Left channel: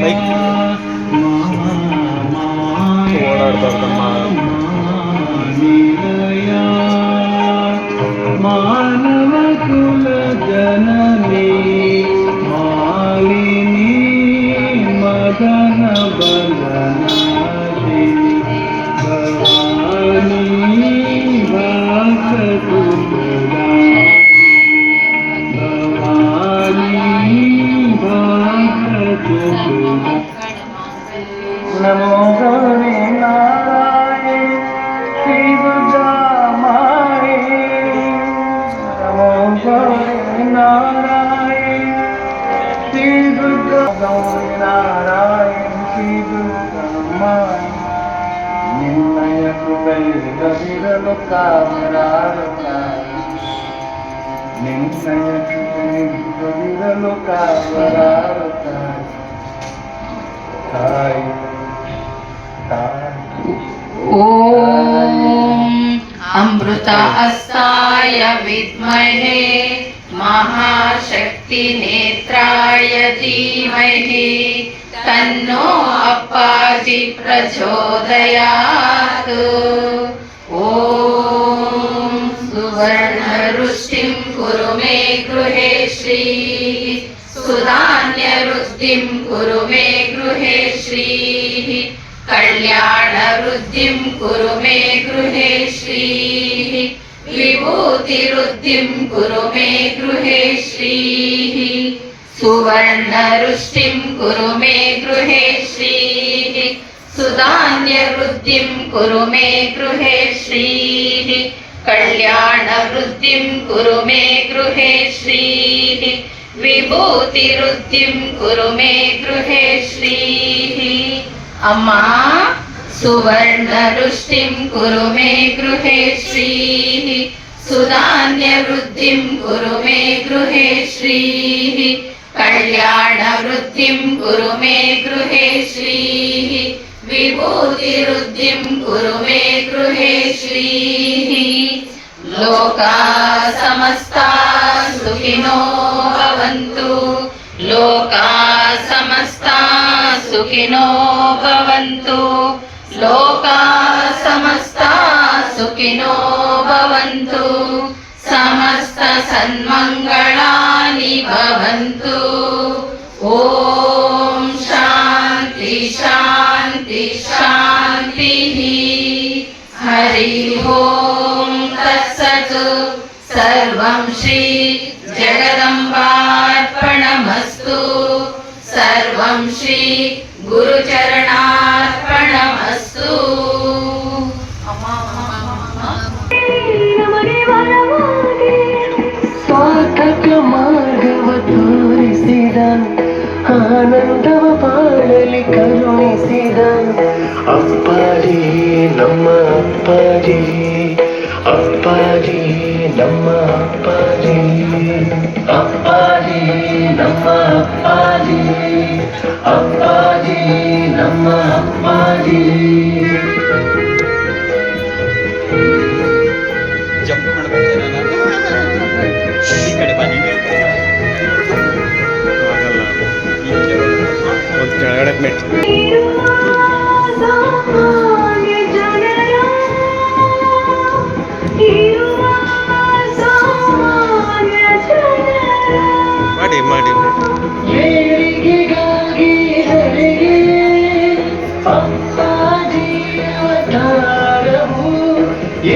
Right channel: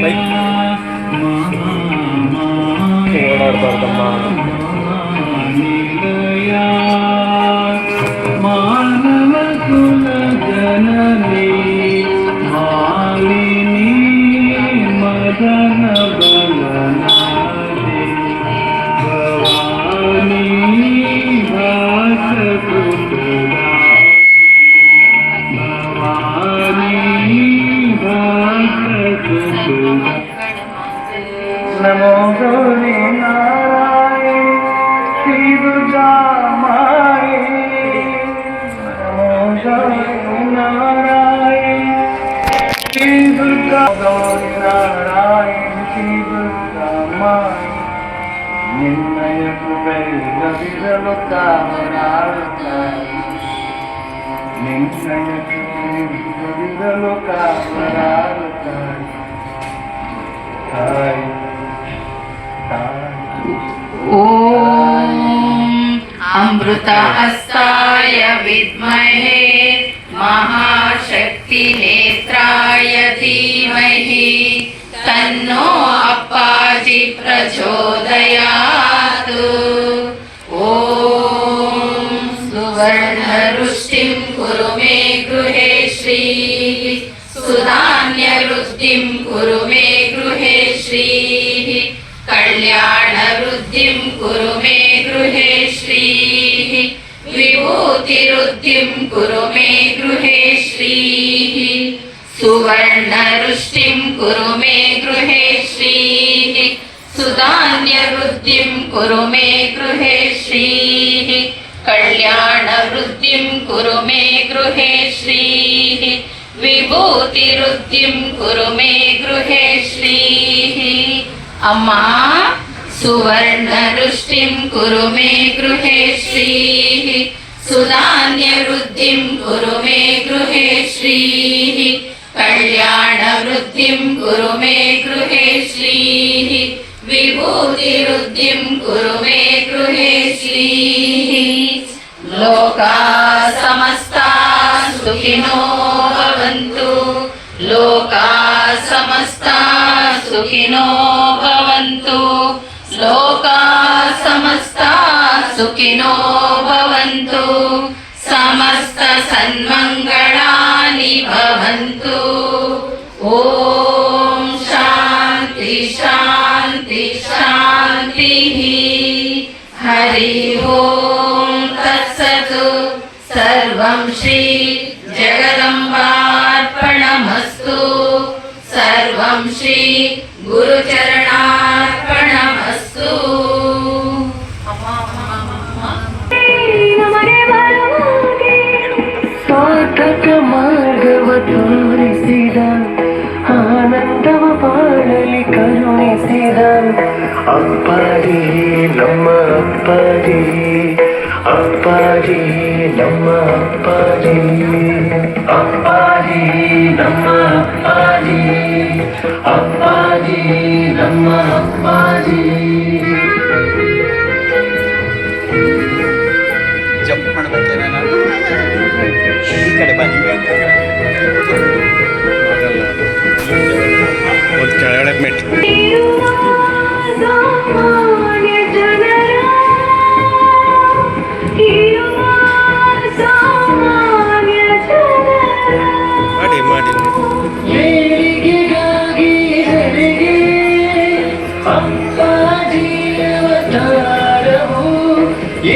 Bike ಓಡಾಡಬಾರ್ದಮ್ಮ. ಮಾನವ ಕುಲ ಜನನಿ ಮಾಲಿನಿ ಮದನ ಬಲನಾಡಿ ಭವಾನಿ ಭಾಸಕುಲಾ ಭವಾನಿ ಭಾಸಕುಲಾ. ನಮೋ ಗೌರಿ ನಾರಾಯಣ ಶ್ರೀ ದುರ್ಗಾ ಮಾಯೇ. ನಮೋ ಗೌರಿ ನಾರಾಯಣ ಶ್ರೀ ದುರ್ಗಾ ಗೌರಿ ನಾರಾಯಣ ಶ್ರೀ ದುರ್ಗಾ ಮಾಯೇ. ನಿನ್ನಯ ಕೃಪೆಯಿಲ್ಲದಿರಲು ಕಾವಲಾಡುತ್ತಾರೆ. ನಿನ್ನಯ ಕೃಪೆಯಿಲ್ಲದಿರಲು ಕಾವಲಾಡುತ್ತಾರೆ. ಓಂ ಅಮೃತ ಹಸ್ತಾಯ ವಿದ್ಮಹೇ ಮಹಾಶಕ್ತಿ ನೇತ್ರಾಯ ಧೀಮಹಿ ತನ್ನೋ ಅಪ್ಪಾಜಿ ಪ್ರಚೋದಯಾತ್. ಓಂ ಸುವರ್ಣ ರುಷ್ಟಿಂ ಕುರು ಮೇ ಗೃಹೇ ಶ್ರೀಃ ಸುಧಾನ್ಯ ವೃದ್ಧಿಂ ಕುರು ಮೇ ಗೃಹೇ ಶ್ರೀಃ ಕಲ್ಯಾಣ ವೃದ್ಧಿಂ ಕುರು ಮೇ ಗೃಹೇ ಶ್ರೀಃ ವಿಭೂತಿ ವೃದ್ಧಿಂ ಕುರು ಮೇ ಗೃಹೇ ಶ್ರೀಃ ಸುವರ್ಣ ರುಷ್ಟಿಂ ಕುರು ಮೇ ಗೃಹೇ ಶ್ರೀಃ ಸುಧಾನ್ಯ ವೃದ್ಧಿಂ ಕುರು ಮೇ ಗೃಹೇ ಶ್ರೀಃ ಕಲ್ಯಾಣ ವೃದ್ಧಿಂ ಕುರು ಮೇ ಗೃಹೇ ಶ್ರೀಃ ವಿಭೂತಿ ವೃದ್ಧಿಂ ಕುರು ಮೇ ಗೃಹೇ ಶ್ರೀಃ. ಅಮ್ಮ ಸುವರ್ಣ ರುಷ್ಟಿಂ ಕುರು ಮೇ ಗೃಹೇ ಶ್ರೀಃ ಸುಧಾನ್ಯ ವೃದ್ಧಿಂ ಕುರು ಮೇ ಗೃಹೇ ಶ್ರೀಃ ಕಲ್ಯಾಣ ವೃದ್ಧಿಂ ಕುರು ಮೇ ಗೃಹೇ ಶ್ರೀಃ ವಿಭೂತಿ ವೃದ್ಧಿಂ ಕುರು ಮೇ ಗೃಹೇ ಶ್ರೀಃ. ಲೋಕಾ ಸಮಸ್ತಾ ಸುಖಿನೋ ಭವಂತು. ಲೋಕಾ ಸಮಸ್ತಾ ಸುಖಿನೋ ಭವಂತು. ಲೋಕಾ ಸಮಸ್ತಾ ಸುಖಿನೋ ಭವಂತು. ಸಮಸ್ತ ಸನ್ಮಂಗಳಾನಿ ಭವಂತು. ಓಂ ಶಾಂತಿ ಶಾಂತಿ ಶಾಂತಿ. ಹರಿ ಓಂ ತತ್ಸತ್. ಸರ್ವಂ ಶ್ರೀ ಜಗದಂಬಾರ್ಪಣಮಸ್ತು. ಸರ್ವಂ ಶ್ರೀ ಗುರುಚರಣಾರ್ಪಣಮಸ್ತು. ಸಾರ್ಥಕ ಮಾರ್ಗವ ತೋರಿಸಿದ ಆನಂದವ ಪಾಡಲಿ ಕರುಣಿಸಿದ ಅಪ್ಪಾಜಿ ನಮ್ಮ ಅಪ್ಪಾಜಿ. ಅಪ್ಪಾಜಿ ನಮ್ಮ ಅಪ್ಪಾಜಿ. ಅಪ್ಪಾಜಿ ನಮ್ಮ ಅಪ್ಪಾಜಿ. ಅಪ್ಪಾಜಿ ನಮ್ಮ ಅಪ್ಪಾಜಿ. ಜಂಪ್ ಮಾಡ್ಬೇಕೇನೆ ನಾನು ಈ ಕಡೆ ಬನ್ನಿ ಆಗಲ್ಲ. ಒಂದು ಕೆಳಗಡೆ ಮೆಟ್ ಮಾಡಿ ಮಾಡಿ. ಏಳಿಗೆಗಾಗಿ ಹೆರಿಗೆ ಅಪ್ಪಾಜಿ ಅವತಾರವು.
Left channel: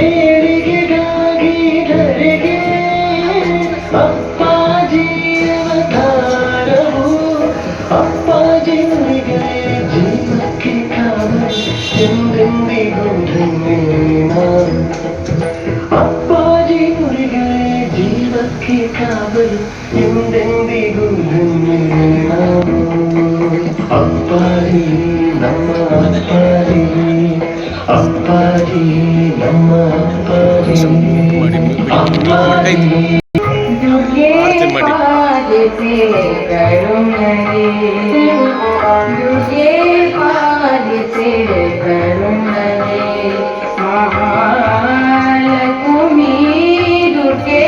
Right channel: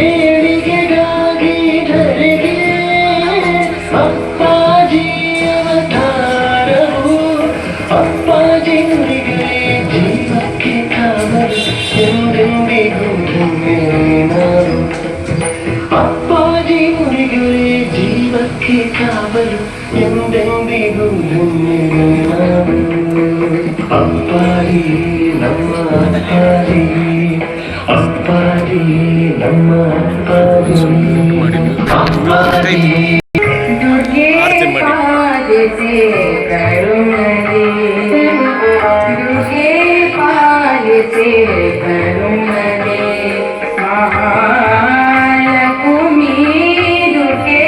ಏಳಿಗೆಗಾಗಿ ಹೆರಿಗೆ ಅಪ್ಪಾಜಿ ಅವತಾರವು. ಅಪ್ಪಾಜಿಯವರಿಗೆ ಜೀವಕ್ಕೆ ಕಾವಲು ಎಂದೆಂದಿಗೂ ಧನ್ಯರು. ಅಪ್ಪಾಜಿಯವರಿಗೆ ಜೀವಕ್ಕೆ ಕಾವಲು ಎಂದೆಂದಿಗೂ ಧನ್ಯರು. ಅಪ್ಪಾಜಿ ನಮ್ಮ ಅಪ್ಪಾಜಿ. ಅಪ್ಪಾಜಿ ನಮ್ಮ ಅಪ್ಪಾಜಿ. ಅಪ್ಪಾಜಿ ದುರ್ಗೆ ಪಾಲಿಸಿ ಕರುಣೆ. ದುರ್ಗೆ ಪಾಲಿಸಿ ಕರುಣೆ. ಮಹಾಲಕ್ಷ್ಮಿ ದುರ್ಗೆ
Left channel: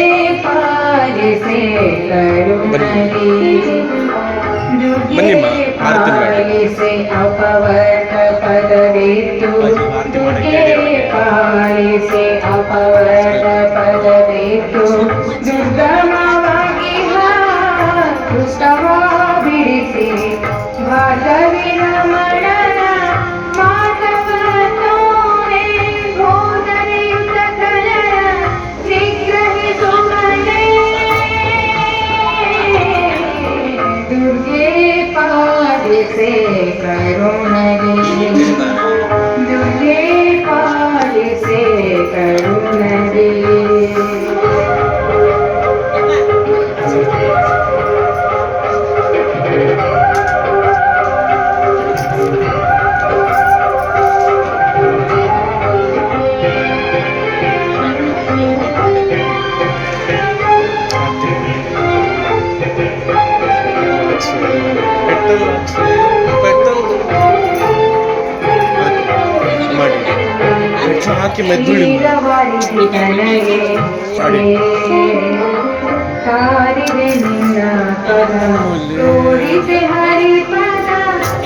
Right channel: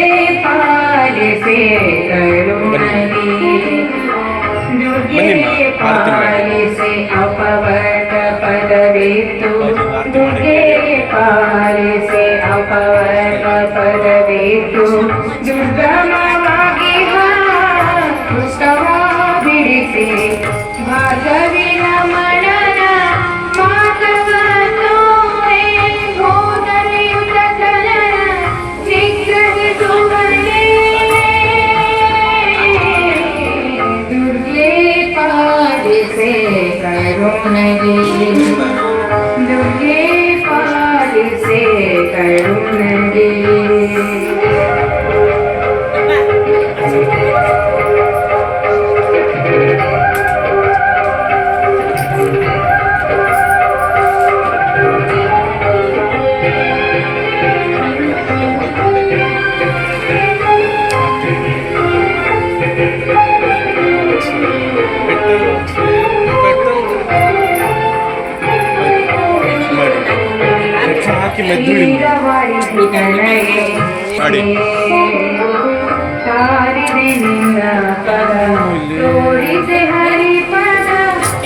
ಪಾಲಿಸಿ ಕರುಣೆ. ಬನ್ನಿಮ್ಮ. ಅಪವರ್ಗ ಪದವಿತ್ತು ದುರ್ಗಮವಾಗಿ ಪುಸ್ತವ ಬಿಡಿಸಿ ಭಾಗವಿನ ಮನನ ಮಾತವ ತೋರೆ ಬೋಧನೆಯುತ ಕಲನ ನಿಗ್ರಹಿಸುವನೆ ದುರ್ಗೆ ಪಾಲಿಸೆ ಕರುಣಗೆ ದುರ್ಗೆ ಪಾಲಿಸೆ ಕರುಣಗೆ ಹಾಕಿ ಮೆದ್ದುಡಿ ಮಾಡಿ ಸಾರಿದೆ ನಿನ್ನ ಪದ ತೋರಿದೆ ಹರಿಪದ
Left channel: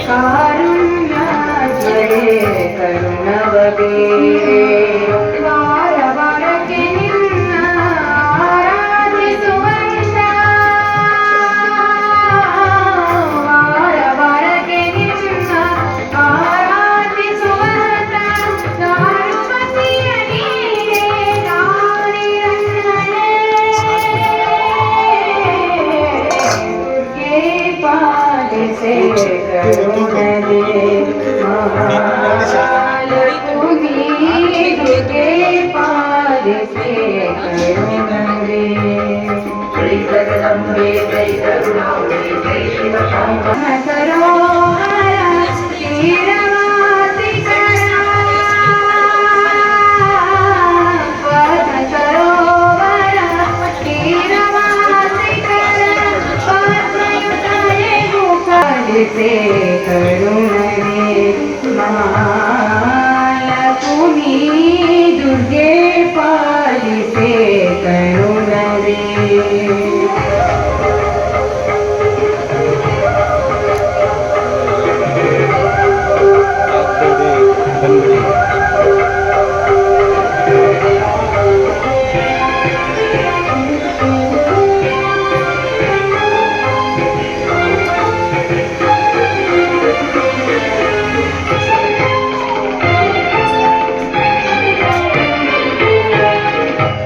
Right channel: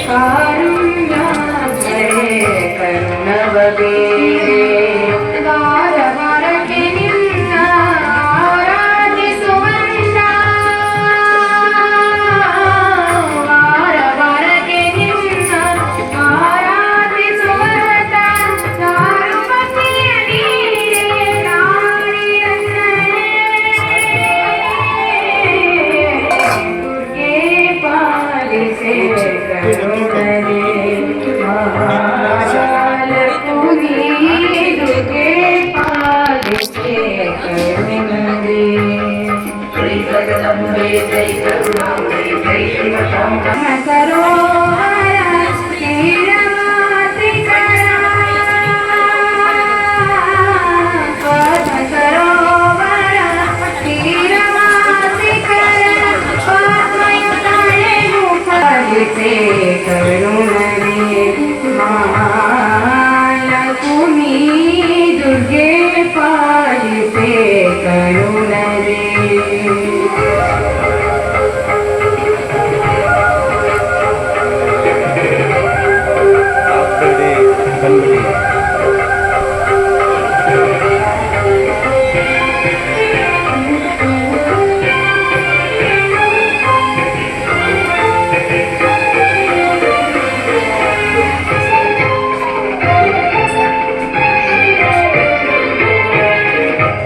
ಕಾರುಣ್ಯ ಕರುಣವ ಬೇರೆ ವಾರ ವಾರಕ್ಕೆ ನಿನ್ನ ಆರಾಧಿಸುವಂತ ವಾರ ವಾರಕ್ಕೆ ನಿನ್ನ ಆರಾಧಿಸುವಂತ ದಾರುಮತಿಯ ನೀರೇ ದುರ್ಗೆ ಪಾಲಿಸೆ ಕರುಣಗೆ ಮಹಾಲಕ್ಷ್ಮಿ ದುರ್ಗೆ ಪಾಲಿಸೆ ಕರುಣಗೆ ಜೈ ಜಗದಂಬೆ ಜೈ ಕರುಣಾಂಬೆ ಜೈ ಶಿವಶಂಕರ ಸರೋವರ ಕ್ಷೀರವಾಸಿಕರ ಸರೋವರ ಕ್ಷೀರವಾಸಿಕರ ಆತ್ಮಯುತಳೆಗೂ ಪಾಲಿಸೆ ಕರುಣಗೆ ಮಹಾಲಕ್ಷ್ಮಿ ದುರ್ಗೆ ಪಾಲಿಸೆ ಕರುಣಗೆ ಬಂದ್ಬಿಡಿ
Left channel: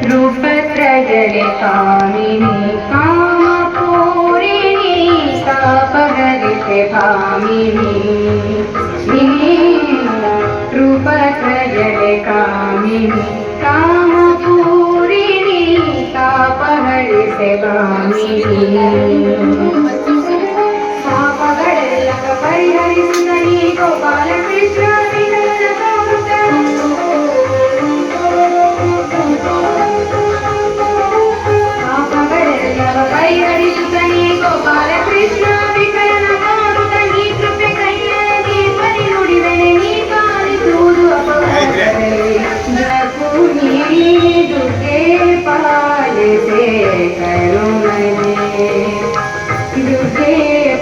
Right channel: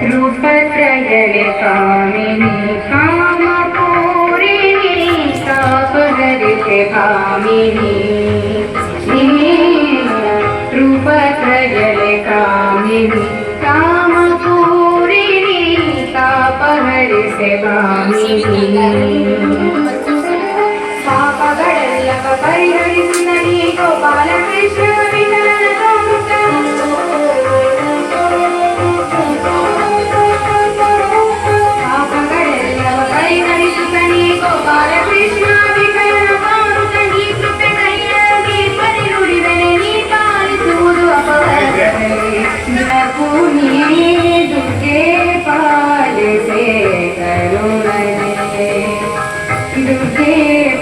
ರೂಪತ್ರಯಳೆ ಕಾಮಿನಿ ಕಾಮಪೂರಿಣಿ ತಾಪಹರಿತೆ ಕಾಮಿನಿ ರೂಪತ್ರಯಳೆ ಕಾಮಿನಿ ಕಾಮಪೂರಿಣಿ ತಾಪಹರಿತೆ ಕಾಮಿನಿ ಪಾಪಗಳೆಲ್ಲ ಪರಿಹರಿಸಿದ ನೀ ಗೋಪಾಲ ಕೃಷ್ಣ ವಿಠಲನ ಕಾಮುಕ ಪಾಪಗಳೆಲ್ಲವ ಪರಿಹರಿಸುತ್ತನೇ ಗೋಪಾಲ ಕೃಷ್ಣ ವಿಠಲನ ಕಾಮುಕ ನೀ ಕೃಪೆ ಕೈಯಾಗಿ ಪರಿ ನುಡಿದನೆ ನೀ ಪಾಲಿಸುವುದು ಅಪರಾಧವೇ ಜಪುನಿ ದುರ್ಗೆ ಪಾಲಿಸೆ ಕರುಣಗೆ ದುರ್ಗೆ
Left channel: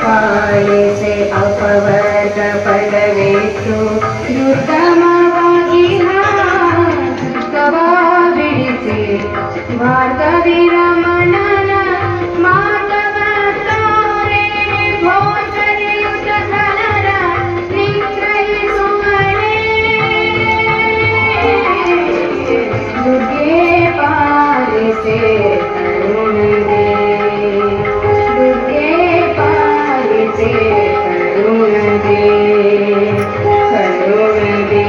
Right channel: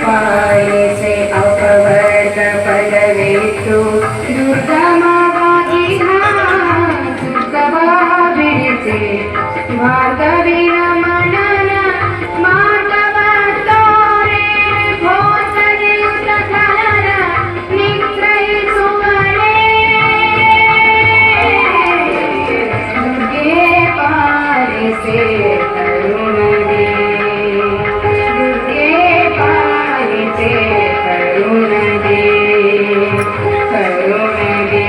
ಪಾಲಿಸೆ ಅಪವರ್ಗ ಪದವಿತ್ತು ದುರ್ಗಮವಾಗಿ ದುರ್ಗವ ಬಿಡಿಸಿ ಮಾರ್ಗವಿನ ಮನನ ಮಾರ್ಗವ ತೋರೆ ಭೋಜನೆಯುತ ಕಲನ ನಿಗ್ರಹಿಸುವಳೆ ದುರ್ಗೆ ಪಾಲಿಸೆ ಕರುಣಗೆ ದುರ್ಗೆ ಪಾಲಿಸೆ ಕರುಣಗೆ ಕರುಣಗೆ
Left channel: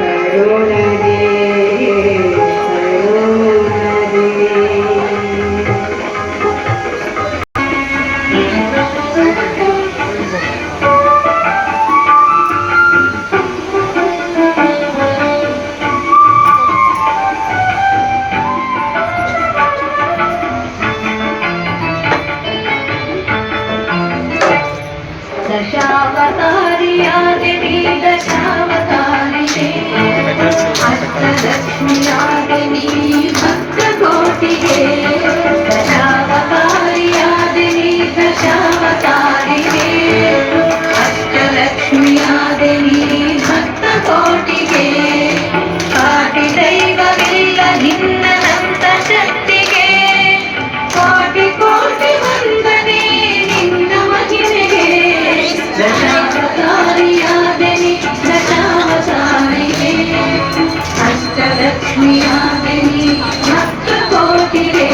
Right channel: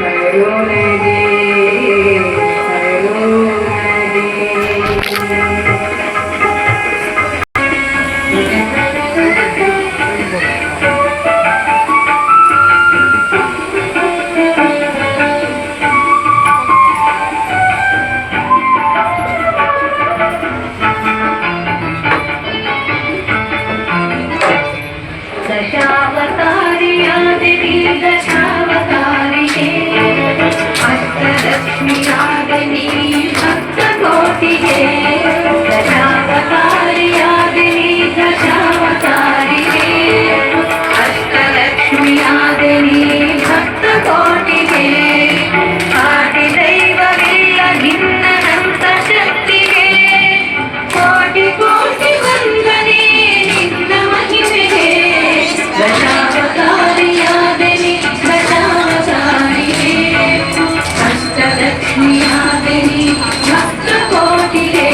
ಕರುಣಗೆ दशावतारियादिनी दशावतारिणे अष्टलक्ष्मियादिनी भक्तकोटिगे दशावतारियादिनी दशावतारिणे अष्टलक्ष्मियादिनी भक्तकोटिगे काटिदय ಲಕ್ಷ್ಮಿಯಾದನಿ ಭಕ್ತ ಕೋಟಿಗೆ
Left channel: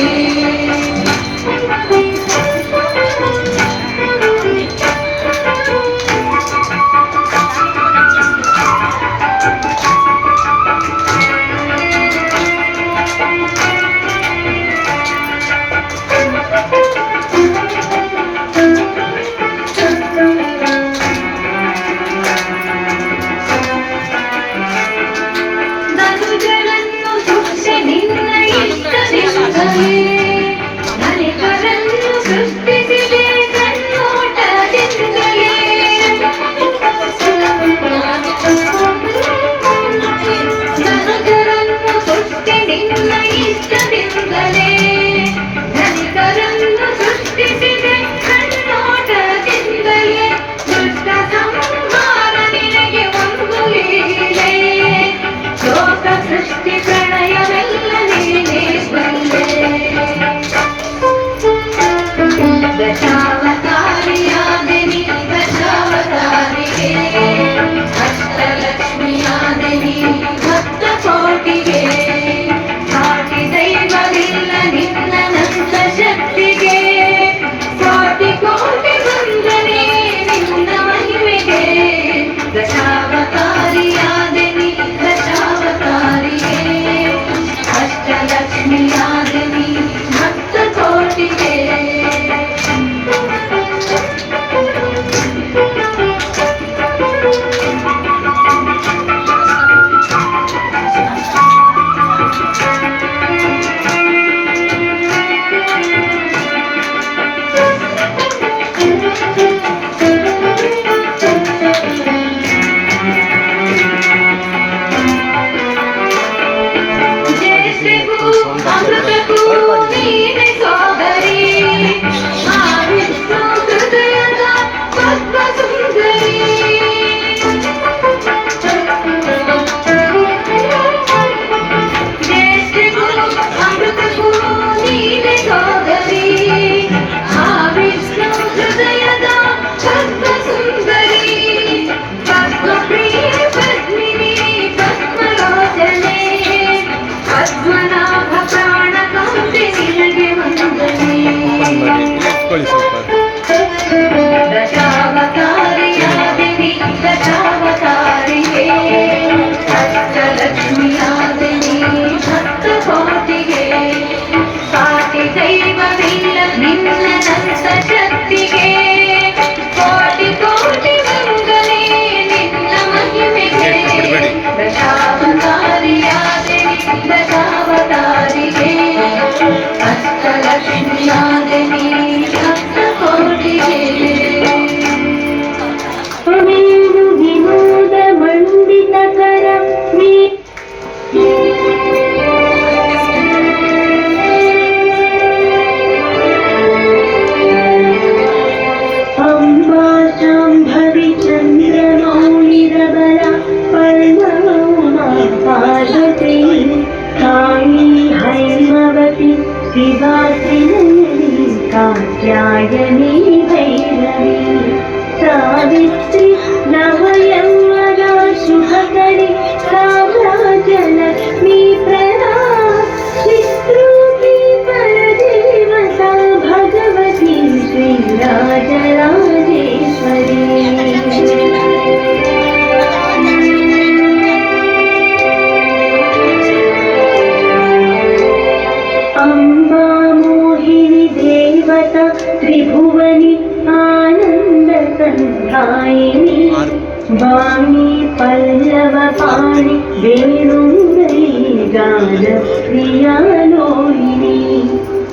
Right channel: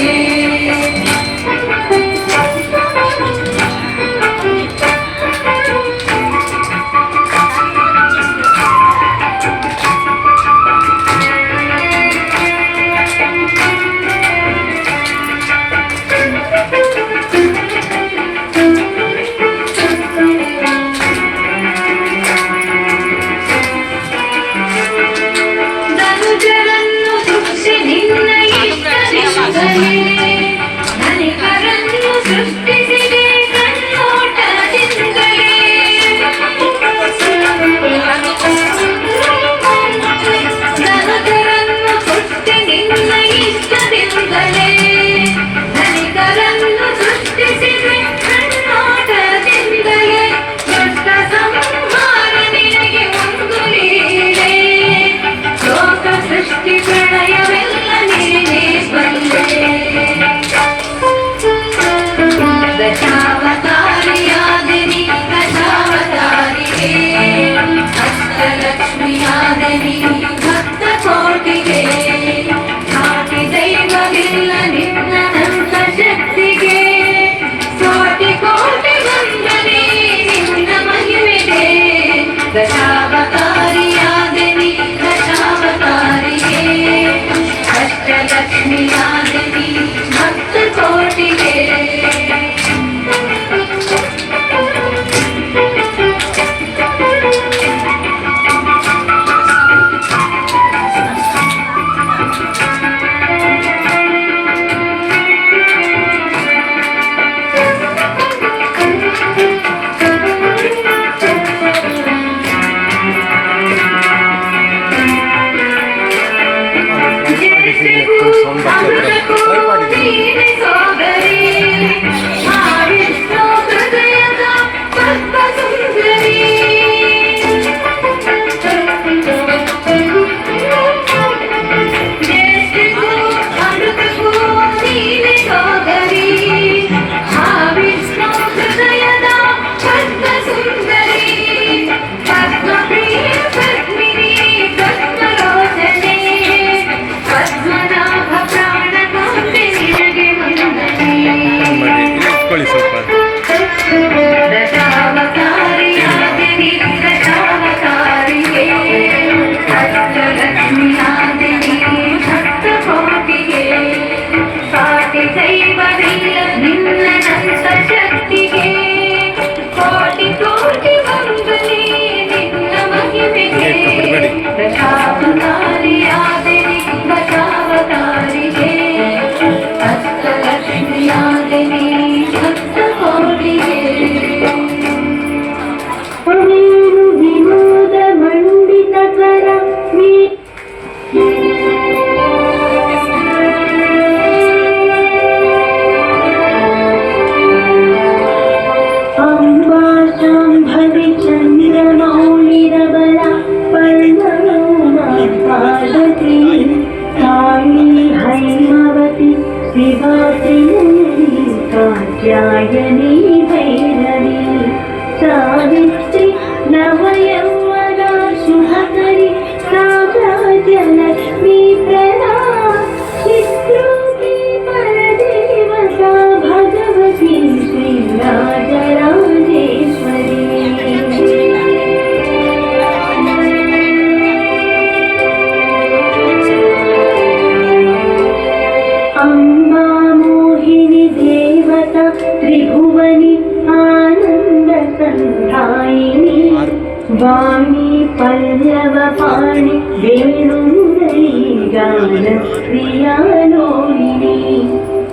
वाणी पल्लव पाणि वेणुंगरी गान प्रियालोहिनी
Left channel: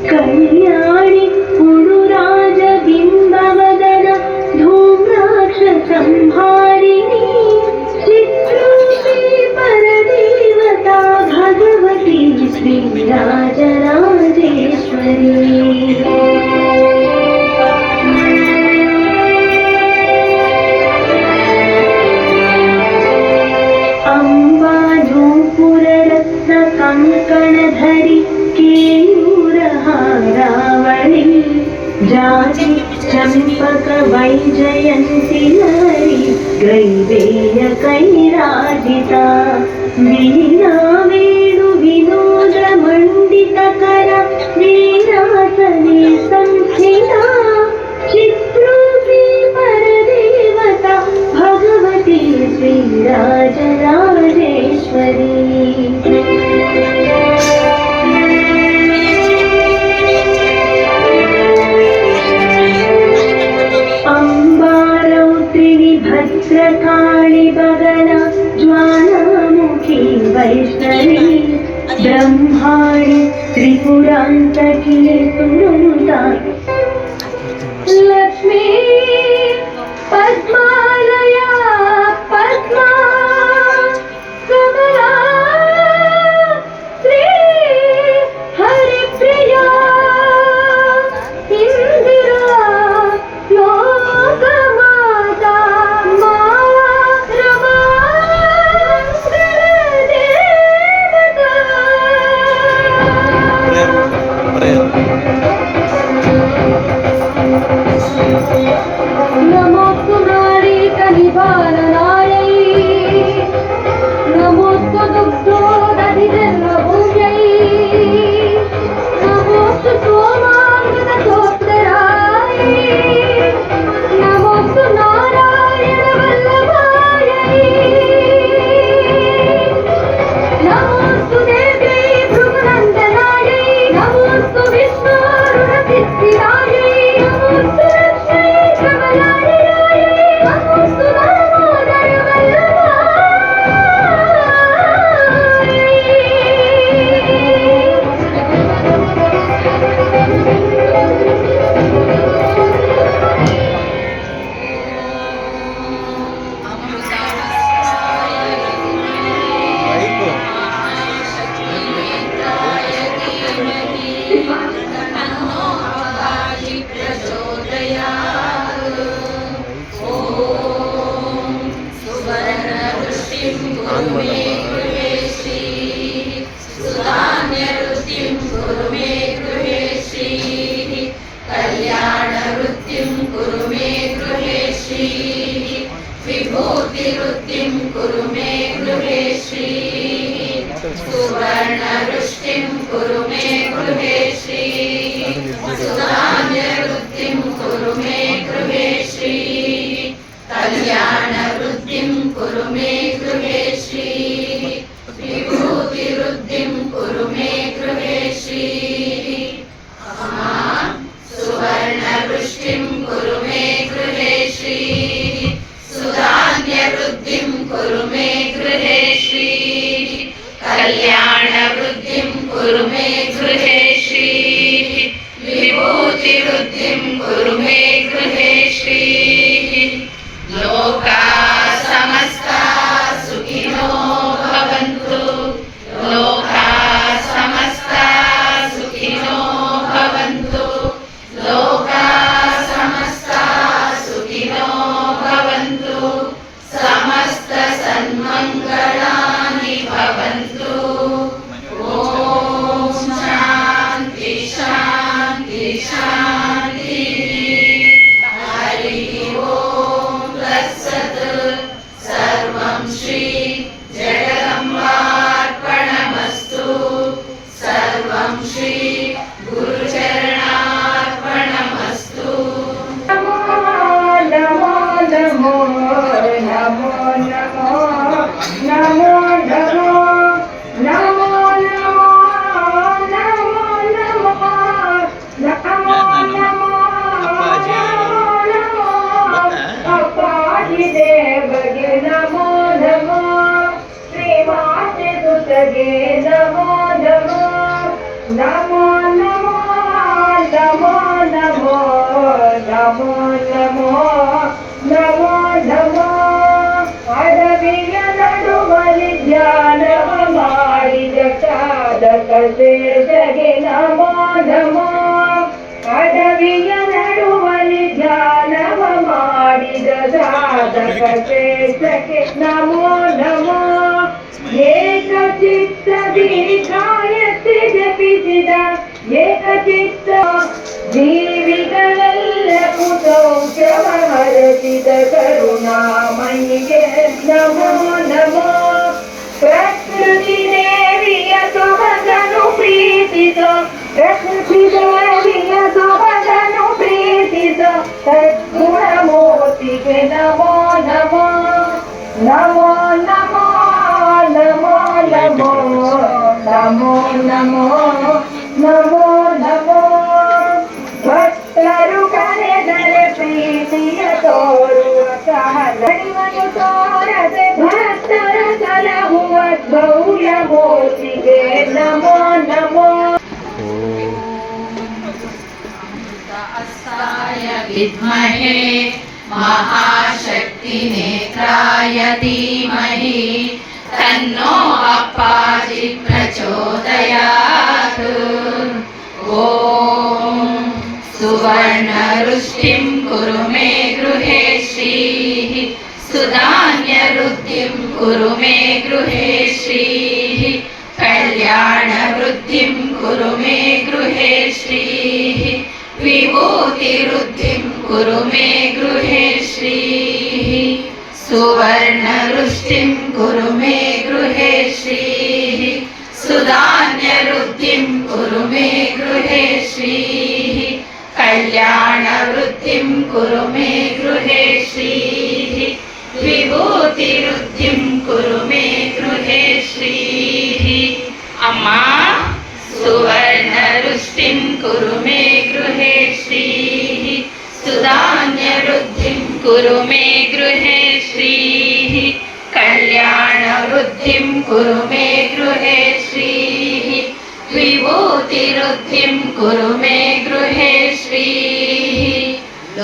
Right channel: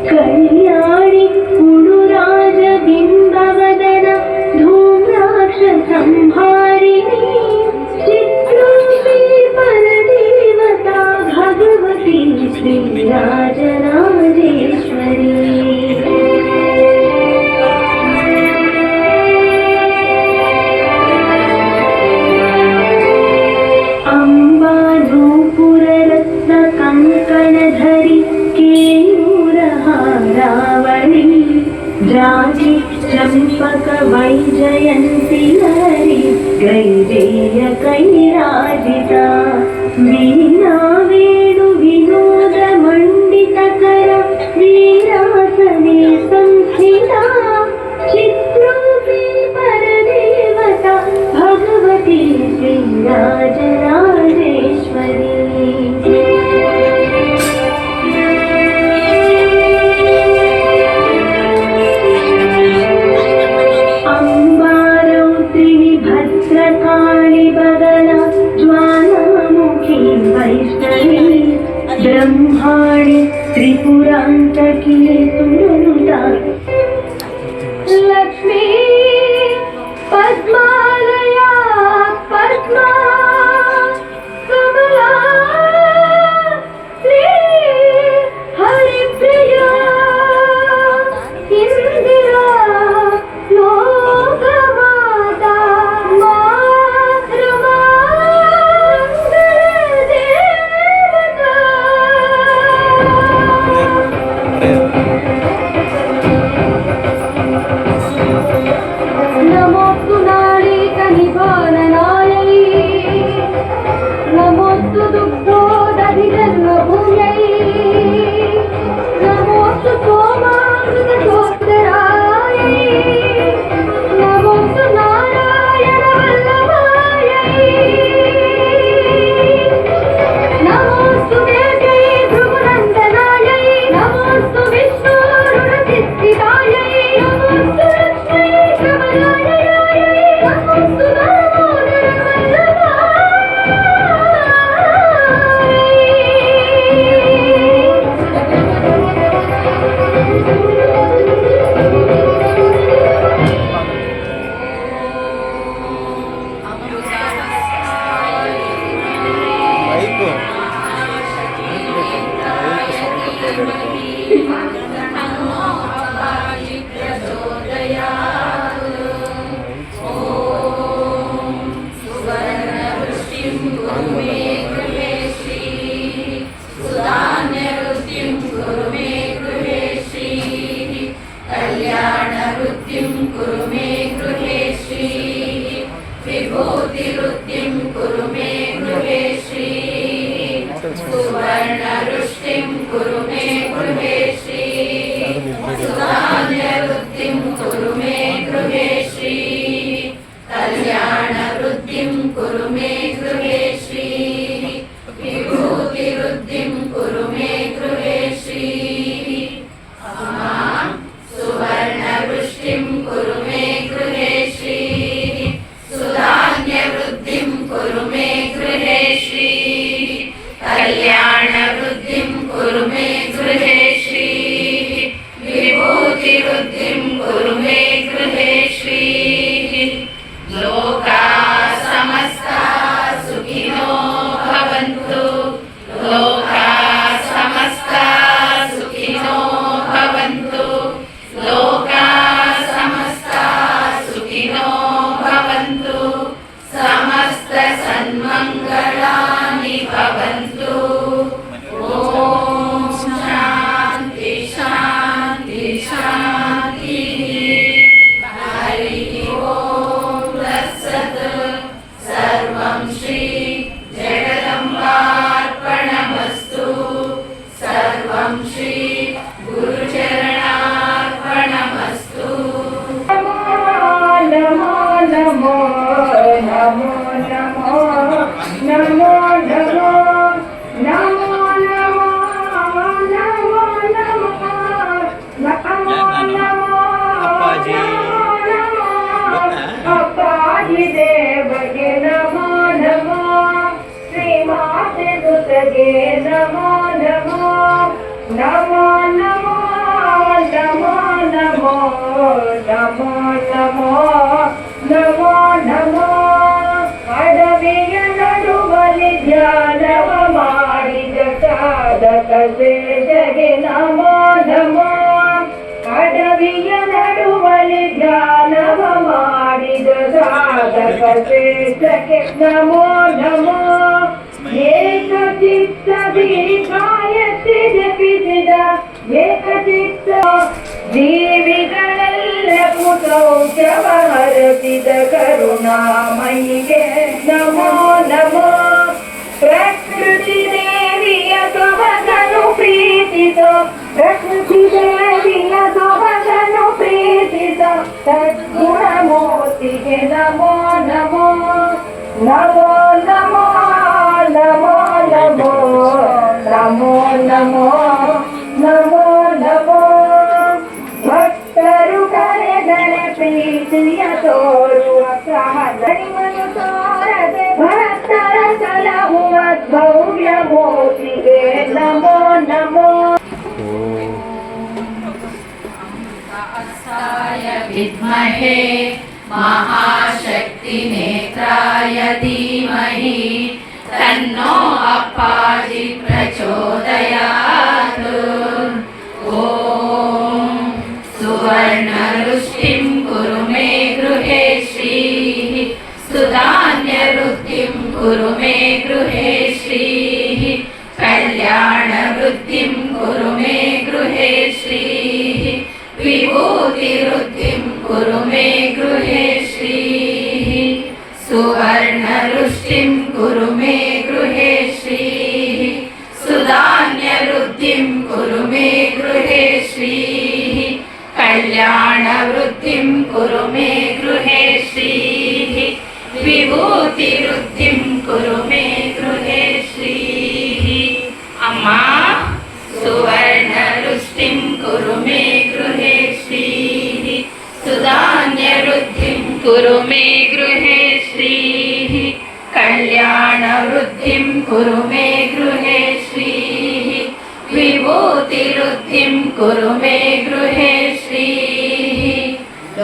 कल्याणि पुरुराज बिंबवदन धूम्राक्ष संहारिणी चित्रूपी परदेवता भगवती श्रीराजराजेश्वरी जाति चंपक वैजयंती हरि गैरेय कैराजिता वीणा वेणु ब्रह्माणि त्रिपुरान्तके सुनुता लक्ष्मी पद्मालया पद्मा कमला श्री हरिप्रिया इंदिरा लोकमाता मा रमा देवता नमोस्तु नारीकनिवारणायै नमोस्तु दुग्धोदधिजन्मभूम्यै नमोस्तु सोमामृतचोत्तराय नमोस्तु नारायणवल्लभायै नमोस्तु देव्यै भृगुनन्दनायै नमोस्तु विष्णोरुणसिद्धिदायै नमोस्तु लक्ष्मी कमलालयायै नमोस्तु ಮೈಕು ಆನ್ ಮಾಡಮ್ಮ. ಅದು नमो नमो एकचित्तदीर्घायते जपिಸಿದ ಏಕಚಿತ್ತ ಜೀವಿಗಳೆಲ್ಲ ಕುತೌಷವ ಹರಸಿದ ಕರುಣಾಮಯಿಗೆ ನಮೋ ನಮೋ ಪ್ರಕೃತಿ ದೇವಿಯ ಸೊಬಗನು ಪ್ರೀತಿಸ ಪ್ರಕೃತಿ ದೇವಿಯ ಸೊಬಗನು ಪ್ರೀತಿಸ ಸದ್ಗುಣಮೂರ್ತಿಗೆ ನಮೋ ನಮೋ ನಮೋ ನಮೋ ನಮೋ ನಮೋ ನಮೋ ನಮೋ ನಮೋ ನಮೋ ಭಕ್ತರು ಕರೆದರೆ ಪ್ರೀತಿಯ ತೋರುವ ಕಹಳಿಮನು ತೋರದೆ ಭಕ್ತರ ಸಲಹುವ ಭವ್ಯ ಮೂರ್ತಿಗೆ ನಮೋ ನಮೋ विद्महे महाशक्तिनेत्राय धीमहि तन्नो अप्पाजि प्रचोदयात्। ॐ सुवर्णरुष्टिं कुरु मे गृहे श्रीः सुधान्यवृद्धिं कुरु मे गृहे श्रीः कल्याणवृद्धिं कुरु मे गृहे श्रीः विभूतिवृद्धिं कुरु मे गृहे श्रीः सुवर्णरुष्टिं कुरु मे गृहे श्रीः सुधान्यवृद्धिं कुरु मे गृहे श्रीः कल्याणवृद्धिं कुरु मे गृहे श्रीः विभूतिवृद्धिं कुरु मे गृहे श्रीः। अम्मा सुवर्णरुष्टिं कुरु मे गृहे श्रीः सुधान्यवृद्धिं कुरु मे गृहे श्रीः कल्याणवृद्धिं कुरु मे गृहे श्रीः विभूतिवृद्धिं कुरु मे गृहे श्रीः।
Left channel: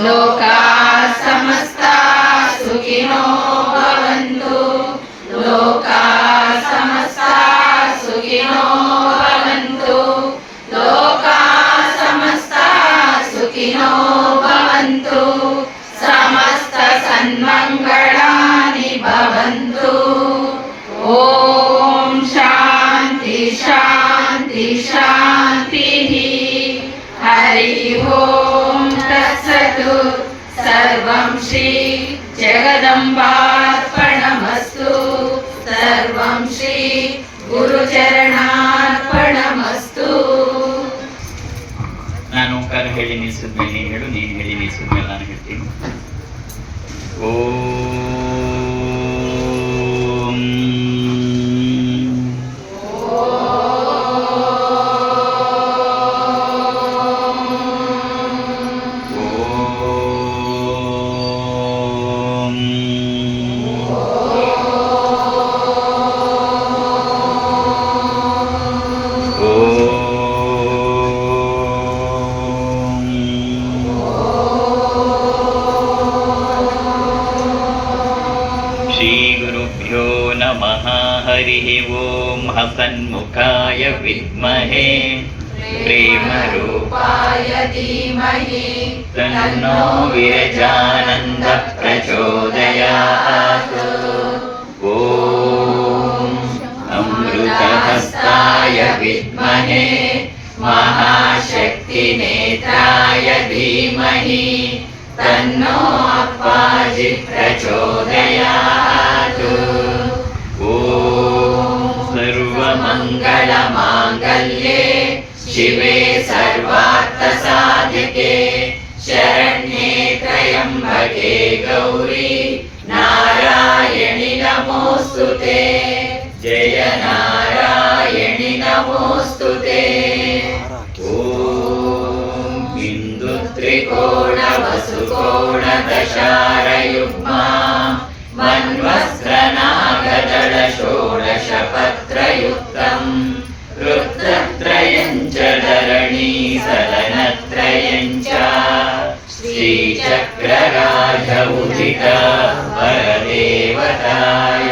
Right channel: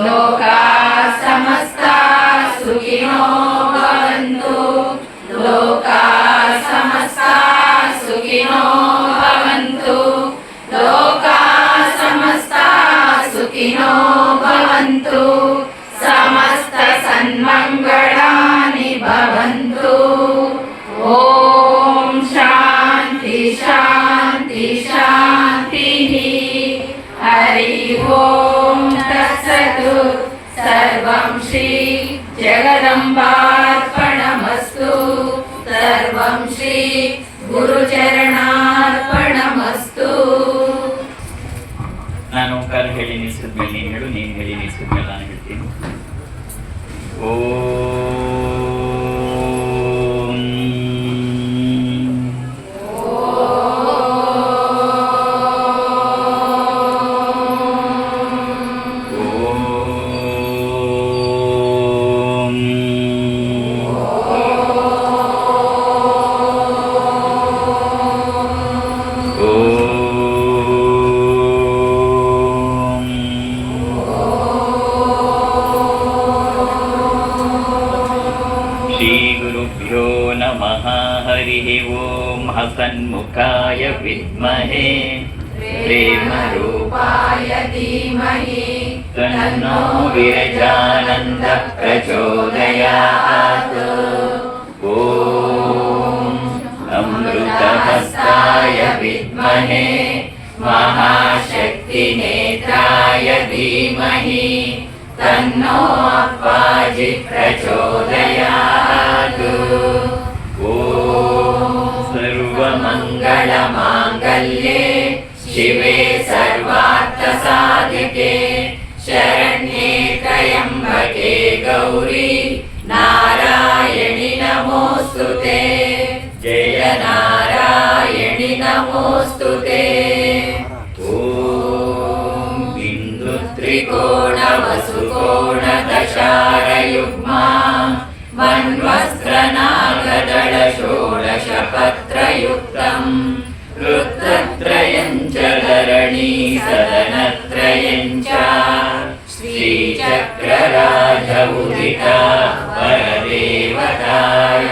लोकाः समस्ताः सुखिनो भवन्तु लोकाः समस्ताः सुखिनो भवन्तु लोकाः समस्ताः सुखिनो भवन्तु समस्त सन्मङ्गलानि भवन्तु। ॐ शान्ति शान्ति शान्तिः। हरि ओं तत्सत्। सर्वं श्री जगदम्बार्पणमस्तु। सर्वं श्री ಗುರುಚರಣಾರ್ಪಣಮಸ್ತು. ನಾನು ಓಂಕಾರ ಹೇಳಿ ನಿಲ್ಲಿಸಿದ್ಮೇಲೆ ನೀನು ಹೇಳು, ನೀನು ಹೇಳಿ ನಿಲ್ಲಿಸಿದ್ಮೇಲೆ ನಾನು ಹೇಳ್ತೀನಿ. ಓಂ हसन्मुखाय विद्महे प्रेमरूपाय धीमहि तन्नो विरजानन्दः प्रचोदयात्। ॐ अमृतहस्ताय विद्महे महाशक्तिनेत्राय धीमहि तन्नो अप्पाजि प्रचोदयात्। सर्वमङ्गलमाङ्गल्ये शिवे सर्वार्थसाधिके शरण्ये त्र्यम्बके गौरी नारायणि नमोऽस्तुते। जय नारायणि नमोऽस्तुते। ॐ बिन्दुत्रिकोणवसुकोणदशारयुग्मा मन्वस्त्रनागदळ षोडशपत्रयुक्तम् रुद्रत्रयं च धरणी सदनत्रयं च श्रीचक्रराज उदिता वरदेवताय।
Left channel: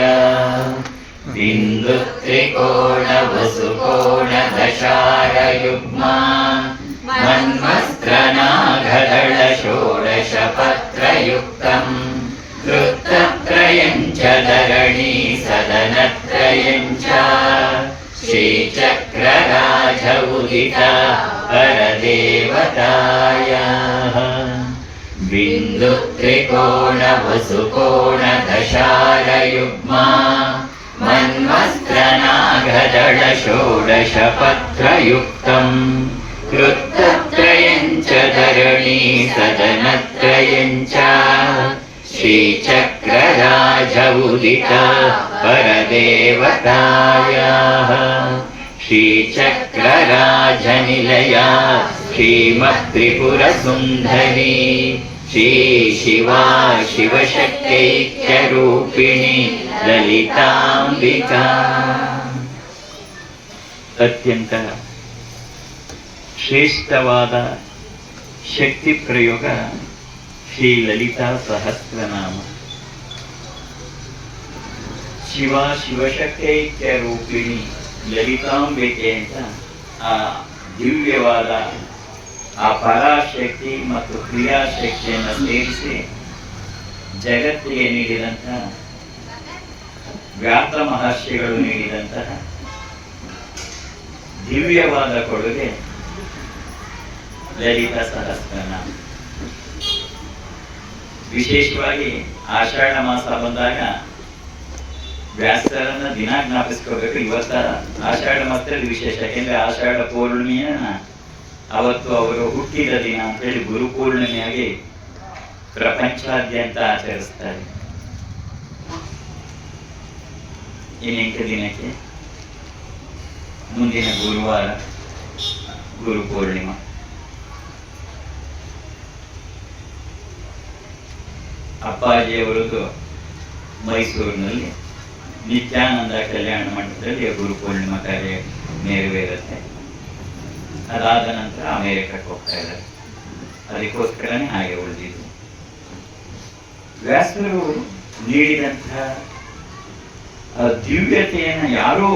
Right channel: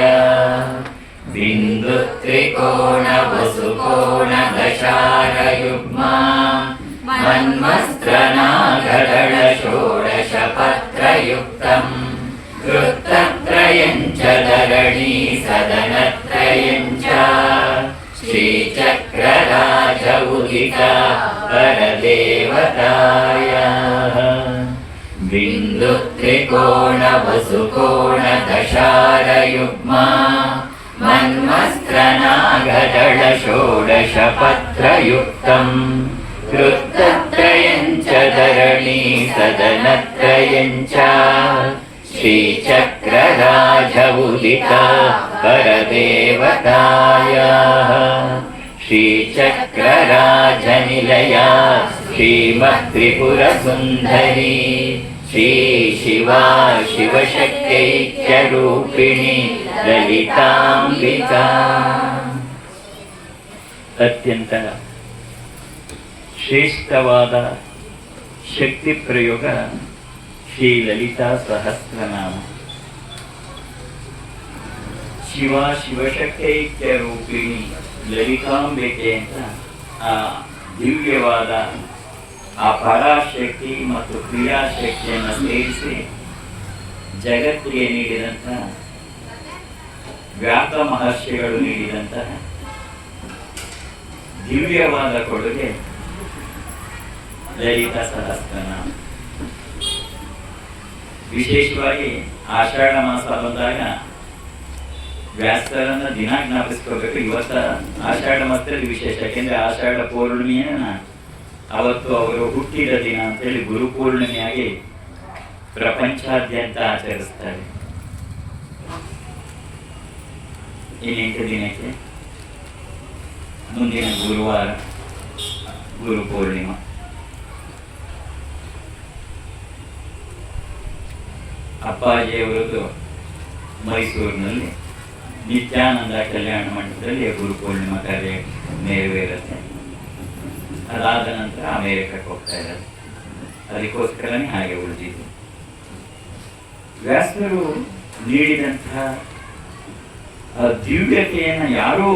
बिन्दुत्रिकोणवसुकोणदशारयुग्मा मन्वस्त्रनागदळ षोडशपत्रयुक्तम् रुद्रत्रयं च धरणी सदनत्रयं च श्रीचक्रराज उदिता परदेवताय। बिन्दुत्रिकोणवसुकोणदशारयुग्मा मन्वस्त्रनागदळ षोडशपत्रयुक्तम् रुद्रत्रयं च धरणी सदनत्रयं च श्रीचक्रराज उदिता परदेवताय। श्रीचक्रराजनिलया श्रीमत्त्रिपुरसुन्दरी श्रीशिवा शिवशक्त्यैक्यरूपिणी ललिताम्बिका। ಅತ್ಯಂತ ಶ್ರೇಷ್ಠವಾದ ಶಕ್ತಿ ಪ್ರಯೋಗ ಶ್ರೀ ಲಲಿತಾ ಸಹಸ್ರನಾಮ. ಶಿವ ಶಿವಶಕ್ತೈಕ್ಯ ರೂಪಿಣಿ ಲಲಿತಾಂಬಿಕೆ ಅಂತ ಆ ದಿವ್ಯವಾದ ಆ ಪರಾಶಕ್ತಿ ಮತ್ತು ಕ್ರಿಯಾಶಕ್ತಿಯನ್ನು ಸೇರಿಸಿ ಜಗತ್ತಿಗೆ ನೀಡಿದಂತಹ ವ್ಯಾಸ ಮಹರ್ಷಿಗಳು ನೀಡಿದಂತಹ ದಿವ್ಯವಾದ ಕೊಡುಗೆ ಲಲಿತಾ ಸಹಸ್ರನಾಮ. ವಿಶೇಷವಾಗಿ ಆಷಾಢ ಮಾಸ ಬಂದಾಗ ವ್ಯಾಸರನ್ನ ದಿನ ಜ್ಞಾಪಿಸ್ಕೋಬೇಕು. ಇವತ್ತ ಆಷಾಢ ಮಾಸದಲ್ಲಿ ವಿಶೇಷ, ಯಾಕೆಂದ್ರೆ ಆಷಾಢ ಪೌರ್ಣಿಮೆಯನ್ನ ಅವತ್ತು ಅವರು ಹುಟ್ಟಿದ ದಿನ ಅಂತೇಳಿ ಗುರು ಪೂರ್ಣಿಮೆಯಾಗಿ ಪ್ರಪಂಚಾದ್ಯಂತ ಆಚರಿಸ್ತಾರೆ. ಈ 8 ದಿನಕ್ಕೆ ಮುಂದಿನ ಗುರುವಾರ ಗುರು ಪೂರ್ಣಿಮಾ. ಅಪ್ಪಾಜಿಯವರದು ಮೈಸೂರಿನಲ್ಲಿ ನಿತ್ಯಾನಂದ ಕಲ್ಯಾಣ ಮಂಟಪದಲ್ಲಿ ಗುರು ಪೂರ್ಣಿಮಾ ಕಾರ್ಯ ನೆರವೇರುತ್ತೆ. ಅದಾದ ನಂತರ ಅಮೆರಿಕಕ್ಕೆ ಹೋಗ್ತಾ ಇದ್ದಾರೆ. ಅದಕ್ಕೋಸ್ಕರನೇ ಹಾಗೆ ಉಳಿದಿದ್ದು. ವ್ಯಾಸರು ನೀಡಿದಂತಹ ದಿವ್ಯತೆಯನ್ನು ಯಾರೂ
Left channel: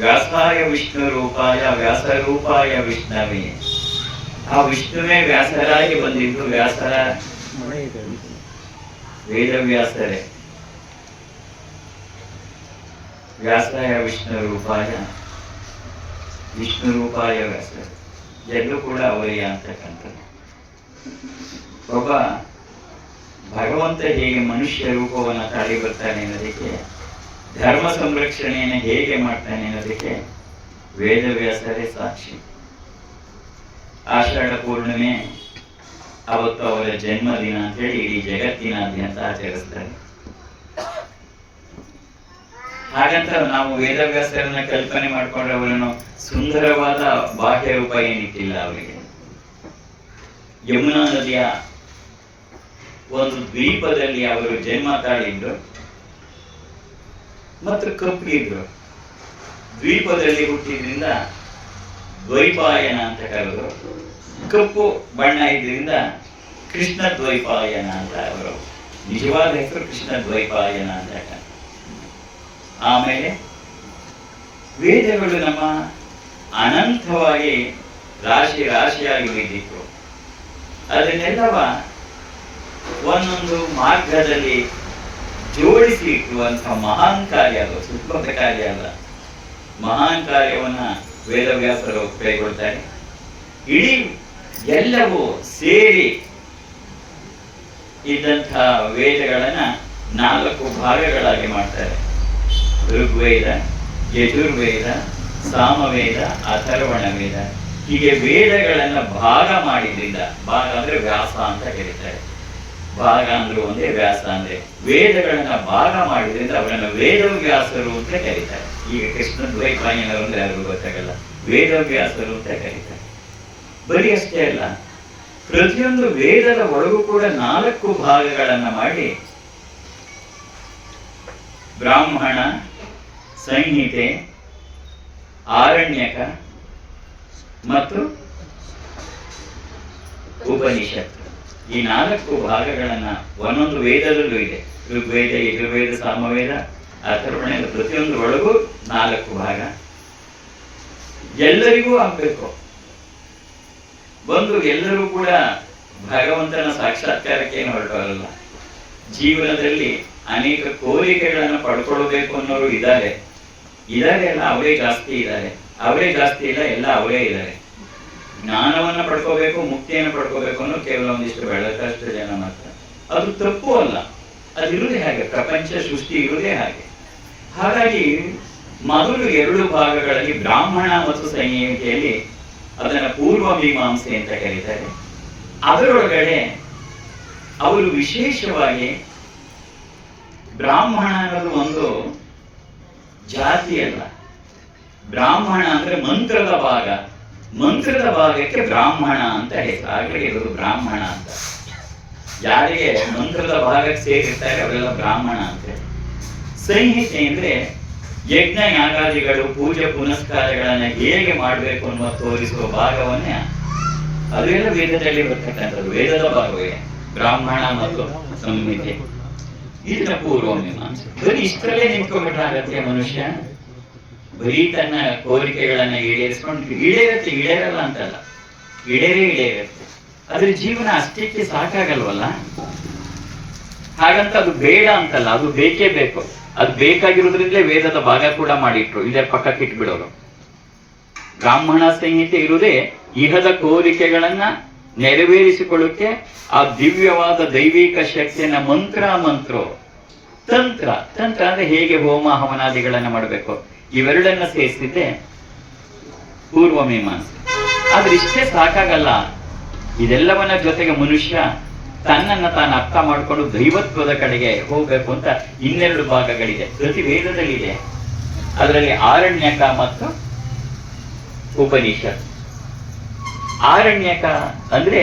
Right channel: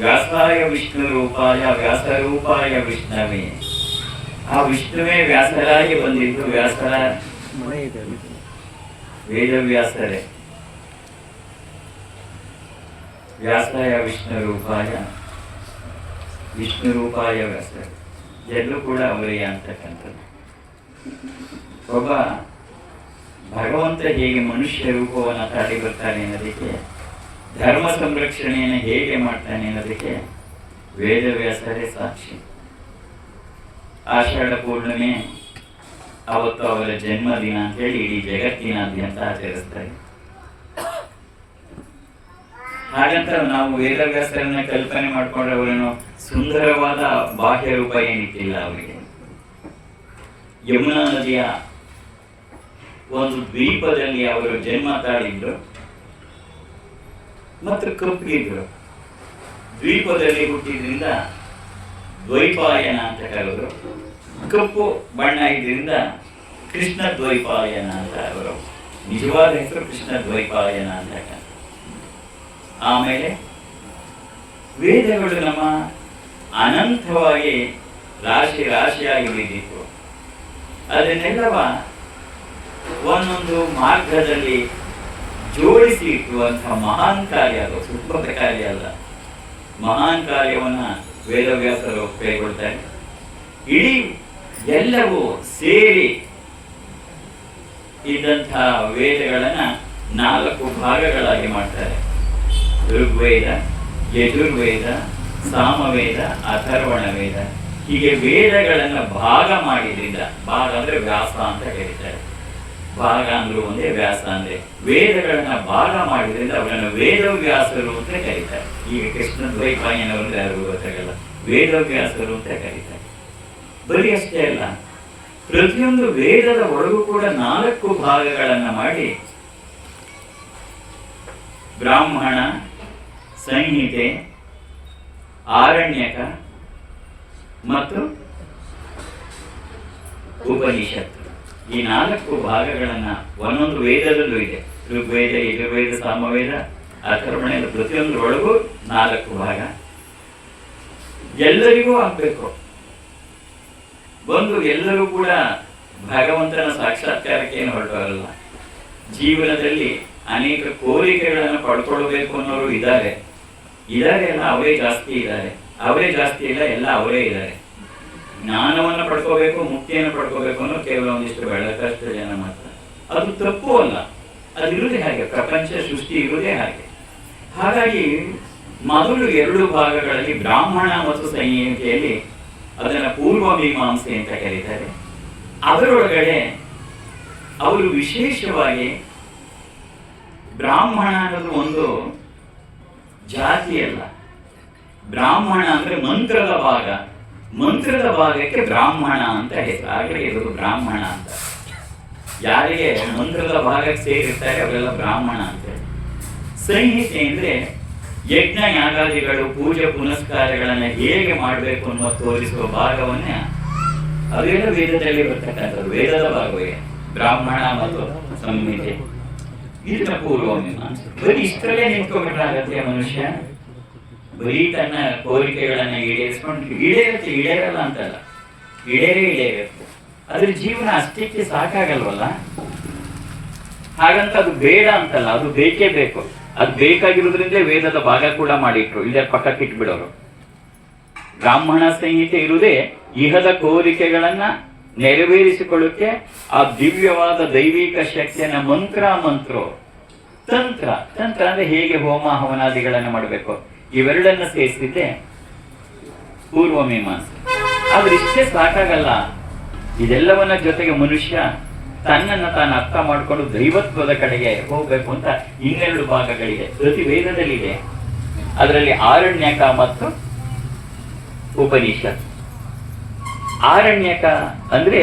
ವ್ಯಾಸಾಯ ವಿಷ್ಣು ರೂಪಾಯ ವ್ಯಾಸ ರೂಪಾಯ ವಿಷ್ಣವೇ, ಆ ವಿಷ್ಣುವೇ ವ್ಯಾಸರಾಗಿ ಬಂದಿದ್ದು. ವ್ಯಾಸರ ವೇದವ್ಯಾಸರೇ. ವ್ಯಾಸಾಯ ವಿಷ್ಣು ರೂಪಾಯ ವಿಷ್ಣು ರೂಪಾಯ ವ್ಯಾಸ, ಎಲ್ಲರೂ ಕೂಡ ಅವರಿಗೆ ಅಂತಕ್ಕಂಥದ್ದು. ಒಬ್ಬ ಭಗವಂತ ಹೇಗೆ ಮನುಷ್ಯ ರೂಪವನ್ನು ತಾಳಿ ಬರ್ತಾನೆ ಅನ್ನೋದಕ್ಕೆ, ಧರ್ಮ ಸಂರಕ್ಷಣೆಯನ್ನು ಹೇಗೆ ಮಾಡ್ತಾನೆ ಅನ್ನೋದಕ್ಕೆ ವೇದವ್ಯಾಸರೇ ಸಾಕ್ಷಿ. ಆಷಾಢ ಪೂರ್ಣಿಮೆ ಅವತ್ತು ಅವರ ಜನ್ಮದಿನ ಅಂತೇಳಿ ಇಡೀ ಜಗತ್ತಿನಾದ್ಯಂತ ಆಚರಿಸ್ತಾರೆ. ಹಾಗಂತ ನಾವು ವೇದವ್ಯಾಸರನ್ನ ಕಲ್ಪನೆ ಮಾಡ್ಕೊಂಡ್ರೆ ಅವರನ್ನು ಸುಂದರವಾದ ಬಾಹ್ಯ ರೂಪ ಏನಿಟ್ಟಿಲ್ಲ ಅವರಿಗೆ. ಯಮುನಾ ನದಿಯ ಒಂದು ದ್ವೀಪದಲ್ಲಿ ಅವರು ಜನ್ಮ ತಾಳಿದ್ರು ಮತ್ತು ಕಪ್ಪಿದ್ರು. ದ್ವೀಪದಲ್ಲಿ ಹುಟ್ಟಿದ್ರಿಂದ ದ್ವೈಪಾಯನ ಅಂತ ಕರೆದರು. ಕಪ್ಪು ಬಣ್ಣ ಇದ್ರಿಂದ ಕೃಷ್ಣ ದ್ವೈಪಾಯನ ಅಂತ ಅವರು ನಿಜವಾದ ಹೆಸರು ಕೃಷ್ಣ ದ್ವೈಪಾಯನ ಅಂತ. ಆಮೇಲೆ ವೇದಗಳು ನಮ್ಮ ಅನಂತವಾಗಿ ರಾಶಿ ರಾಶಿಯಾಗಿ ಬಿದ್ದಿತ್ತು. ಅದನ್ನೆಲ್ಲವ ಒಂದೊಂದು ಮಾರ್ಗದಲ್ಲಿ ಜೋಡಿಸಿ ಇಟ್ಟುವಂತಹ ಮಹಾನ್ ಕಾರ್ಯ ಅದು, ಸುಪ್ರಭ ಕಾರ್ಯ ಅಲ್ಲ. ಮಹಾನ್ ಕಾರ್ಯವನ್ನ ವೇದವ್ಯಾಸರು ಕೈಗೊಳ್ತಾರೆ. ಇಡೀ ಎಲ್ಲವೂ ಸೇರಿ ಇದ್ದಂತಹ ವೇದಗಳನ್ನ 4 ಭಾಗಗಳಾಗಿ ಮಾಡ್ತಾರೆ. ಋಗ್ವೇದ, ಯಜುರ್ವೇದ, ಸಾಮವೇದ, ಅಥರ್ವಣ ವೇದ. ಹೀಗೆ ವೇದಗಳನ್ನ ಭಾಗ ಮಾಡಿದ್ರಿಂದ, ಭಾಗ ಅಂದ್ರೆ ವ್ಯಾಸ ಅಂತ ಕರೀತಾರೆ. ಭಾಗ ಅಂದ್ರು ಒಂದೇ, ವ್ಯಾಸ ಅಂದ್ರೆ ವೇದಗಳನ್ನ ಭಾಗ ಮಾಡಿದ್ರಿಂದ ಅವರನ್ನ ವೇದವ್ಯಾಸರು ಅಂತ ಕರೀತಾರೆ. ಈಗ ಕೃಷ್ಣ ದ್ವೈಪಾಯನವರು ಅಂದ್ರೆ ಯಾರಿಗೂ ಗೊತ್ತಾಗಲ್ಲ, ವೇದವ್ಯಾಸರು ಅಂತ ಕರೀತಾರೆ. ಬರೀ ಅಷ್ಟೇ ಅಲ್ಲ, ಪ್ರತಿಯೊಂದು ವೇದದ ಒಳಗೂ ಕೂಡ 4 ಭಾಗಗಳನ್ನ ಮಾಡಿ ಬ್ರಾಹ್ಮಣ, ಸಂಹಿತೆ, ಆರಣ್ಯಕ ಮತ್ತು ಉಪನಿಷತ್, ಈ 4 ಭಾಗಗಳನ್ನ ಒಂದೊಂದು ವೇದದಲ್ಲೂ ಇದೆ. ಋಗ್ವೇದ, ಯಜುರ್ವೇದ, ಸಾಮವೇದ, ಅಥರ್ವಣ, ಪ್ರತಿಯೊಂದು ಒಳಗೂ 4 ಭಾಗ. ಎಲ್ಲರಿಗೂ ಆಗ್ಬೇಕು. ಬಂದು ಎಲ್ಲರೂ ಕೂಡ ಭಗವಂತನ ಸಾಕ್ಷಾತ್ಕಾರಕ್ಕೆ ಹೊರಟಲ್ಲ. ಜೀವನದಲ್ಲಿ ಅನೇಕ ಕೋರಿಕೆಗಳನ್ನು ಪಡ್ಕೊಳ್ಬೇಕು ಅನ್ನೋರು ಇದ್ದಾರೆ ಅಲ್ಲ, ಅವರೇ ಜಾಸ್ತಿ ಇದ್ದಾರೆ. ಅವರೇ ಜಾಸ್ತಿ ಇಲ್ಲ, ಎಲ್ಲ ಅವರೇ ಇದ್ದಾರೆ. ಜ್ಞಾನವನ್ನು ಪಡ್ಕೋಬೇಕು, ಮುಕ್ತಿಯನ್ನು ಪಡ್ಕೋಬೇಕು ಅನ್ನೋ ಕೇವಲ ಒಂದಿಷ್ಟು ಬೆಳಕಷ್ಟು ಜನ ಮಾತ್ರ. ಅದು ತಪ್ಪು ಅಲ್ಲ, ಅದು ಇರುವುದೇ ಹಾಗೆ, ಪ್ರಪಂಚ ಸೃಷ್ಟಿ ಇರುವುದೇ ಹಾಗೆ. ಹಾಗಾಗಿ ಮೊದಲು 2 ಭಾಗಗಳಲ್ಲಿ ಬ್ರಾಹ್ಮಣ ಮತ್ತು ಸಂಹಿತೆಯಲ್ಲಿ ಅದನ್ನ ಪೂರ್ವ ಮೀಮಾಂಸೆ ಅಂತ ಕರೀತಾರೆ. ಅದರೊಳಗಡೆ ಅವರು ವಿಶೇಷವಾಗಿ ಬ್ರಾಹ್ಮಣ ಅನ್ನೋದು ಒಂದು ಜಾತಿ ಅಲ್ಲ. ಬ್ರಾಹ್ಮಣ ಅಂದ್ರೆ ಮಂತ್ರದ ಭಾಗ, ಮಂತ್ರದ ಭಾಗಕ್ಕೆ ಬ್ರಾಹ್ಮಣ ಅಂತ ಹೆಸರು. ಹಾಗೆ ಇರೋದು ಬ್ರಾಹ್ಮಣ ಅಂತ. ಯಾರಿಗೆ ಮಂತ್ರದ ಭಾಗಕ್ಕೆ ಸೇರಿರ್ತಾರೆ ಅವರೆಲ್ಲ ಬ್ರಾಹ್ಮಣ ಅಂತ. ಸಂಹಿತೆ ಅಂದ್ರೆ ಯಜ್ಞ ಯಾಗಾದಿಗಳು, ಪೂಜೆ ಪುನಸ್ಕಾರಗಳನ್ನ ಹೇಗೆ ಮಾಡಬೇಕು ಅನ್ನೋ ತೋರಿಸುವ ಭಾಗವನ್ನೇ, ಅದೆಲ್ಲ ವೇದದಲ್ಲಿ ಬರ್ತಕ್ಕಂಥದ್ದು, ವೇದದ ಭಾಗವೇ. ಬ್ರಾಹ್ಮಣ ಮತ್ತು ಸಂಹಿತೆ, ಇದನ್ನ ಪೂರ್ವ ಮೀಮಾಂಸೆ. ಬರೀ ಇಷ್ಟರಲ್ಲೇ ನಿಂತ್ಕೊಂಡ್ಬಿಟ್ಟಾಗತ್ತೆ ಮನುಷ್ಯ. ಬರೀ ತನ್ನ ಕೋರಿಕೆಗಳನ್ನ ಈಡೇರಿಸ್ಕೊಂಡು ಈಡೇರಲ್ಲ ಅಂತಲ್ಲ, ಈಡೇರುತ್ತೆ. ಅದ್ರ ಜೀವನ ಅಷ್ಟಕ್ಕೆ ಸಾಕಾಗಲ್ವಲ್ಲ. ಹಾಗಂತ ಅದು ಬೇಡ ಅಂತಲ್ಲ, ಅದು ಬೇಕೇ ಬೇಕು. ಅದು ಬೇಕಾಗಿರೋದ್ರಿಂದಲೇ ವೇದದ ಭಾಗ ಕೂಡ ಮಾಡಿಟ್ರು, ಇಲ್ಲೇ ಪಕ್ಕಕ್ಕೆ ಇಟ್ಬಿಡೋರು. ಬ್ರಾಹ್ಮಣ ಸಂಹಿತೆ ಇರುವುದೇ ಇಹದ ಕೋರಿಕೆಗಳನ್ನ ನೆರವೇರಿಸಿಕೊಳ್ಳಕ್ಕೆ ಆ ದಿವ್ಯವಾದ ದೈವಿಕ ಶಕ್ತಿಯನ್ನ ತಂತ್ರ ಅಂದ್ರೆ ಹೇಗೆ ಹೋಮ ಹವನಾದಿಗಳನ್ನ ಮಾಡಬೇಕು, ಇವೆರಡನ್ನ ಸೇರಿಸಿದ್ದೆ ಪೂರ್ವ ಮೀಮಾಂಸೆ. ಆದ್ರೆ ಇಷ್ಟೇ ಸಾಕಾಗಲ್ಲ. ಇದೆಲ್ಲವನ್ನ ಜೊತೆಗೆ ಮನುಷ್ಯ ತನ್ನನ್ನು ತಾನು ಅರ್ಥ ಮಾಡಿಕೊಂಡು ದೈವತ್ವದ ಕಡೆಗೆ ಹೋಗ್ಬೇಕು ಅಂತ ಇನ್ನೆರಡು ಭಾಗಗಳಿದೆ, ಪ್ರತಿ ವೇದದಲ್ಲಿದೆ. ಅದರಲ್ಲಿ ಆರಣ್ಯಕ ಮತ್ತು ಉಪನಿಷತ್. ಆರಣ್ಯಕ ಅಂದ್ರೆ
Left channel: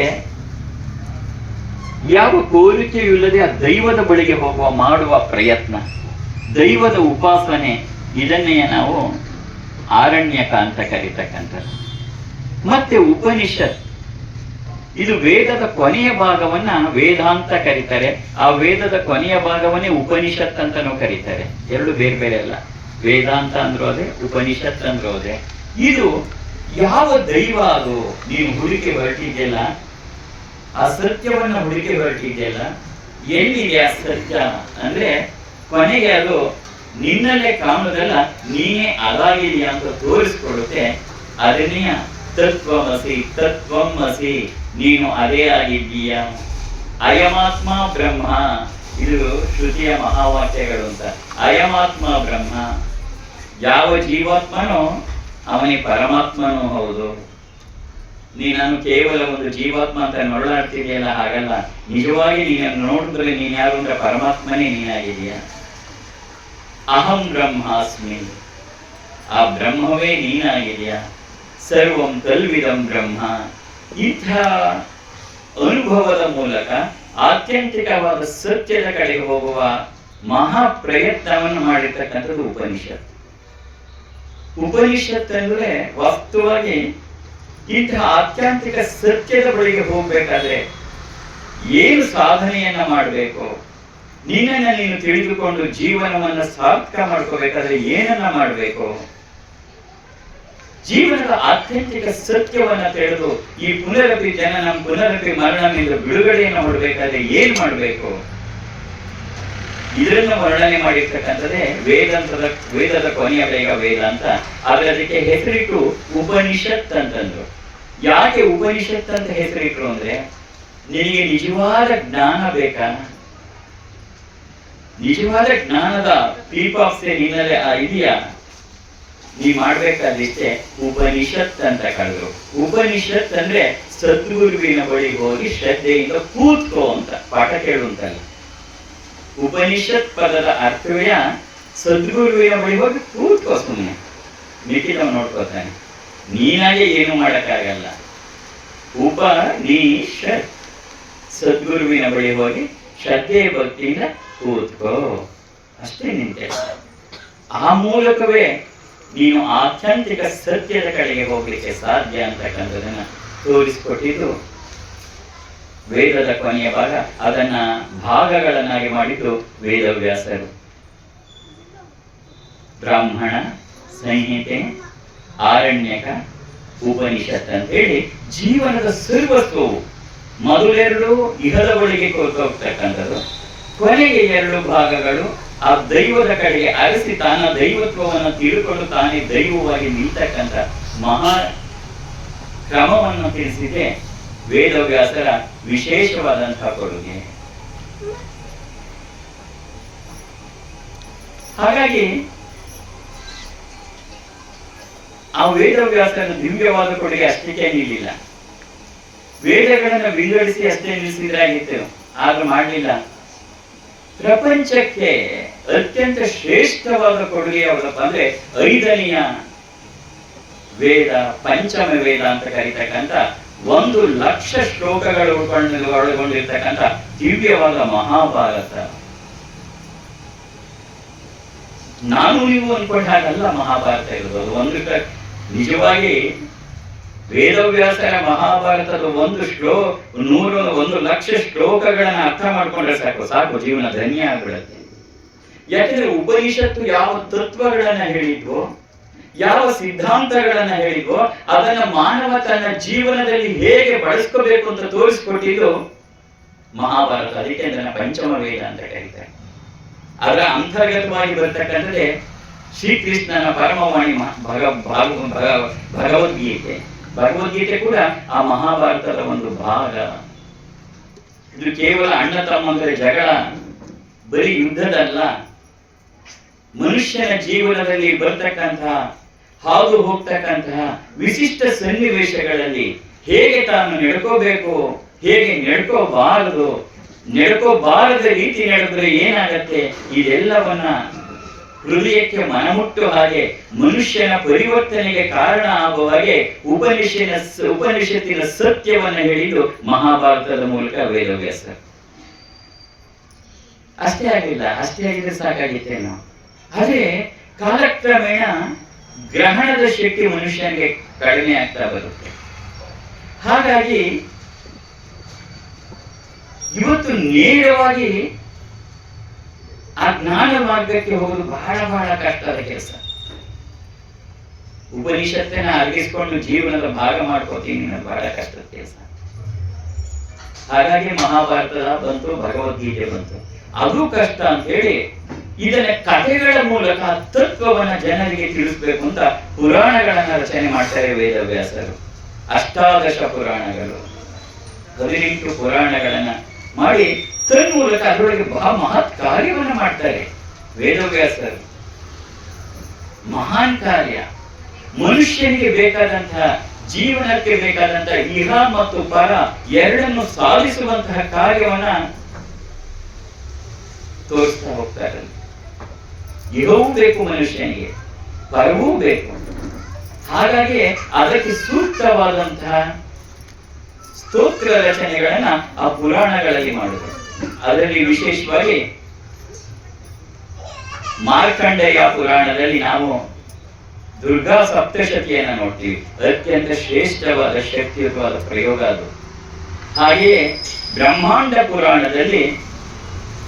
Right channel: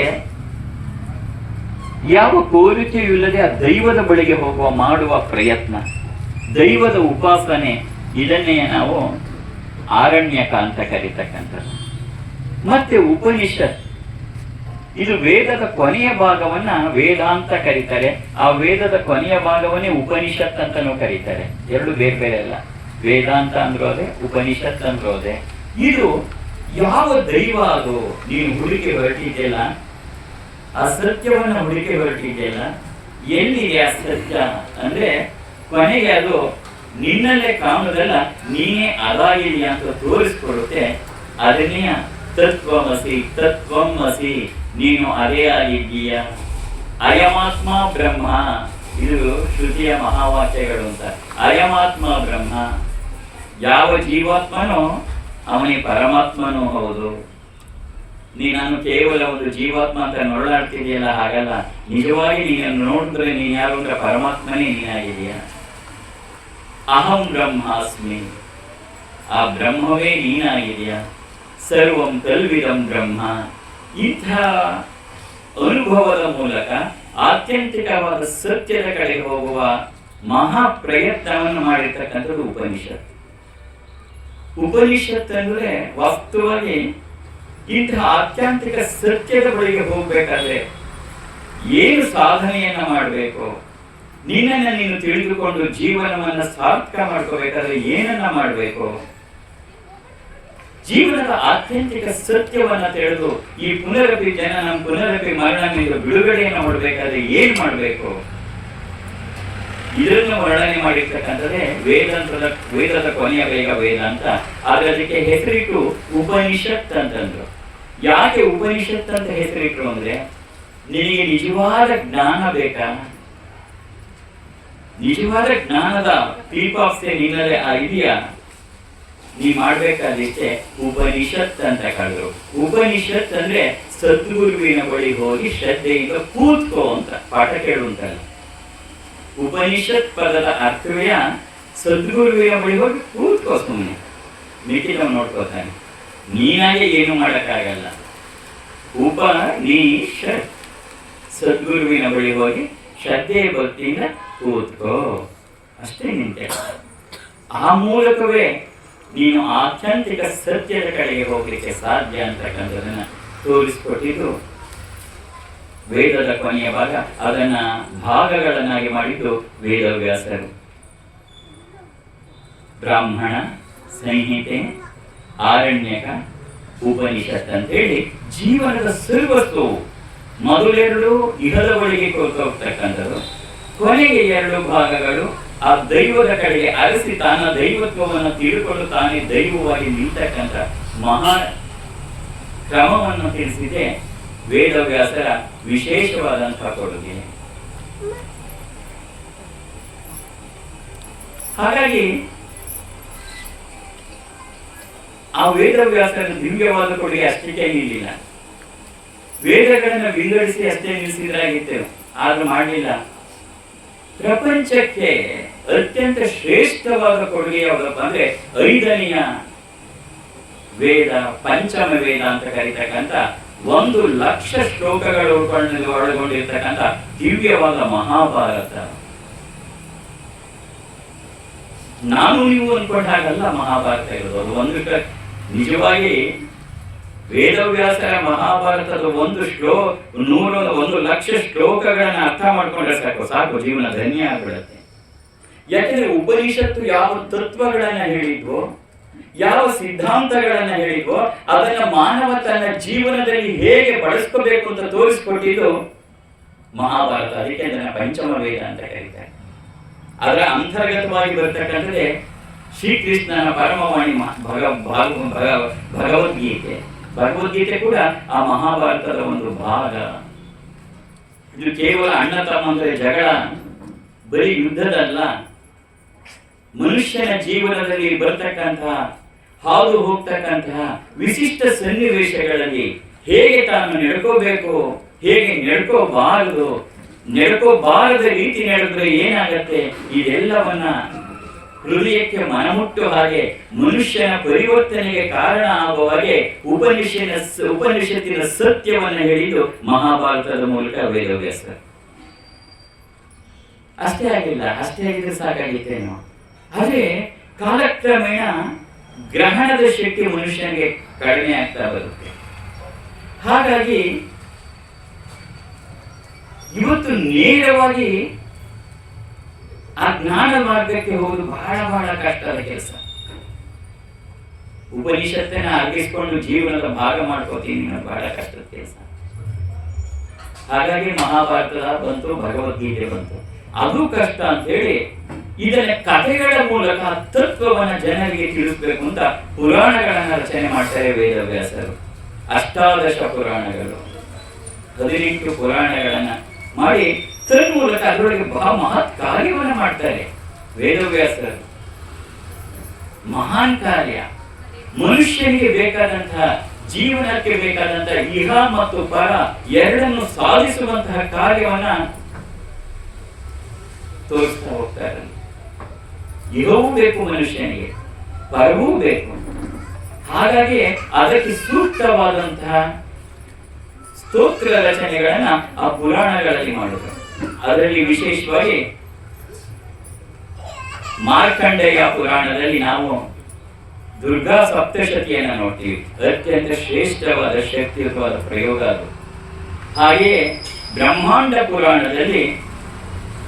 ಯಾವ ಕೋರಿಕೆಯೂ ಇಲ್ಲದೆ ಆ ದೈವದ ಬಳಿಗೆ ಮಾಡುವ ಪ್ರಯತ್ನ, ದೈವದ ಉಪಾಸನೆ, ಇದನ್ನೇ ನಾವು ಆರಣ್ಯಕ ಅಂತ ಕರೀತಕ್ಕಂಥದ್ದು. ಮತ್ತೆ ಉಪನಿಷತ್, ಇದು ವೇದದ ಕೊನೆಯ ಭಾಗವನ್ನ ವೇದಾಂತ ಕರೀತಾರೆ. ಆ ವೇದದ ಕೊನೆಯ ಭಾಗವನ್ನೇ ಉಪನಿಷತ್ ಅಂತಾನೂ ಕರೀತಾರೆ. ಎರಡು ಬೇರೆ ಬೇರೆ ಅಲ್ಲ. ವೇದಾಂತ ಅಂದ್ರೂ ಅದೇ, ಉಪನಿಷತ್ ಅಂದ್ರೂ ಅದೇ. ಇದು ಯಾವ ದೈವ ಅದು ನೀವು ಹುಡುಕಿ ಹೊರಟಿದೆಯಲ್ಲ, ಆ ಸತ್ಯವನ್ನ ಹುಡುಕಿ ಹೊರಟಿದೆಯಲ್ಲ, ಎಲ್ಲಿದೆ ಆ ಸತ್ಯ ಅಂದ್ರೆ ಕೊನೆಗೆ ಅದು ನಿನ್ನಲ್ಲೇ ಕಾಣುವುದಲ್ಲ, ನೀನೇ ಅದಾಗಿದೆಯಾ ಅಂತ ತೋರಿಸ್ಕೊಡುತ್ತೆ. ಅದನ್ನೇ ತತ್ವಮಸಿ, ನೀನು ಅದೇ ಆಗಿದ್ದೀಯ. ಅಯಮಾತ್ಮ ಬ್ರಹ್ಮ, ಇದು ಶ್ರುತಿಯ ಮಹಾವಾಕ್ಯಗಳು ಅಂತ. ಅಯಮಾತ್ಮ ಬ್ರಹ್ಮ, ಯಾವ ಜೀವಾತ್ಮನೋ ಅವನೇ ಪರಮಾತ್ಮನೂ ಹೌದು. ನಾನು ಕೇವಲ ಒಂದು ಜೀವಾತ್ಮ ಅಂತ ನೋಡಾಡ್ತಿದೆಯಲ್ಲ, ಹಾಗಲ್ಲ. ನಿಜವಾಗಿ ನೀನನ್ನು ನೋಡಿದ್ರೆ ನೀನ್ ಯಾರು ಅಂದ್ರೆ ಪರಮಾತ್ಮನೇ ನೀನಾಗಿದೆಯ. ಅಹಂ ಬ್ರಹ್ಮಾಸ್ಮಿ, ಆ ಬ್ರಹ್ಮವೇ ನೀನಾಗಿದೆಯ. ಸರ್ವಂ ಕಲ್ವಿದಂ ಬ್ರಹ್ಮ. ಇಂಥ ಅನುಭವದ ಮೂಲಕ ಆತ್ಯಂತಿಕವಾದ ಸತ್ಯದ ಕಡೆ ಹೋಗುವ ಮಹಾ ಪ್ರಯತ್ನವನ್ನು ಮಾಡಿರ್ತಕ್ಕಂಥದ್ದು ಉಪನಿಷತ್. ಉಪನಿಷತ್ ಅಂದ್ರೆ ವಾಸ್ತವವಾಗಿ ಇಂತಹ ಆತ್ಯಂತಿಕ ಸತ್ಯದ ಬಳಿಗೆ ಹೋಗ್ಬೇಕಾದ್ರೆ ಏನು ಸಾಧನೆಯನ್ನ ಮಾಡಬೇಕು, ನಿನ್ನನ್ನು ನೀನು ತಿಳಿದುಕೊಂಡು ಜೀವನವನ್ನ ಸಾರ್ಥಕ ಮಾಡ್ಕೋಬೇಕಾದ್ರೆ ಏನನ್ನ ಮಾಡಬೇಕು, ಜೀವನದ ಆತ್ಯಂತಿಕ ಸತ್ಯವನ್ನ ತಿಳಿದು ಈ ಪುನರಪಿ ಜನನ ಪುನರಪಿ ಮರಣದಿಂದ ಬಿಡುಗಡೆಯನ್ನು ಮಾಡಬೇಕಾದ್ರೆ ಏನ್ ಮಾಡಬೇಕು, ಇದನ್ನು ವರ್ಣನೆ ಮಾಡಿರ್ತಕ್ಕಂಥದ್ದೇ ವೇದದ ಕೊನೆಯ ಬೇಗ ವೇದ ಅಂತ. ಆದ್ರೆ ಅದಕ್ಕೆ ಹೆಸರಿಟ್ಟು ಉಪನಿಷತ್ ಅಂತಂದ್ರು. ಯಾಕೆ ಉಪನಿಷತ್ ಅಂತ ಹೆಸರಿಟ್ರು ಅಂದ್ರೆ, ನಿನಗೆ ನಿಜವಾದ ಜ್ಞಾನ ಬೇಕಾ, ನಿಜವಾದ ಜ್ಞಾನದ ಪೀಪಾಪ್ಸೆ ನಿನ್ನಲ್ಲೇ ಇದೆಯಾ, ನೀ ಮಾಡ್ಬೇಕಾದಿಷ್ಟೇ ಉಪನಿಷತ್ ಅಂತ ಕಳೆದ್ರು. ಉಪನಿಷತ್ ಅಂದ್ರೆ ಸದ್ಗುರುವಿನ ಬಳಿ ಹೋಗಿ ಶ್ರದ್ಧೆಯಿಂದ ಕೂತ್ಕೋ ಅಂತ, ಪಾಠ ಕೇಳುವಂತಲ್ಲ. ಉಪನಿಷತ್ ಪದದ ಅರ್ಥವೇ ಸದ್ಗುರುವಿನ ಬಳಿ ಹೋಗಿ ಕೂತ್ಕೋ, ಸುಮ್ಮನೆ ಮಿಕ್ಕಿದವ್ ನೋಡ್ಕೋತಾನೆ. ನೀನಾಗೆ ಏನು ಮಾಡಕ್ಕಾಗಲ್ಲ. ಉಪನಿಷತ್, ಸದ್ಗುರುವಿನ ಬಳಿ ಹೋಗಿ ಶ್ರದ್ಧೆ ಭಕ್ತಿಯಿಂದ ಕೂತ್ಕೋ, ಅಷ್ಟೇ ನಿಂತೆ. ಆ ಮೂಲಕವೇ ನೀನು ಆತ್ಯಂತಿಕ ಸತ್ಯದ ಕಡೆಗೆ ಹೋಗ್ಲಿಕ್ಕೆ ಸಾಧ್ಯ ಅಂತಕ್ಕಂಥದನ್ನ ತೋರಿಸಿಕೊಟ್ಟಿದ್ದು ವೇದದ ಕೊನೆಯ ಭಾಗ. ಅದನ್ನ ಭಾಗಗಳನ್ನಾಗಿ ಮಾಡಿದ್ದು ವೇದವ್ಯಾಸರು. ಬ್ರಾಹ್ಮಣ ಸಂಹಿತೆ, ಆರಣ್ಯಕ, ಉಪನಿಷತ್ ಅಂತ ಹೇಳಿ ಜೀವನದ ಸರ್ವಸ್ವವು. ಮೊದಲೆರಡು ಇಹದ ಬಳಿಗೆ ಹೋಗ್ತಕ್ಕಂಥದ್ದು, ಕೊನೆಗೆ ಎರಡು ಭಾಗಗಳು ಆ ದೈವದ ಕಡೆಗೆ ಅರಸಿ ತಾನ ದೈವತ್ವವನ್ನು ತಿಳ್ಕೊಂಡು ತಾನೇ ದೈವವಾಗಿ ನಿಲ್ತಕ್ಕಂಥ ಮಹಾ ಕ್ರಮವನ್ನು ತಿಳಿಸಿದೆ ವೇದವ್ಯಾಸರ ವಿಶೇಷವಾದಂತಹ ಕೊಡುಗೆ. ಹಾಗಾಗಿ ಆ ವೇದವ್ಯಾಸರ ದಿವ್ಯವಾದ ಕೊಡುಗೆ ಅಷ್ಟಕ್ಕೆ ನಿಲ್ಲಿಲ್ಲ. ವೇದಗಳನ್ನ ವಿಂಗಡಿಸಿ ಅಷ್ಟೇ ನಿಲ್ಲಿಸಿದ್ರಾಗಿತ್ತು, ಆದ್ರೂ ಮಾಡಲಿಲ್ಲ. ಪ್ರಪಂಚಕ್ಕೆ ಅತ್ಯಂತ ಶ್ರೇಷ್ಠವಾದ ಕೊಡುಗೆ ಯಾವುದಪ್ಪ ಅಂದ್ರೆ 5ನೆಯ ವೇದ, ಪಂಚಮ ವೇದ ಅಂತ ಕರೀತಕ್ಕಂಥ 1,00,000 ಶ್ಲೋಕಗಳು ಒಳಗೊಂಡಿರ್ತಕ್ಕಂಥ ದಿವ್ಯವಾದ ಮಹಾಭಾರತ. ನಾನು ನೀವು ಅನ್ಕೊಂಡ ಹಾಗಲ್ಲ ಮಹಾಭಾರತ ಇರೋದು. ನಿಜವಾಗಿ ವೇದವ್ಯಾಸರ ಮಹಾಭಾರತದ 1,00,000 ಶ್ಲೋಕಗಳನ್ನ ಅರ್ಥ ಮಾಡ್ಕೊಂಡ್ರೆ ಸಾಕು ಜೀವನ ಧನ್ಯ ಆಗ್ಬಿಡುತ್ತೆ. ಯಾಕೆಂದ್ರೆ ಉಪನಿಷತ್ತು ಯಾವ ತತ್ವಗಳನ್ನ ಹೇಳಿದ್ವೋ, ಯಾವ ಸಿದ್ಧಾಂತಗಳನ್ನ ಹೇಳಿದ್ವೋ ಅದನ್ನ ಮಾನವ ತನ್ನ ಜೀವನದಲ್ಲಿ ಹೇಗೆ ಬಳಸ್ಕೋಬೇಕು ಅಂತ ತೋರಿಸ್ಕೊಟ್ಟಿದ್ದು ಮಹಾಭಾರತ. ಅದಕ್ಕೆ ಅದನ್ನ ಪಂಚಮ ವೇದ ಅಂತ ಕರೀತಾರೆ. ಅದರ ಅಂತರ್ಗತವಾಗಿ ಬರ್ತಕ್ಕಂಥದ್ದೇ ಶ್ರೀಕೃಷ್ಣನ ಪರಮವಾಣಿ ಭಗವದ್ಗೀತೆ. ಭಗವದ್ಗೀತೆ ಕೂಡ ಆ ಮಹಾಭಾರತದ ಒಂದು ಭಾಗ. ಇದು ಕೇವಲ ಅಣ್ಣ ತಮ್ಮಂದ್ರೆ ಜಗಳ, ಬರೀ ಯುದ್ಧದಲ್ಲ, ಮನುಷ್ಯನ ಜೀವನದಲ್ಲಿ ಬರ್ತಕ್ಕಂತಹ ಹಾದು ಹೋಗ್ತಕ್ಕಂತಹ ವಿಶಿಷ್ಟ ಸನ್ನಿವೇಶಗಳಲ್ಲಿ ಹೇಗೆ ತಾನು ನಡ್ಕೋಬೇಕು, ಹೇಗೆ ನಡ್ಕೋಬಾರದ ರೀತಿ ನಡೆದ್ರೆ ಏನಾಗತ್ತೆ, ಇದೆಲ್ಲವನ್ನ ಹೃದಯಕ್ಕೆ ಮನಮುಟ್ಟು ಹಾಗೆ ಮನುಷ್ಯನ ಪರಿವರ್ತನೆಗೆ ಕಾರಣ ಆಗುವ ಹಾಗೆ ಉಪನಿಷತ್ತಿನ ಸತ್ಯವನ್ನ ಹೇಳಿದ್ದು ಮಹಾಭಾರತದ ಮೂಲಕ ವೇದವ್ಯಾಸ. ಅಷ್ಟೇ ಆಗಿದ್ರೆ ಸಾಕಾಗಿತ್ತೇನೋ. ಆದ್ರೆ ಕಾಲಕ್ರಮೇಣ ಗ್ರಹಣದ ಶಕ್ತಿ ಮನುಷ್ಯನಿಗೆ ಕಡಿಮೆ ಆಗ್ತಾ ಬರುತ್ತೆ. ಹಾಗಾಗಿ ಇವತ್ತು ನೇರವಾಗಿ ಆ ಜ್ಞಾನ ಮಾರ್ಗಕ್ಕೆ ಹೋಗೋದು ಬಹಳ ಕಷ್ಟದ ಕೆಲಸ. ಉಪನಿಷತ್ತನ್ನ ಅರ್ಗಿಸ್ಕೊಂಡು ಜೀವನದ ಭಾಗ ಮಾಡ್ಕೋತೀನಿ ಬಹಳ ಕಷ್ಟದ ಕೆಲಸ. ಹಾಗಾಗಿ ಮಹಾಭಾರತದ ಬಂತು, ಭಗವದ್ಗೀತೆ ಬಂತು. ಅದು ಕಷ್ಟ ಅಂತ ಹೇಳಿ ಇದನ್ನ ಕಥೆಗಳ ಮೂಲಕ ತತ್ವವನ್ನ ಜನರಿಗೆ ತಿಳಿಸ್ಬೇಕು ಅಂತ ಪುರಾಣಗಳನ್ನ ರಚನೆ ಮಾಡ್ತಾರೆ ವೇದವ್ಯಾಸರು. 18 ಪುರಾಣಗಳು, 18 ಪುರಾಣಗಳನ್ನ ಮಾಡಿ ತನ್ಮೂಲಕ ಅದರೊಳಗೆ ಮಹತ್ ಕಾರ್ಯವನ್ನ ಮಾಡ್ತಾರೆ ವೇದವ್ಯಾಸರು. ಮಹಾನ್ ಕಾರ್ಯ. ಮನುಷ್ಯನಿಗೆ ಬೇಕಾದಂತಹ ಜೀವನಕ್ಕೆ ಬೇಕಾದಂತಹ ಇಹ ಮತ್ತು ಪರ ಎರಡನ್ನು ಸಾಧಿಸುವಂತಹ ಕಾರ್ಯವನ್ನ ತೋರಿಸ್ತಾ ಹೋಗ್ತಾರೆ. ಇಹವೂ ಬೇಕು ಮನುಷ್ಯನಿಗೆ, ಪರವೂ ಬೇಕು. ಹಾಗಾಗಿ ಅದಕ್ಕೆ ಸೂಕ್ತವಾದಂತಹ ಸ್ತೋತ್ರ ರಚನೆಗಳನ್ನ ಆ ಪುರಾಣಗಳಲ್ಲಿ ಮಾಡಿದ್ರು. ಅದರಲ್ಲಿ ವಿಶೇಷವಾಗಿ ಮಾರ್ಕಂಡೇಯ ಪುರಾಣದಲ್ಲಿ ನಾವು ದುರ್ಗಾ ಸಪ್ತಶತಿಯನ್ನ ನೋಡ್ತೀವಿ. ಅತ್ಯಂತ ಶ್ರೇಷ್ಠವಾದ ಶಕ್ತಿಯುತವಾದ ಪ್ರಯೋಗ ಅದು. ಹಾಗೆಯೇ ಬ್ರಹ್ಮಾಂಡ ಪುರಾಣದಲ್ಲಿ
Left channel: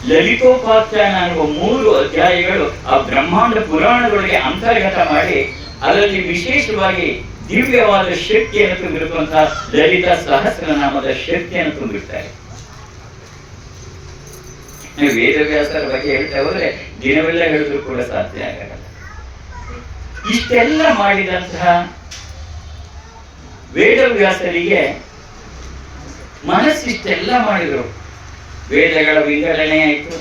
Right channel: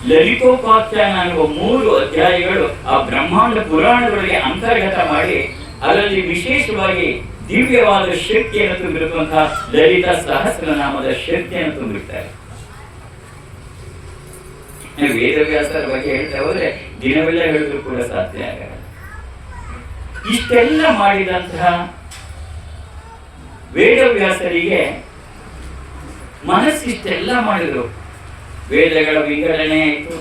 ಲಲಿತೋಪಾಖ್ಯಾನ ಅನ್ನುವ 3 ಅಧ್ಯಾಯಗಳು ಆ ಬ್ರಹ್ಮಾಂಡ ಪುರಾಣಗಳಿಗೆ ಅಂತರ್ಗತ ಮಾಡಿ ಅದರಲ್ಲಿ ವಿಶೇಷವಾಗಿ ದಿವ್ಯವಾದ ಶಕ್ತಿಯನ್ನು ತುಂಬಿರುವಂತಹ ಲಲಿತಾ ಸಹಸ್ರನಾಮದ ಶಕ್ತಿಯನ್ನು ತುಂಬಿರ್ತಾರೆ. ವೇದವ್ಯಾಸರ ಬಗ್ಗೆ ಹೇಳ್ತಾ ಹೋದ್ರೆ ದಿನವೆಲ್ಲ ಹೇಳಿದ್ರು ಕೂಡ ಸಾಧ್ಯ ಆಗಲ್ಲ. ಇಷ್ಟೆಲ್ಲ ಮಾಡಿದಂತಹ ವೇದವ್ಯಾಸರಿಗೆ ಮನಸ್ಸಿಷ್ಟೆಲ್ಲ ಮಾಡಿದ್ರು. ವೇದಗಳ ವಿಂಗಡಣೆ ಆಯಿತು,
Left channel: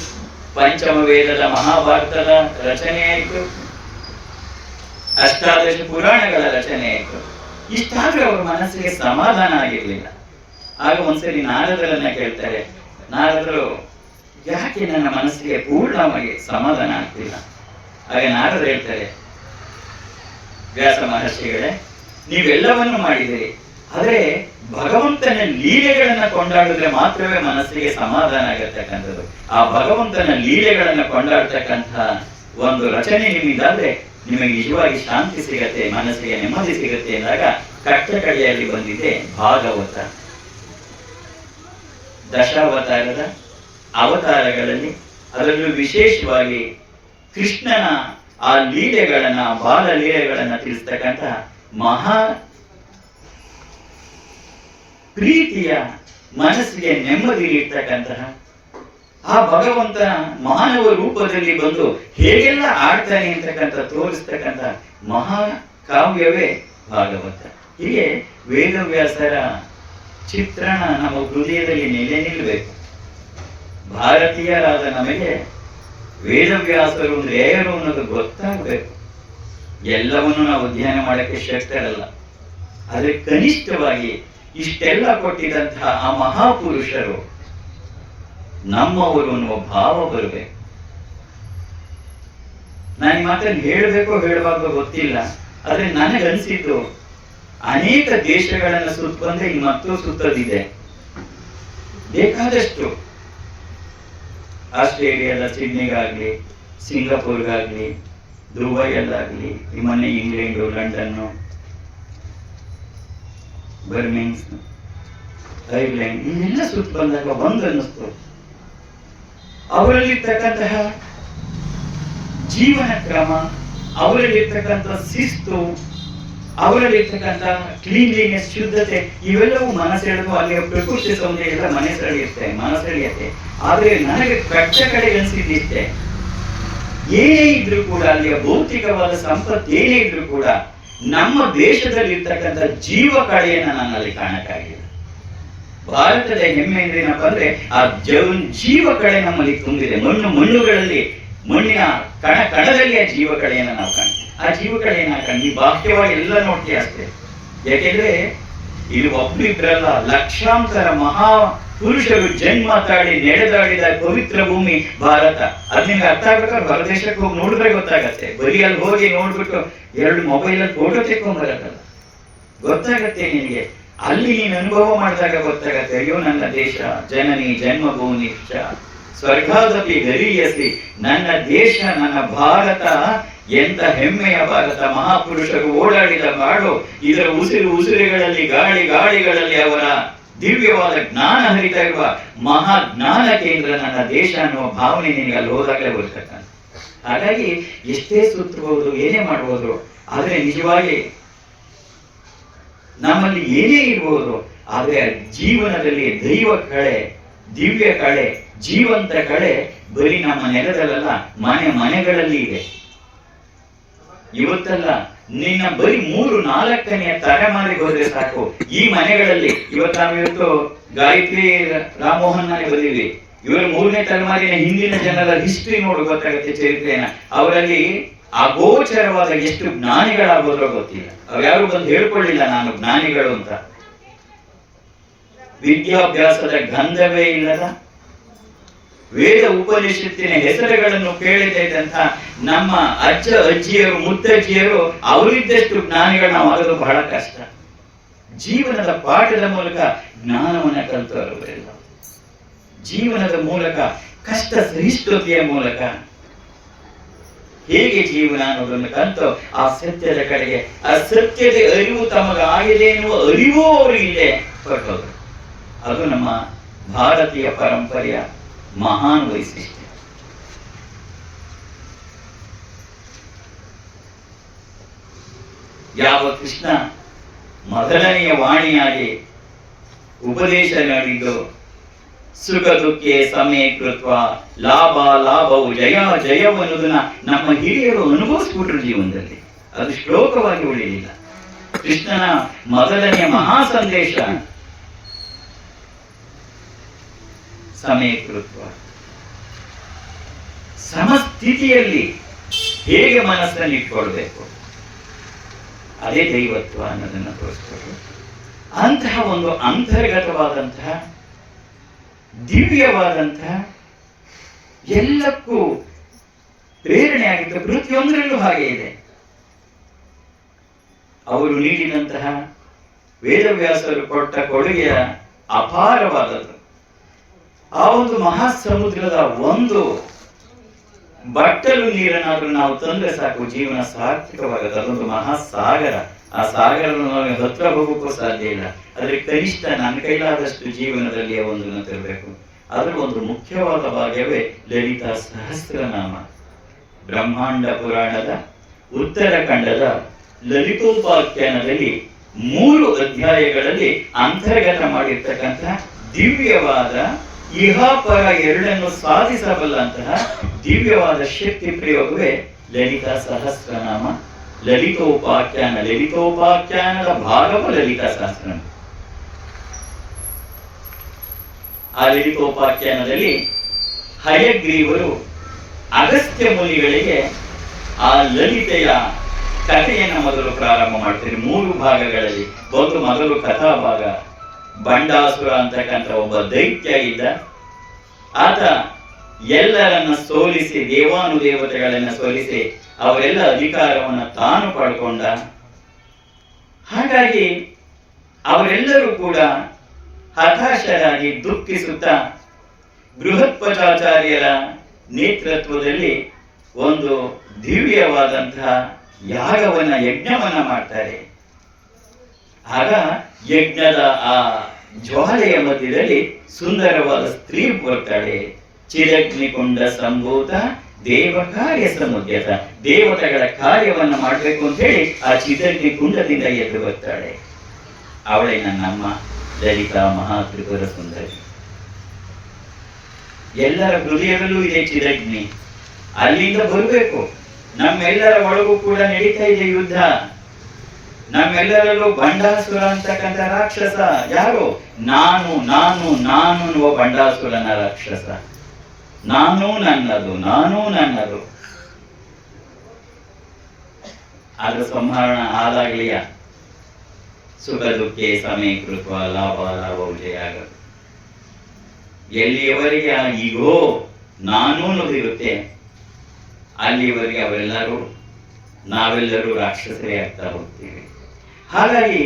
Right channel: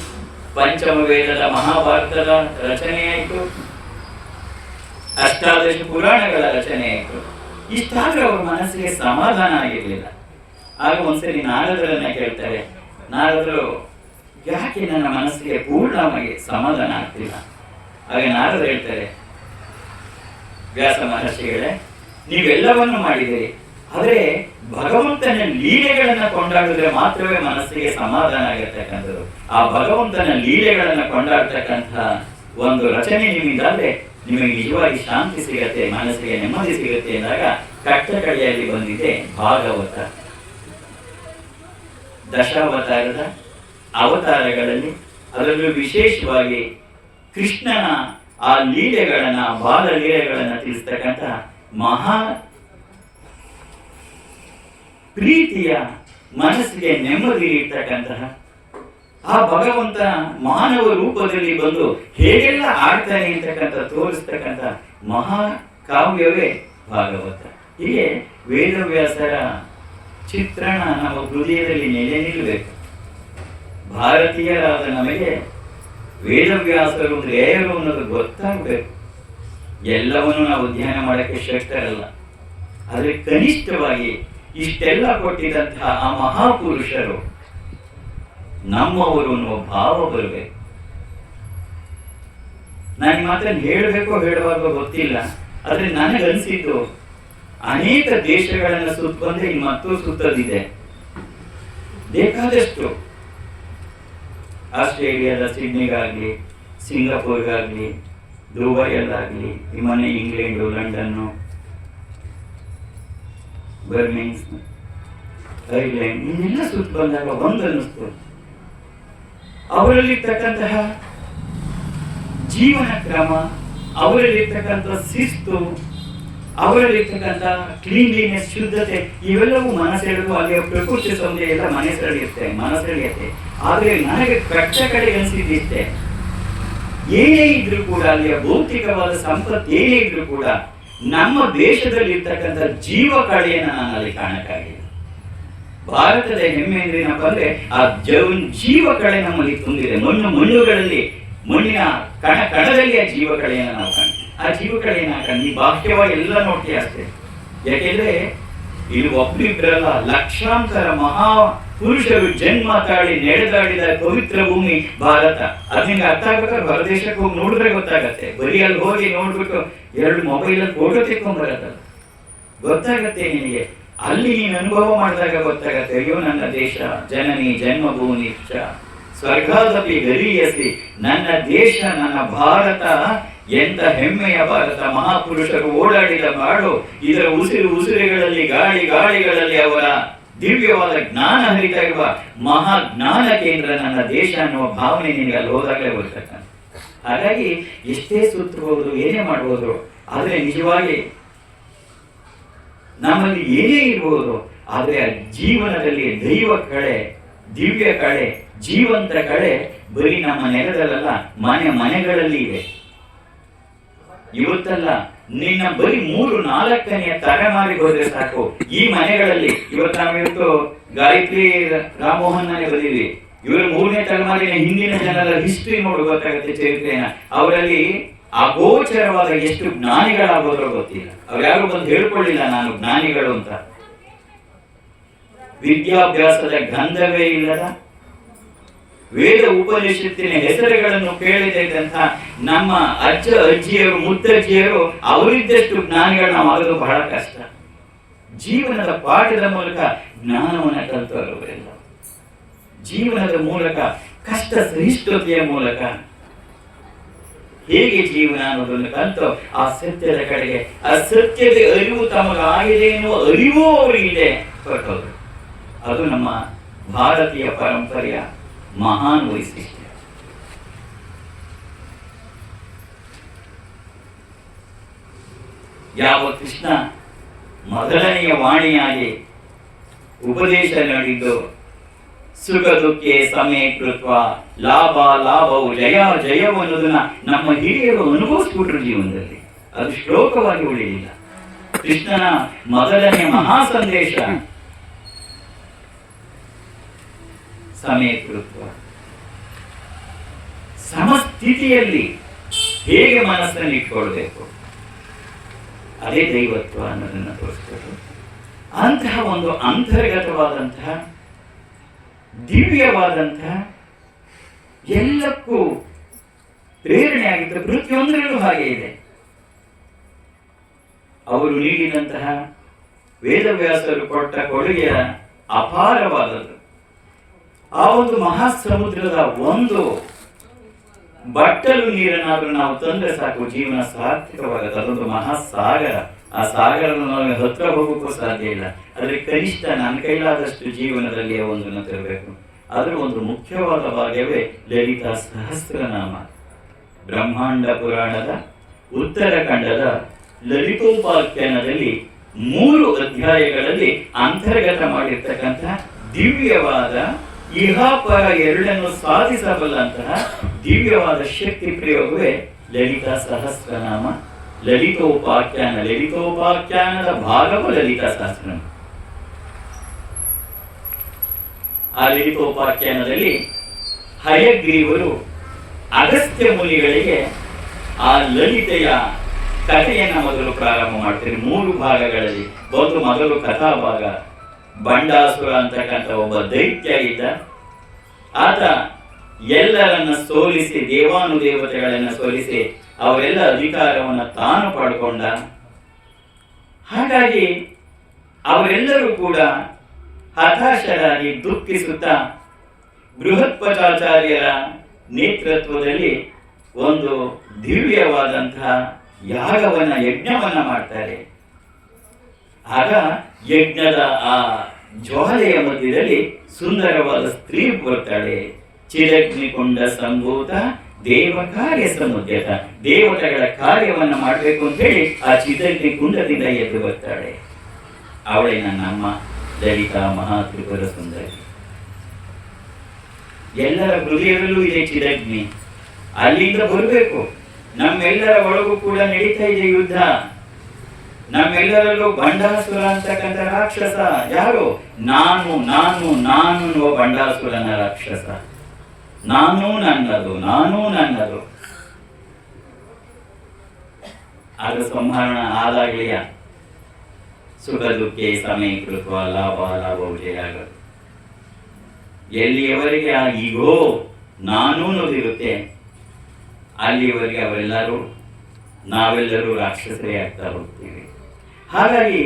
ಪಂಚಮ ವೇದದ ಮಹಾಭಾರತದ ರಚನೆ ಆಯಿತು, 18 ಪುರಾಣಗಳ ರಚನೆ ಆಯಿತು. ಇಷ್ಟಾದ್ರೂ ಅವ್ರ ಮನಸ್ಸಿಗೆ ಸಮಾಧಾನ ಆಗಿರ್ಲಿಲ್ಲ. ಆಗ ಒಂದ್ಸರಿ ನಾರದರನ್ನ ಕೇಳ್ತಾರೆ, ನಾರದರು ಯಾಕೆ ನನ್ನ ಮನಸ್ಸಿಗೆ ಪೂರ್ಣವಾಗಿ ಸಮಾಧಾನ ಆಗ್ತಿಲ್ಲ? ಆಗ ನಾರದರು ಹೇಳ್ತಾರೆ, ವ್ಯಾಸ ಮಹರ್ಷಿಗಳೇ, ನೀವೆಲ್ಲವನ್ನು ಮಾಡಿದಿರಿ, ಆದರೆ ಭಗವಂತನ ಲೀಲೆಗಳನ್ನ ಕೊಂಡಾಡಿದ್ರೆ ಮಾತ್ರವೇ ಮನಸ್ಸಿಗೆ ಸಮಾಧಾನ ಆಗಿರ್ತಕ್ಕಂಥದ್ದು. ಆ ಭಗವಂತನ ಲೀಲೆಗಳನ್ನ ಕೊಂಡಾಡ್ತಕ್ಕಂಥ ಒಂದು ರಚನೆ ನಿಮಗಿದಾದ್ರೆ ನಿಮಗೆ ನಿಜವಾಗಿ ಶಾಂತಿ ಸಿಗತ್ತೆ, ಮನಸ್ಸಿಗೆ ನೆಮ್ಮದಿ ಸಿಗುತ್ತೆ ಎಂದಾಗ ಕಟ್ಟಕಡೆಯಲ್ಲಿ ಬಂದಿದೆ ಭಾಗವತ. ದಶಾವತಾರದ ಅವತಾರಗಳಲ್ಲಿ ಅದರಲ್ಲೂ ವಿಶೇಷವಾಗಿ ಕೃಷ್ಣನ ಆ ಲೀಲೆಗಳನ್ನ, ಬಾಲ ಲೀಲೆಗಳನ್ನ ತಿಳಿಸ್ತಕ್ಕಂಥ ಮಹಾ ಪ್ರೀತಿಯ, ಮನಸ್ಸಿಗೆ ನೆಮ್ಮದಿ ಇರ್ತಕ್ಕಂತಹ ಆ ಭಗವಂತ ಮಾನವ ರೂಪದಲ್ಲಿ ಬಂದು ಹೇಗೆಲ್ಲ ಆಡ್ತಾನೆ ಅಂತಕ್ಕಂಥ ತೋರಿಸ್ತಕ್ಕಂಥ ಮಹಾ ಕಾವ್ಯವೇ ಭಾಗವತ. ಹೀಗೆ ವೇದವ್ಯಾಸರ ಚಿತ್ರಣ ನಮ್ಮ ಹೃದಯದಲ್ಲಿ ನೆಲೆ ನಿಲ್ಲಬೇಕು. ಭಾರತೀಯರಾದ ನಮಗೆ ವೇದವ್ಯಾಸರು ಅಂದ್ರೆ ಯಾರು ಅನ್ನೋದು ಗೊತ್ತಾಗಬೇಕು. ಎಲ್ಲವನ್ನು ನಾವು ಅಧ್ಯಯನ ಮಾಡಕ್ಕೆ ಶಕ್ತರಲ್ಲ, ಆದರೆ ಕನಿಷ್ಠವಾಗಿ ಇಷ್ಟೆಲ್ಲ ಕೊಟ್ಟಿದಂತಹ ಆ ಮಹಾಪುರುಷರು ನಮ್ಮವರು ಅನ್ನುವ ಭಾವ ಬರಬೇಕು. ನಾನು ಮಾತನ್ನು ಹೇಳಬೇಕೋ ಹೇಳುವಾಗ ಗೊತ್ತಿಲ್ಲ, ಆದ್ರೆ ನನಗನ್ಸಿದ್ದು ಅನೇಕ ದೇಶಗಳನ್ನು ಸುತ್ತ ಬಂದ್ರೆ ಮತ್ತೂ ಸುತ್ತದಿದೆ ಬೇಕಾದಷ್ಟು. ಆಸ್ಟ್ರೇಲಿಯಾದ ಸಿಡ್ನಿಗಾಗ್ಲಿ, ಸಿಂಗಾಪುರ್ಗಾಗ್ಲಿ, ದುಬೈಯಲ್ಲಾಗ್ಲಿ, ಮೊನ್ನೆ ಇಂಗ್ಲೆಂಡು, ಲಂಡನ್ನು, ಬರ್ಮೇನ್ಸ್, ಐರ್ಲೆಂಡ್ ಇದೆಲ್ಲ ಸುತ್ತ ಬಂದಾಗ ಒಂದು ಅನ್ನಿಸ್ತು, ಅವರಲ್ಲಿರ್ತಕ್ಕಂತಹ ಜೀವನ ಕ್ರಮ, ಅವರಲ್ಲಿರ್ತಕ್ಕಂಥ ಶಿಸ್ತು, ಅವರಲ್ಲಿರ್ತಕ್ಕಂಥ ಕ್ಲೀನ್ಲಿನೆಸ್, ಶುದ್ಧತೆ, ಇವೆಲ್ಲವೂ ಮನಸ್ಸೆಳೆದು ಅಲ್ಲಿಯ ಪ್ರಕೃತಿ ಸೌಂದರ್ಯ ಎಲ್ಲ ಮನಸ್ಸೆಳೆಯುತ್ತೆ. ಆದರೆ ನನಗೆ ಕಟ್ಟ ಕಡೆ ಅನಿಸಿದ್ದಿಷ್ಟೇ, ಏನೇ ಇದ್ರೂ ಕೂಡ ಅಲ್ಲಿಯ ಭೌತಿಕವಾದ ಸಂಪತ್ತು ಏನೇ ಇದ್ರೂ ಕೂಡ ನಮ್ಮ ದೇಶದಲ್ಲಿ ಇರ್ತಕ್ಕಂಥ ಜೀವ ಕಳೆಯನ್ನು ನಾನು ಅಲ್ಲಿ ಕಾಣಕ್ಕಾಗಿಲ್ಲ. ಭಾರತದ ಹೆಮ್ಮೆ ಅಂದ್ರೆ ಏನಪ್ಪಾ ಅಂದ್ರೆ ಆ ಜೀವ ಕಳೆ ನಮ್ಮಲ್ಲಿ ತುಂಬಿದೆ. ಮಣ್ಣುಗಳಲ್ಲಿ, ಮಣ್ಣಿನ ಕಣದಲ್ಲಿ ಆ ಜೀವ ಕಳೆಯನ್ನು ನಾವು ಕಾಣ್ತೀವಿ. ಆ ಜೀವ ಕಳೆಯನ್ನ ಕಂಡು ಬಾಹ್ಯವಾಗಿ ಎಲ್ಲ ನೋಡ್ತೀವಿ ಅಷ್ಟೇ. ಯಾಕೆಂದ್ರೆ ಇದು ಒಬ್ರಿಬ್ರಲ್ಲ, ಲಕ್ಷಾಂತರ ಮಹಾ ಪುರುಷರು ಜನ್ಮ ತಾಳಿ ನಡೆದಾಡಿದ ಪವಿತ್ರ ಭೂಮಿ ಭಾರತ. ಅದ್ ನಿಮ್ಗೆ ಅರ್ಥ ಆಗ್ಬೇಕಾದ್ರೆ ಹೊರದೇಶಕ್ಕೆ ಹೋಗಿ ನೋಡಿದ್ರೆ ಗೊತ್ತಾಗತ್ತೆ. ಬರೀ ಅಲ್ಲಿ ಹೋಗಿ ನೋಡ್ಬಿಟ್ಟು 2 ಮೊಬೈಲ್ ಫೋಟೋ ತೆಕ್ಕೊಂಡ್ ಬರತ್ತಲ್ಲ, ಗೊತ್ತಾಗತ್ತೆ ನಿನಗೆ. ಅಲ್ಲಿ ನೀನು ಅನುಭವ ಮಾಡಿದಾಗ ಗೊತ್ತಾಗತ್ತೆ, ಅಯ್ಯೋ ನನ್ನ ದೇಶ ಜನನಿ ಜನ್ಮಭೂಮಿ ಸ್ವರ್ಗಾದಪಿ ಗರೀಯಸಿ, ನನ್ನ ದೇಶ ನನ್ನ ಭಾರತ ಎಂತ ಹೆಮ್ಮೆಯ ಭಾರತ, ಮಹಾಪುರುಷರು ಓಡಾಡಿದ ನಾಡು, ಇದರ ಉಸಿರುಗಳಲ್ಲಿ ಗಾಳಿಗಳಲ್ಲಿ ಅವರ ದಿವ್ಯವಾದ ಜ್ಞಾನ ಹರಿತಾ ಇರುವ ಮಹಾ ಜ್ಞಾನ ಕೇಂದ್ರ ನನ್ನ ದೇಶ ಅನ್ನುವ ಭಾವನೆ ನಿಮಗೆ ಅಲ್ಲಿ ಹೋದಾಗಲೇ ಬರ್ತಕ್ಕಂಥ. ಹಾಗಾಗಿ ಎಷ್ಟೇ ಸುತ್ತಬಹುದು, ಏನೇ ಮಾಡಬಹುದು, ಆದ್ರೆ ನಿಜವಾಗಿ ನಮ್ಮಲ್ಲಿ ಏನೇ ಇರ್ಬೋದು, ಆದ್ರೆ ಜೀವನದಲ್ಲಿ ದೈವ ಕಳೆ, ದಿವ್ಯ ಕಳೆ, ಜೀವಂತ ಕಳೆ ಬರೀ ನಮ್ಮ ನೆಲದಲ್ಲ, ಮನೆಗಳಲ್ಲಿ ಇದೆ. ಇವತ್ತಲ್ಲ, ನಿನ್ನ ಬರೀ 3-4ನೇ ತಲೆಮಾರಿಗೆ ಹೋದ್ರೆ ಸಾಕು, ಈ ಮನೆಗಳಲ್ಲಿ ನಾವಿವತ್ತು ಗಾಯತ್ರಿ ರಾಮಮೋಹನ್ ಮನೆ ಬಂದಿದ್ವಿ. ಇವರು 3ನೇ ತಲೆಮಾರಿನ ಹಿಂದಿನ ಜನರ ಹಿಸ್ಟ್ರಿ ನೋಡಿ ಗೊತ್ತಾಗುತ್ತೆ, ಚರಿತ್ರೆನ. ಅವರಲ್ಲಿ ಅಗೋಚರವಾದ ಎಷ್ಟು ಜ್ಞಾನಿಗಳಾಗೋದ್ರೋ ಗೊತ್ತಿಲ್ಲ. ಅವ್ರು ಯಾರು ಬಂದು ಹೇಳ್ಕೊಳ್ಳಿಲ್ಲ ನಾನು ಜ್ಞಾನಿಗಳು ಅಂತ. ವಿದ್ಯಾಭ್ಯಾಸದ ಗಂಧವೇ ಇಲ್ಲದ, ವೇದ ಉಪನಿಷತ್ತಿನ ಹೆಸರುಗಳನ್ನು ಕೇಳದೇ ಇದ್ದಂತ ನಮ್ಮ ಅಜ್ಜ ಅಜ್ಜಿಯರು ಮುತ್ತಜ್ಜಿಯರು ಅವರಿದ್ದಷ್ಟು ಜ್ಞಾನಿಗಳು ನಾವು ಆಗೋದು ಬಹಳ ಕಷ್ಟ. ಜೀವನದ ಪಾಠದ ಮೂಲಕ ಜ್ಞಾನವನ್ನು ಕಲಿತವರಿಲ್ಲ, ಜೀವನದ ಮೂಲಕ ಕಷ್ಟ ಸಹಿಷ್ಣುತೆಯ ಮೂಲಕ ಹೇಗೆ ಜೀವನ ಅನ್ನೋದನ್ನು ಕಲಿತು ಆ ಸತ್ಯದ ಕಡೆಗೆ, ಆ ಸತ್ಯದ ಅರಿವು ತಮಗಾಗಿದೆ ಎನ್ನುವ ಅರಿವು ಅವರಿಗಿದೆ ಹೊರಟೋದು. ಅದು ನಮ್ಮ ಭಾರತೀಯ ಪರಂಪರೆಯ ಮಹಾನ್ ವೈಶಿಷ್ಟ್ಯ. ಯಾವ ಕೃಷ್ಣ ಮೊದಲನೆಯ ವಾಣಿಯಾಗಿ ಉಪದೇಶ ನೀಡಿದ್ದು, ಸುಖ ದುಃಖೆ ಸಮೇ ಕೃತ್ವ ಲಾಭವು ಜಯವು ಅನ್ನೋದನ್ನ ನಮ್ಮ ಹಿರಿಯರು ಅನುಭವಿಸ್ಬಿಟ್ರು ಜೀವನದಲ್ಲಿ. ಅದು ಶ್ಲೋಕವಾಗಿ ಉಳಿಯಲಿಲ್ಲ. ಕೃಷ್ಣನ ಮೊದಲನೆಯ ಮಹಾ ಸಂದೇಶ ಸಮೇ ಕೃತ್ವ, ಸಮಸ್ಥಿತಿಯಲ್ಲಿ ಹೇಗೆ ಮನಸ್ಸನ್ನು ಇಟ್ಕೊಳ್ಬೇಕು, ಅದೇ ದೈವತ್ವ ಅನ್ನೋದನ್ನ ತೋರಿಸ್ಕೊಟ್ರು. ಅಂತಹ ಒಂದು ಅಂತರ್ಗತವಾದಂತಹ ದಿವ್ಯವಾದಂತಹ ಎಲ್ಲಕ್ಕೂ ಪ್ರೇರಣೆ ಆಗಿದ್ದ ಪ್ರತಿಯೊಂದರಲ್ಲೂ ಹಾಗೆ ಇದೆ. ಅವರು ನೀಡಿದಂತಹ ವೇದವ್ಯಾಸರು ಕೊಟ್ಟ ಕೊಡುಗೆಯ ಅಪಾರವಾದದ್ದು. ಆ ಒಂದು ಮಹಾಸಮುದ್ರದ ಒಂದು ಬಟ್ಟಲು ನೀರನ್ನಾದ್ರೂ ನಾವು ತಂದ್ರೆ ಸಾಕು, ಜೀವನ ಸಾರ್ಥಕವಾಗುತ್ತೆ. ಅದೊಂದು ಮಹಾಸಾಗರ. ಆ ಸಾಗರವನ್ನು ನಾವು ಹತ್ರ ಹೋಗೋಕ್ಕೂ ಸಾಧ್ಯ ಇಲ್ಲ. ಆದ್ರೆ ಕನಿಷ್ಠ ನನ್ನ ಕೈಲಾದಷ್ಟು ಜೀವನದಲ್ಲಿ ಒಂದನ್ನು ತರಬೇಕು. ಅದ್ರ ಒಂದು ಮುಖ್ಯವಾದ ಭಾಗವೇ ಲಲಿತಾ ಸಹಸ್ರನಾಮ. ಬ್ರಹ್ಮಾಂಡ ಪುರಾಣದ ಉತ್ತರಖಂಡದ ಲಲಿತೋಪಾಖ್ಯಾನದಲ್ಲಿ 3 ಅಧ್ಯಾಯಗಳಲ್ಲಿ ಅಂತರ್ಗತ ಮಾಡಿರ್ತಕ್ಕಂಥ ದಿವ್ಯವಾದ ಇಹಾಪರ ಎರಡನ್ನು ಸಾಧಿಸಬಲ್ಲಂತಹ ದಿವ್ಯವಾದ ಶಕ್ತಿ ಪ್ರಯೋಗವೇ ಲಲಿತಾ ಸಹಸ್ರನಾಮ, ಲಲಿತೋಪಾಖ್ಯಾನದ ಭಾಗವು ಲಲಿತಾ ಸಹಸ್ರನಾಮ. ಆ ಲಲಿತೋಪಾಖ್ಯಾನದಲ್ಲಿ ಹಯಗ್ರೀವರು ಅಗಸ್ತ್ಯ ಮುನಿಗಳಿಗೆ ಆ ಲಲಿತೆಯ ಕಥೆಯನ್ನು ಮೊದಲು ಪ್ರಾರಂಭ ಮಾಡ್ತಾರೆ 3 ಭಾಗಗಳಲ್ಲಿ. ಮೊದಲು ಕಥಾ ಭಾಗ. ಬಂಡಾಸುರ ಅಂತಕ್ಕಂಥ ಒಬ್ಬ ದೈತ್ಯ ಇದ್ದ. ಆತ ಎಲ್ಲರನ್ನ ಸೋಲಿಸಿ, ದೇವಾನುದೇವತೆಗಳನ್ನ ಸೋಲಿಸಿ ಅವರೆಲ್ಲ ಅಧಿಕಾರವನ್ನು ತಾನು ಪಡ್ಕೊಂಡ. ಹಾಗಾಗಿ ಅವರೆಲ್ಲರೂ ಕೂಡ ಹತಾಶರಾಗಿ ದುಃಖಿಸುತ್ತಾ ಬೃಹತ್ಪಚಾಚಾರ್ಯರ ನೇತೃತ್ವದಲ್ಲಿ ಒಂದು ದಿವ್ಯವಾದಂತಹ ಯಜ್ಞವನ್ನ ಮಾಡ್ತಾರೆ. ಆಗ ಯಜ್ಞದ ಆ ಜ್ವಾಲೆಯ ಮಧ್ಯದಲ್ಲಿ ಸುಂದರವಾದ ಸ್ತ್ರೀ ಬರ್ತಾಳೆ. ಚಿರಗ್ನಿಕೊಂಡ ಸಂಭೂತ ದೇವ ಕಾರ್ಯ ಸಮುದ್ಯತ, ದೇವತೆಗಳ ಕಾರ್ಯವನ್ನು ಮಾಡಬೇಕು ಅಂತ ಹೇಳಿ ಆ ಚಿರಗ್ನಿ ಕುಂಡದಿಂದ ಎದ್ದು ಬರ್ತಾಳೆ. ಅವಳೇ ನಮ್ಮ ಲಲಿತಾ ಮಹಾತ್ರಿಪುರ ಸುಂದರಿ. ಎಲ್ಲರ ಹೃದಯದಲ್ಲೂ ಇದೆ ಚಿರಗ್ನಿ, ಅಲ್ಲಿಂದ ಬರಬೇಕು. ನಮ್ಮೆಲ್ಲರ ಒಳಗೂ ಕೂಡ ನಡೀತಾ ಇದೆ ಯುದ್ಧ. ನಮ್ಮೆಲ್ಲರಲ್ಲೂ ಬಂಡಾಸುರ ಅಂತಕ್ಕಂಥ ರಾಕ್ಷಸ ಯಾರು? ನಾನು ನಾನು ನಾನು ಅನ್ನುವ ಬಂಡಾಸುರನ ರಾಕ್ಷಸ. ನಾನು ನನ್ನದು, ನಾನು ನನ್ನದು. ಅದು ಸಂಹರಣ ಆದಾಗಲಿಯ ಸುಖ ದುಃಖೆ ಸಮೀಕೃತ ಲಾಭ ಲಾಭೌಜಯ ಆಗೋದು. ಎಲ್ಲಿಯವರೆಗೆ ಆ ಈಗೋ ನಾನು ಅನ್ನೋದಿರುತ್ತೆ, ಅಲ್ಲಿಯವರೆಗೆ ನಾವೆಲ್ಲರೂ ರಾಕ್ಷಸರೇ ಆಗ್ತಾ ಹೋಗ್ತೀವಿ. ಹಾಗಾಗಿ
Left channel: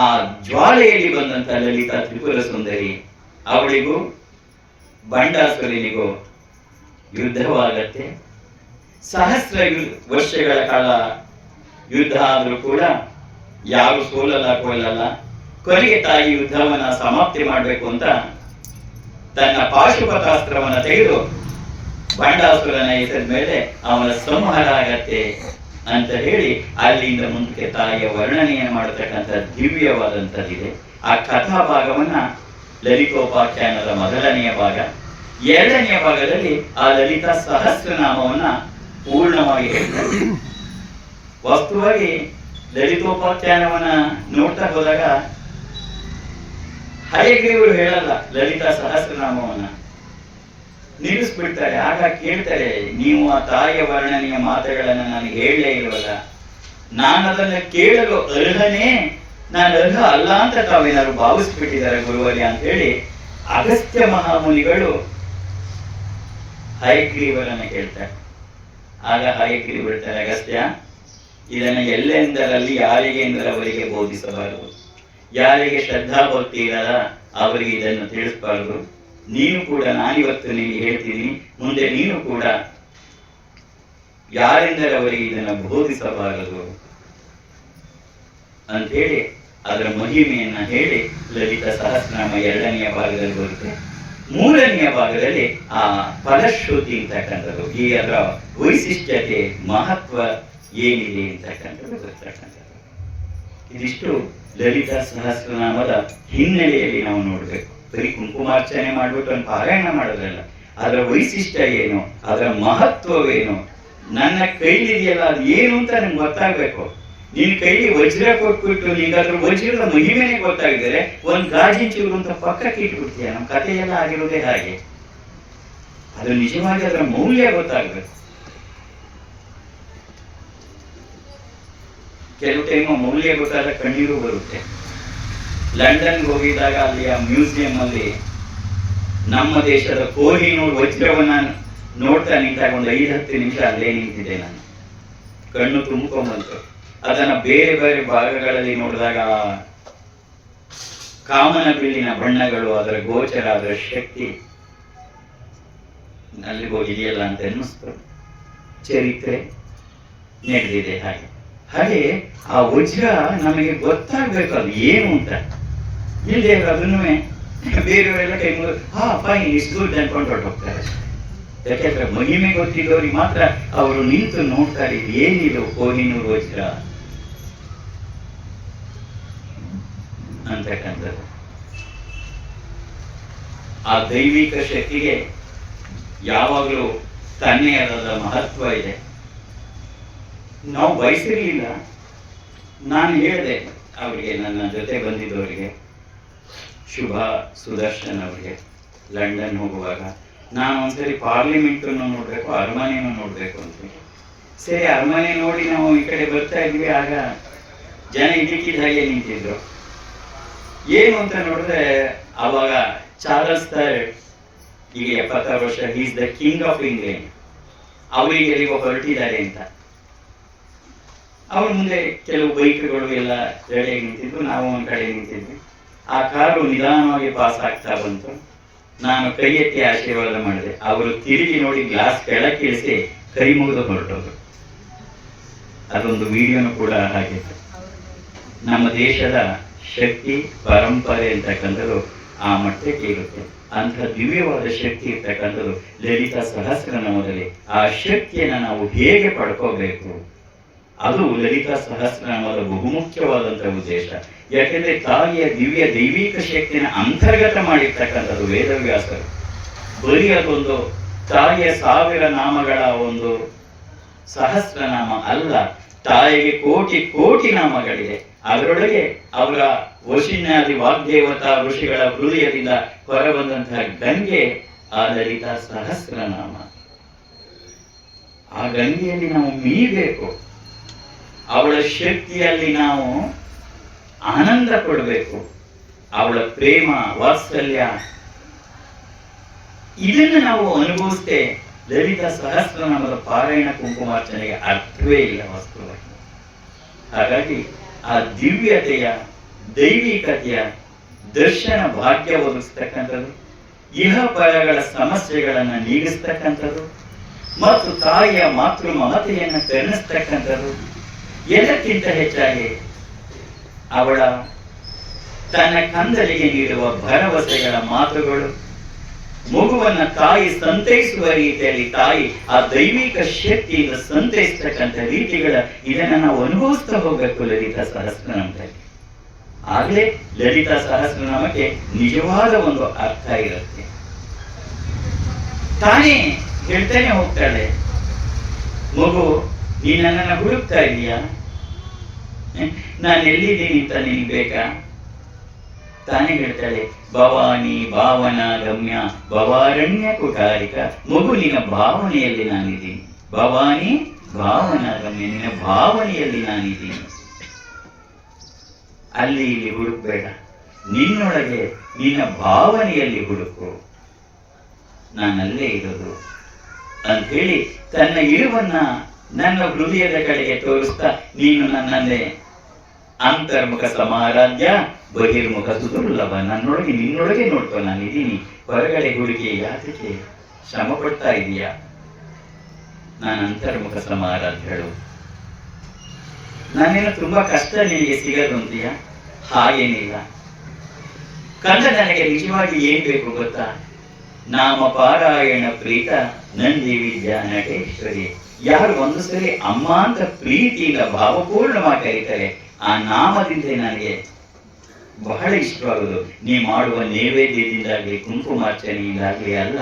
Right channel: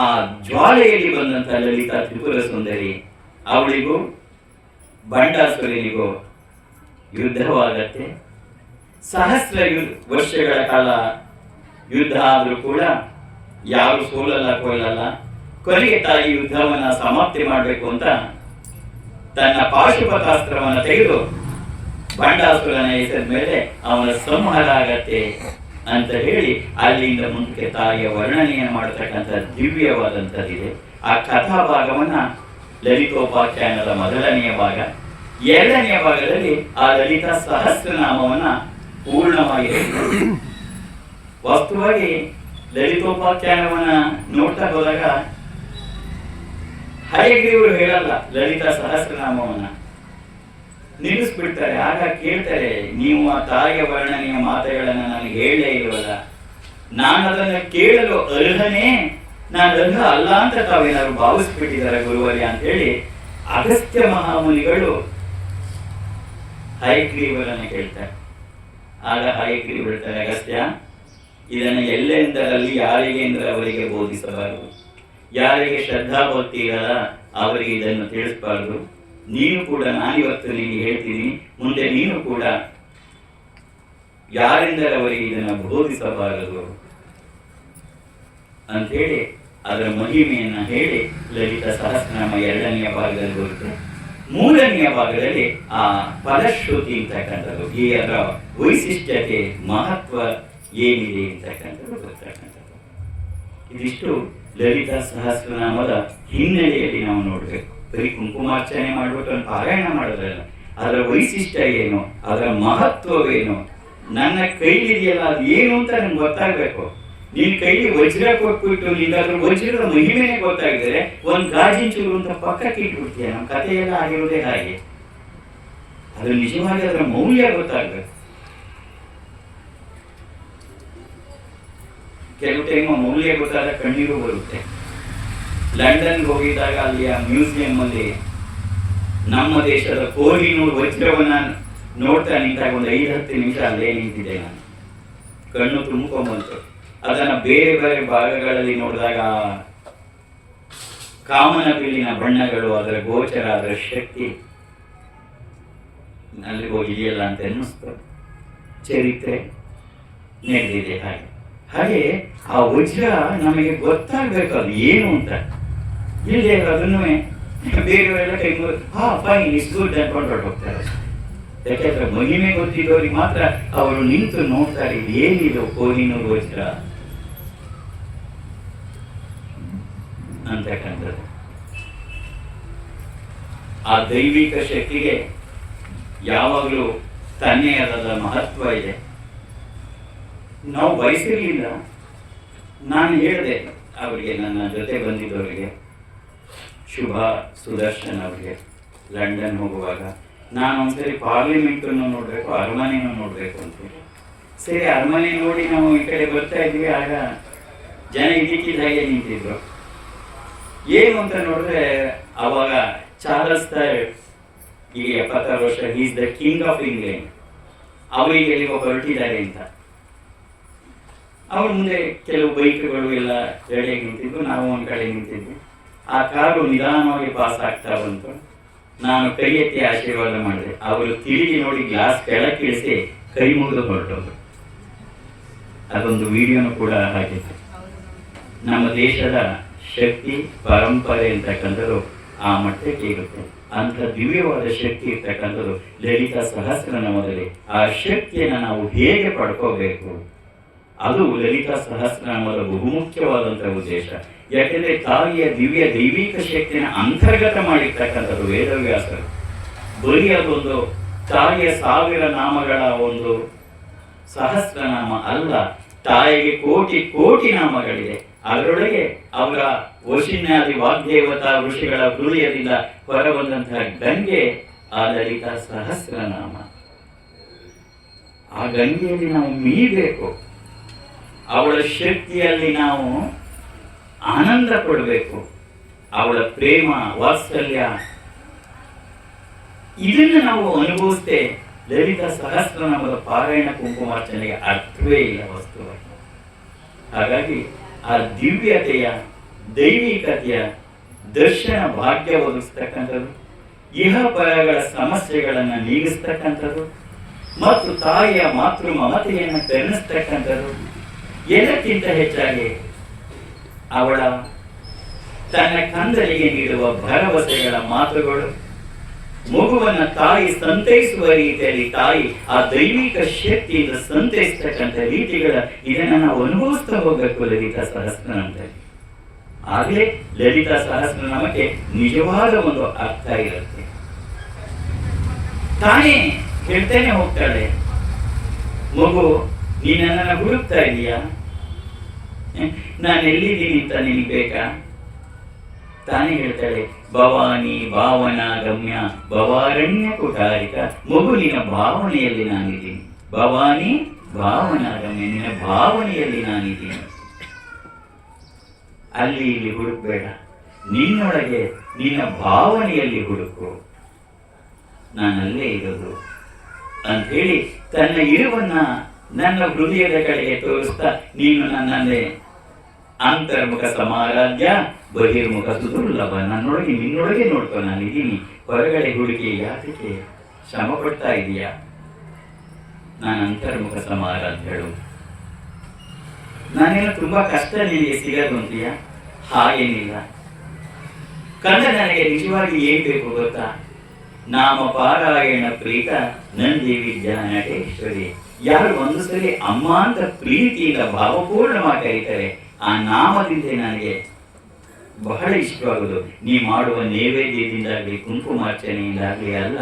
ಆ ಜ್ವಾಲೆಯಲ್ಲಿ ಬಂದಂತ ಲಲಿತಾ ತ್ರಿಪುರ ಸುಂದರಿ, ಅವಳಿಗೂ ಬಂಡಾಸುರನಿಗೂ ಯುದ್ಧವಾಗತ್ತೆ. ಸಹಸ್ರ ವರ್ಷಗಳ ಕಾಲ ಯುದ್ಧ ಆದರೂ ಕೂಡ ಯಾರು ಕೊಲ್ಲಲ್ಲ. ಕೊನೆಗೆ ತಾಯಿ ಯುದ್ಧವನ್ನ ಸಮಾಪ್ತಿ ಮಾಡಬೇಕು ಅಂತ ತನ್ನ ಪಾಶುಪತಾಸ್ತ್ರವನ್ನ ತೆಗೆದು ಬಂಡಾಸುರನ ಹೆಸರ ಮೇಲೆ ಅವನ ಸಂಹಾರ ಆಗತ್ತೆ ಅಂತ ಹೇಳಿ ಅಲ್ಲಿಂದ ಮುಂದಕ್ಕೆ ತಾಯಿಯ ವರ್ಣನೆಯನ್ನು ಮಾಡತಕ್ಕಂಥ ದಿವ್ಯವಾದಂಥದ್ದಿದೆ. ಆ ಕಥಾ ಭಾಗವನ್ನ ಲಲಿತೋಪಾಖ್ಯಾನದ ಮೊದಲನೆಯ ಭಾಗ. ಎರಡನೆಯ ಭಾಗದಲ್ಲಿ ಆ ಲಲಿತಾ ಸಹಸ್ರನಾಮವನ್ನ ಪೂರ್ಣವಾಗಿ ಹೇಳ್ತಾರೆ. ವಾಸ್ತವವಾಗಿ ಲಲಿತೋಪಾಖ್ಯಾನವನ್ನ ನೋಡ್ತಾ ಹೋದಾಗ ಹಯಗ್ರೀವರು ಹೇಳಲ್ಲ ಲಲಿತಾ ಸಹಸ್ರನಾಮವನ್ನ, ನಿಲ್ಲಿಸ್ಬಿಡ್ತಾರೆ. ಆಗ ಕೇಳ್ತಾರೆ, ನೀವು ಆ ತಾಯಿಯ ವರ್ಣನೆಯ ಮಾತುಗಳನ್ನ ನಾನು ಹೇಳಲೇ ಇಲ್ವಲ್ಲ, ನಾನು ಅದನ್ನ ಕೇಳಲು ಅರ್ಹನೇ, ನಾನು ಅರ್ಹ ಅಲ್ಲ ಅಂತ ತಾವೇನಾದ್ರು ಭಾವಿಸ್ಬಿಟ್ಟಿದ್ದಾರೆ ಗುರುವರ್ಯ ಅಂತ ಹೇಳಿ ಅಗಸ್ತ್ಯ ಮಹಾಮುನಿಗಳು ಹಯಗ್ರೀವರನ್ನ ಕೇಳ್ತಾರೆ. ಆಗ ಹಯಗ್ರೀವ ಹೇಳ್ತಾರೆ, ಅಗಸ್ತ್ಯ, ಇದನ್ನು ಎಲ್ಲೆಂದರಲ್ಲಿ ಯಾರಿಗೆ ಎಂದರೆ ಅವರಿಗೆ ಬೋಧಿಸಬಾರದು, ಯಾರಿಗೆ ಶ್ರದ್ಧಾ ಭಕ್ತಿ ಇರಲ್ಲ ಅವರಿಗೆ ಇದನ್ನು ತಿಳಿಸಬಾರದು. ನೀನು ಕೂಡ, ನಾನಿವತ್ತು ನಿಮಗೆ ಹೇಳ್ತೀನಿ, ಮುಂದೆ ನೀನು ಕೂಡ ಯಾರೆಂದರೆ ಅವರಿಗೆ ಇದನ್ನು ಬೋಧಿಸಬಾರದು ಅಂತೇಳಿ ಅದರ ಮಹಿಮೆಯನ್ನ ಹೇಳಿ ಲಲಿತಾ ಸಹಸ್ರನಾಮ ಎರಡನೆಯ ಭಾಗದಲ್ಲಿ ಬರುತ್ತೆ. ಮೂರನೆಯ ಭಾಗದಲ್ಲಿ ಆ ಫಲಶ್ರುತಿ ಅಂತಕ್ಕಂಥದ್ದು, ಈ ಅದರ ವೈಶಿಷ್ಟ್ಯತೆ ಮಹತ್ವ ಏನಿದೆ ಅಂತಕ್ಕಂಥದ್ದು ಬರ್ತಕ್ಕಂಥದ್ದು. ಇದಿಷ್ಟು ಲಲಿತಾ ಸಹಸ್ರನಾಮದ ಹಿನ್ನೆಲೆಯಲ್ಲಿ ನಾವು ನೋಡ್ಬೇಕು. ಬರೀ ಕುಂಕುಮಾರ್ಚನೆ ಮಾಡ್ಬಿಟ್ಟು ಒಂದು ಪಾರಾಯಣ ಮಾಡೋದ್ರಲ್ಲ, ಅದರ ವೈಶಿಷ್ಟ್ಯ ಏನು, ಅದರ ಮಹತ್ವವೇನು, ನನ್ನ ಕೈಲಿದೆಯಲ್ಲ ಅದು ಏನು ಅಂತ ನಂಗೆ ಗೊತ್ತಾಗ್ಬೇಕು. ನಿನ್ ಕೈಲಿ ವಜ್ರ ಕೊಟ್ಬಿಟ್ಟು ನಿಂಗೆ ಅದ್ರ ವಜ್ರದ ಮಹಿಮೆನೇ ಗೊತ್ತಾಗಿದ್ರೆ ಒಂದ್ ಗಾಜಿನ ಚೂರು ಅಂತ ಪಕ್ಕಕ್ಕೆ ಇಟ್ಬಿಡ್ತೀಯ. ನಮ್ಮ ಕಥೆಯೆಲ್ಲ ಆಗಿರೋದೇ ಹಾಗೆ. ಅದು ನಿಜವಾಗಿ ಅದರ ಮೌಲ್ಯ ಗೊತ್ತಾಗ್ಬೇಕು. ಕೆಲವು ಟೈಮ್ ಮೌಲ್ಯ ಗೊತ್ತಾದ ಕಣ್ಣೀರು ಬರುತ್ತೆ. ಲಂಡನ್ ಹೋಗಿದ್ದಾಗ ಅಲ್ಲಿಯ ಮ್ಯೂಸಿಯಂ ಅಲ್ಲಿ ನಮ್ಮ ದೇಶದ ಕೋಹಿನೂರ್ ವಜ್ರವನ್ನ ನೋಡ್ತಾ ನಿಂತಾಗ ಒಂದು 5-10 ನಿಮಿಷ ಅಲ್ಲೇ ನಿಂತಿದ್ದೆ ನಾನು. ಕಣ್ಣು ತುಂಬಿಕೊಂಡ್ಬಂತು. ಅದನ್ನ ಬೇರೆ ಬೇರೆ ಭಾಗಗಳಲ್ಲಿ ನೋಡಿದಾಗ ಕಾಮನ ಬಿಲ್ಲಿನ ಬಣ್ಣಗಳು, ಅದರ ಗೋಚರ, ಅದರ ಶಕ್ತಿ ಅಲ್ಲಿ ಹೋಗಿದೆಯಲ್ಲ ಅಂತ ಅನ್ನಿಸ್ತು. ಚರಿತ್ರೆ ನಡೆದಿದೆ ಹಾಗೆ. ಹಾಗೆ ಆ ವಜ್ರ ನಮಗೆ ಗೊತ್ತಾಗ್ಬೇಕು ಅದು ಏನು ಅಂತ. ಇಲ್ಲದೆ ಅದನ್ನು ಬೇರೆಯವರೆಲ್ಲ ಕೈ ಫೈನ್ ಇಸ್ ಗುಡ್ ಅನ್ಕೊಂಡು ಹೋಗ್ತಾರೆ. ಯಾಕೆಂದ್ರೆ ಮಹಿಮೆ ಗೊತ್ತಿದ್ದವ್ರಿಗೆ ಮಾತ್ರ ಅವರು ನಿಂತು ನೋಡ್ತಾರೆ, ಏನಿದು ಕೋಹಿನೂರ್ ವಜ್ರ ಅಂತಕ್ಕಂಥದ್ದು. ಆ ದೈವಿಕ ಶಕ್ತಿಗೆ ಯಾವಾಗಲೂ ತನ್ನೇ ಆದ ಮಹತ್ವ ಇದೆ. ನಾವು ಬಯಸಿರ್ಲಿಲ್ಲ. ನಾನು ಹೇಳಿದೆ ಅವರಿಗೆ, ನನ್ನ ಜೊತೆ ಬಂದಿದ್ದವರಿಗೆ, ಶುಭ ಸುದರ್ಶನ್ ಅವರಿಗೆ, ಲಂಡನ್ ಹೋಗುವಾಗ ನಾನು ಒಂದ್ಸರಿ ಪಾರ್ಲಿಮೆಂಟನ್ನು ನೋಡ್ಬೇಕು, ಅರಮನೆಯನ್ನು ನೋಡ್ಬೇಕು ಅಂತೇಳಿ. ಸರಿ, ಅರಮನೆ ನೋಡಿ ನಾವು ಈ ಕಡೆ ಬರ್ತಾ ಇದ್ವಿ. ಆಗ ಜನ ಇದಕ್ಕಿದ್ದ ಹಾಗೆ ನಿಂತಿದ್ರು. ಏನು ಅಂತ ನೋಡಿದ್ರೆ ಅವಾಗ ಚಾರ್ಲ್ಸ್ III, ಈಗ 76 ವರ್ಷ, is the king of England, ಅವರಿಗೆ ಎಲ್ಲಿಗೋ ಹೊರಟಿದ್ದಾರೆ ಅಂತ. ಅವ್ರ ಮುಂದೆ ಕೆಲವು ಬೈಕ್ಗಳು ಎಲ್ಲ ರೆಡಿಯಾಗಿ ನಿಂತಿದ್ವು. ನಾವು ಒಂದು ಕಡೆ ನಿಂತಿದ್ವಿ. ಆ ಕಾರು ನಿಧಾನವಾಗಿ ಪಾಸ್ ಆಗ್ತಾ ಬಂತು. ನಾನು ಕೈ ಎತ್ತಿ ಆಶೀರ್ವಾದ ಮಾಡಿದೆ. ಅವರು ತಿರುಗಿ ನೋಡಿ ಗ್ಲಾಸ್ ಕೆಳಕ್ಕಿಳಿಸಿ ಕೈ ಮುಗಿದು ಹೊರಟೋದು. ಅದೊಂದು ವಿಡಿಯೋನು ಕೂಡ ಹಾಕಿತ್ತು. ನಮ್ಮ ದೇಶದ ಶಕ್ತಿ ಪರಂಪರೆ ಅಂತಕ್ಕಂಥದ್ದು ಆ ಮಟ್ಟಕ್ಕೆ ಇರುತ್ತೆ. ಅಂಥ ದಿವ್ಯವಾದ ಶಕ್ತಿ ಇರ್ತಕ್ಕಂಥದ್ದು ಲಲಿತಾ ಸಹಸ್ರನಾಮದಲ್ಲಿ. ಆ ಶಕ್ತಿಯನ್ನು ನಾವು ಹೇಗೆ ಪಡ್ಕೋಬೇಕು, ಅದು ಲಲಿತಾ ಸಹಸ್ರನಾಮದ ಬಹುಮುಖ್ಯವಾದಂಥ ಉದ್ದೇಶ. ಯಾಕೆಂದ್ರೆ ತಾಯಿಯ ದಿವ್ಯ ದೈವಿಕ ಶಕ್ತಿಯನ್ನು ಅಂತರ್ಗತ ಮಾಡಿರ್ತಕ್ಕಂಥದ್ದು ವೇದವ್ಯಾಸರು. ಬರೀ ಅದೊಂದು ತಾಯಿಯ 1000 ನಾಮಗಳ ಒಂದು ಸಹಸ್ರನಾಮ ಅಲ್ಲ, ತಾಯಿಗೆ ಕೋಟಿ ಕೋಟಿ ನಾಮಗಳಿದೆ. ಅದರೊಳಗೆ ಅವರ ವಶಿನ್ಯಾದಿ ವಾಗ್ದೇವತಾ ಋಷಿಗಳ ಹೃದಯದಿಂದ ಹೊರಬಂದಂತಹ ಗಂಗೆ ಆ ಲಲಿತಾ ಸಹಸ್ರನಾಮ. ಆ ಗಂಗೆಯಲ್ಲಿ ನಾವು ಮೀಬೇಕು, ಅವಳ ಶಕ್ತಿಯಲ್ಲಿ ನಾವು ಆನಂದ ಪಡಬೇಕು, ಅವಳ ಪ್ರೇಮ ವಾತ್ಸಲ್ಯ ಇದನ್ನು ನಾವು ಅನುಭವಿಸ್ತೇ ಲಲಿತಾ ಸಹಸ್ರನಾಮದ ಪಾರಾಯಣ ಕುಂಕುಮಾರ್ಚನೆಗೆ ಅರ್ಥವೇ ಇಲ್ಲ ವಸ್ತುವಾಗಿ. ಹಾಗಾಗಿ ಆ ದಿವ್ಯತೆಯ ದೈವಿಕತೆಯ ದರ್ಶನ ಭಾಗ್ಯ ಒದಗಿಸ್ತಕ್ಕಂಥದ್ದು, ಇಹ ಪರಗಳ ಸಮಸ್ಯೆಗಳನ್ನು ನೀಗಿಸ್ತಕ್ಕಂಥದ್ದು ಮತ್ತು ತಾಯಿಯ ಮಾತೃ ಮಮತೆಯನ್ನು ಕರುಣಿಸ್ತಕ್ಕಂಥದ್ದು. ಎಲ್ಲಕ್ಕಿಂತ ಹೆಚ್ಚಾಗಿ ಅವಳ ತನ್ನ ಕಂದರಿಗೆ ನೀಡುವ ಭರವಸೆಗಳ ಮಾತುಗಳು, ಮಗುವನ್ನು ತಾಯಿ ಸಂತೈಸುವ ರೀತಿಯಲ್ಲಿ ತಾಯಿ ಆ ದೈವಿಕ ಶಕ್ತಿಯಿಂದ ಸಂತೈಸ್ತಕ್ಕಂಥ ರೀತಿಗಳ ಇದನ್ನು ನಾವು ಅನುಭವಿಸ್ತಾ ಹೋಗಬೇಕು ಲಲಿತಾ ಸಹಸ್ರನಾಮದಲ್ಲಿ. ಆಗಲೇ ಲಲಿತಾ ಸಹಸ್ರನಾಮಕ್ಕೆ ನಿಜವಾದ ಒಂದು ಅರ್ಥ ಇರುತ್ತೆ. ತಾನೇ ಹೇಳ್ತಾನೆ ಹೋಗ್ತಾಳೆ, ಮಗು ನೀನು ನನ್ನನ್ನು ಹುಡುಕ್ತಾ ಇದೀಯಾ, ನಾನು ಎಲ್ಲಿದ್ದೀನಿ ಅಂತ ನಿನಗೆ ಬೇಕಾ? ತಾನೇ ಹೇಳ್ತಾಳೆ, ಭವಾನಿ ಭಾವನಾ ಗಮ್ಯ ಭವಾರಣ್ಯ ಕುಟಾರಿಕ. ಮಗು ನಿನ್ನ ಭಾವನೆಯಲ್ಲಿ ನಾನಿದ್ದೀನಿ, ಭವಾನಿ ಭಾವನಾ ಗಮ್ಯ, ನಿನ್ನ ಭಾವನೆಯಲ್ಲಿ ನಾನಿದ್ದೀನಿ. ಅಲ್ಲಿ ಇಲ್ಲಿ ಹುಡುಕ್ಬೇಡ, ನಿನ್ನೊಳಗೆ ನಿನ್ನ ಭಾವನೆಯಲ್ಲಿ ಹುಡುಕು, ನಾನಲ್ಲೇ ಇರೋದು ಅಂತ ಹೇಳಿ ತನ್ನ ಇರುವನ್ನ ನನ್ನ ಹೃದಯದ ಕಡೆಗೆ ತೋರಿಸ್ತಾ, ನೀನು ನನ್ನನ್ನೇ ಅಂತರ್ಮುಖ ಸಮಾರಾಧ್ಯ ಬಹಿರ್ಮುಖ ಸುದುರ್ಲಭ, ನನ್ನೊಳಗೆ ನಿನ್ನೊಳಗೆ ನೋಡ್ಕೊ ನಾನಿದ್ದೀನಿ, ಹೊರಗಡೆ ಹುಡುಕಿ ಯಾತಕ್ಕೆ ಶ್ರಮ ಪಡ್ತಾ ಇದೀಯಾ? ನಾನು ಅಂತರ್ಮುಖ ಸಮಾರಾಧ್ಯಳು, ನಾನೇನು ತುಂಬಾ ಕಷ್ಟ ನಿನಗೆ ಸಿಗದು ಅಂತೀಯ? ಹಾಗೇನಿಲ್ಲ. ಕಂದ ನನಗೆ ನಿಜವಾಗಿ ಏನ್ ಬೇಕು ಗೊತ್ತಾ? ನಾಮ ಪಾರಾಯಣ ಪ್ರೀತ ನಂದಿ ವಿದ್ಯಾ ನಟೇಶ್ವರಿ. ಯಾರು ಒಂದು ಸರಿ ಅಮ್ಮ ಅಂತ ಪ್ರೀತಿಯಿಂದ ಭಾವಪೂರ್ಣವಾಗಿ ಕರೀತಾರೆ, ಆ ನಾಮದಿಂದ ನನಗೆ ಬಹಳ ಇಷ್ಟವಾಗುವುದು. ನೀ ಮಾಡುವ ನೈವೇದ್ಯದಿಂದಾಗಲಿ ಕುಂಕುಮಾರ್ಚನೆಯಿಂದಾಗಲಿ ಅಲ್ಲ,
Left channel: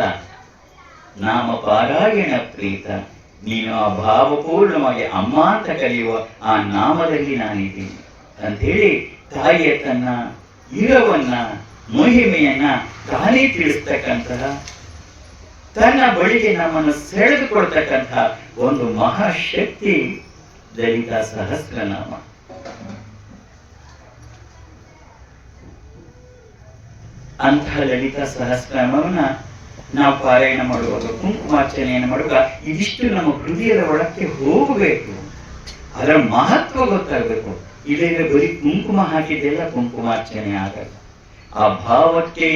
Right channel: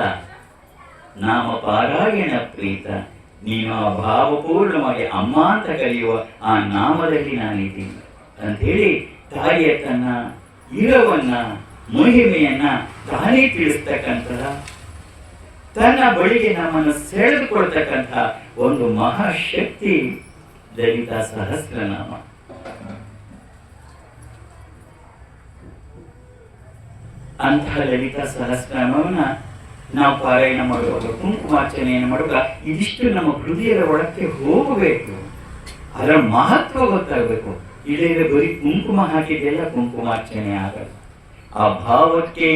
ನಾಮ ಪಾರಾಯಣ ಪ್ರೀತ, ನೀನು ಆ ಭಾವಪೂರ್ಣವಾಗಿ ಅಮ್ಮ ಅಂತ ಕರೆಯುವ ಆ ನಾಮದಲ್ಲಿ ನಾನಿದ್ದೀನಿ ಅಂತ ಹೇಳಿ ತಾಯಿಯ ತನ್ನ ಇರವನ್ನ ಮಹಿಮೆಯನ್ನ ತಾನೇ ತಿಳಿಸ್ತಕ್ಕಂತಹ, ತನ್ನ ಬಳಿಗೆ ನಮ್ಮನ್ನು ಸೆಳೆದುಕೊಳ್ತಕ್ಕಂತಹ ಒಂದು ಮಹಾಶಕ್ತಿ ಲಲಿತಾ ಸಹಸ್ರನಾಮ. ಅಂತಹ ಲಲಿತಾ ಸಹಸ್ರನಾಮವನ್ನ ನಾವು ಪಾರಾಯಣ ಮಾಡುವಾಗ, ಕುಂಕುಮಾರ್ಚನೆಯನ್ನು ಮಾಡುವಾಗ ಇದಿಷ್ಟು ನಮ್ಮ ಹೃದಯದ ಒಳಕ್ಕೆ ಹೋಗಬೇಕು, ಅದರ ಮಹತ್ವ ಗೊತ್ತಾಗಬೇಕು. ಇಲ್ಲೆಲ್ಲ ಬರೀ ಕುಂಕುಮ ಹಾಕಿದ್ದೆಲ್ಲ ಕುಂಕುಮಾರ್ಚನೆ ಆಗಲ್ಲ. ಆ ಭಾವಕ್ಕೆ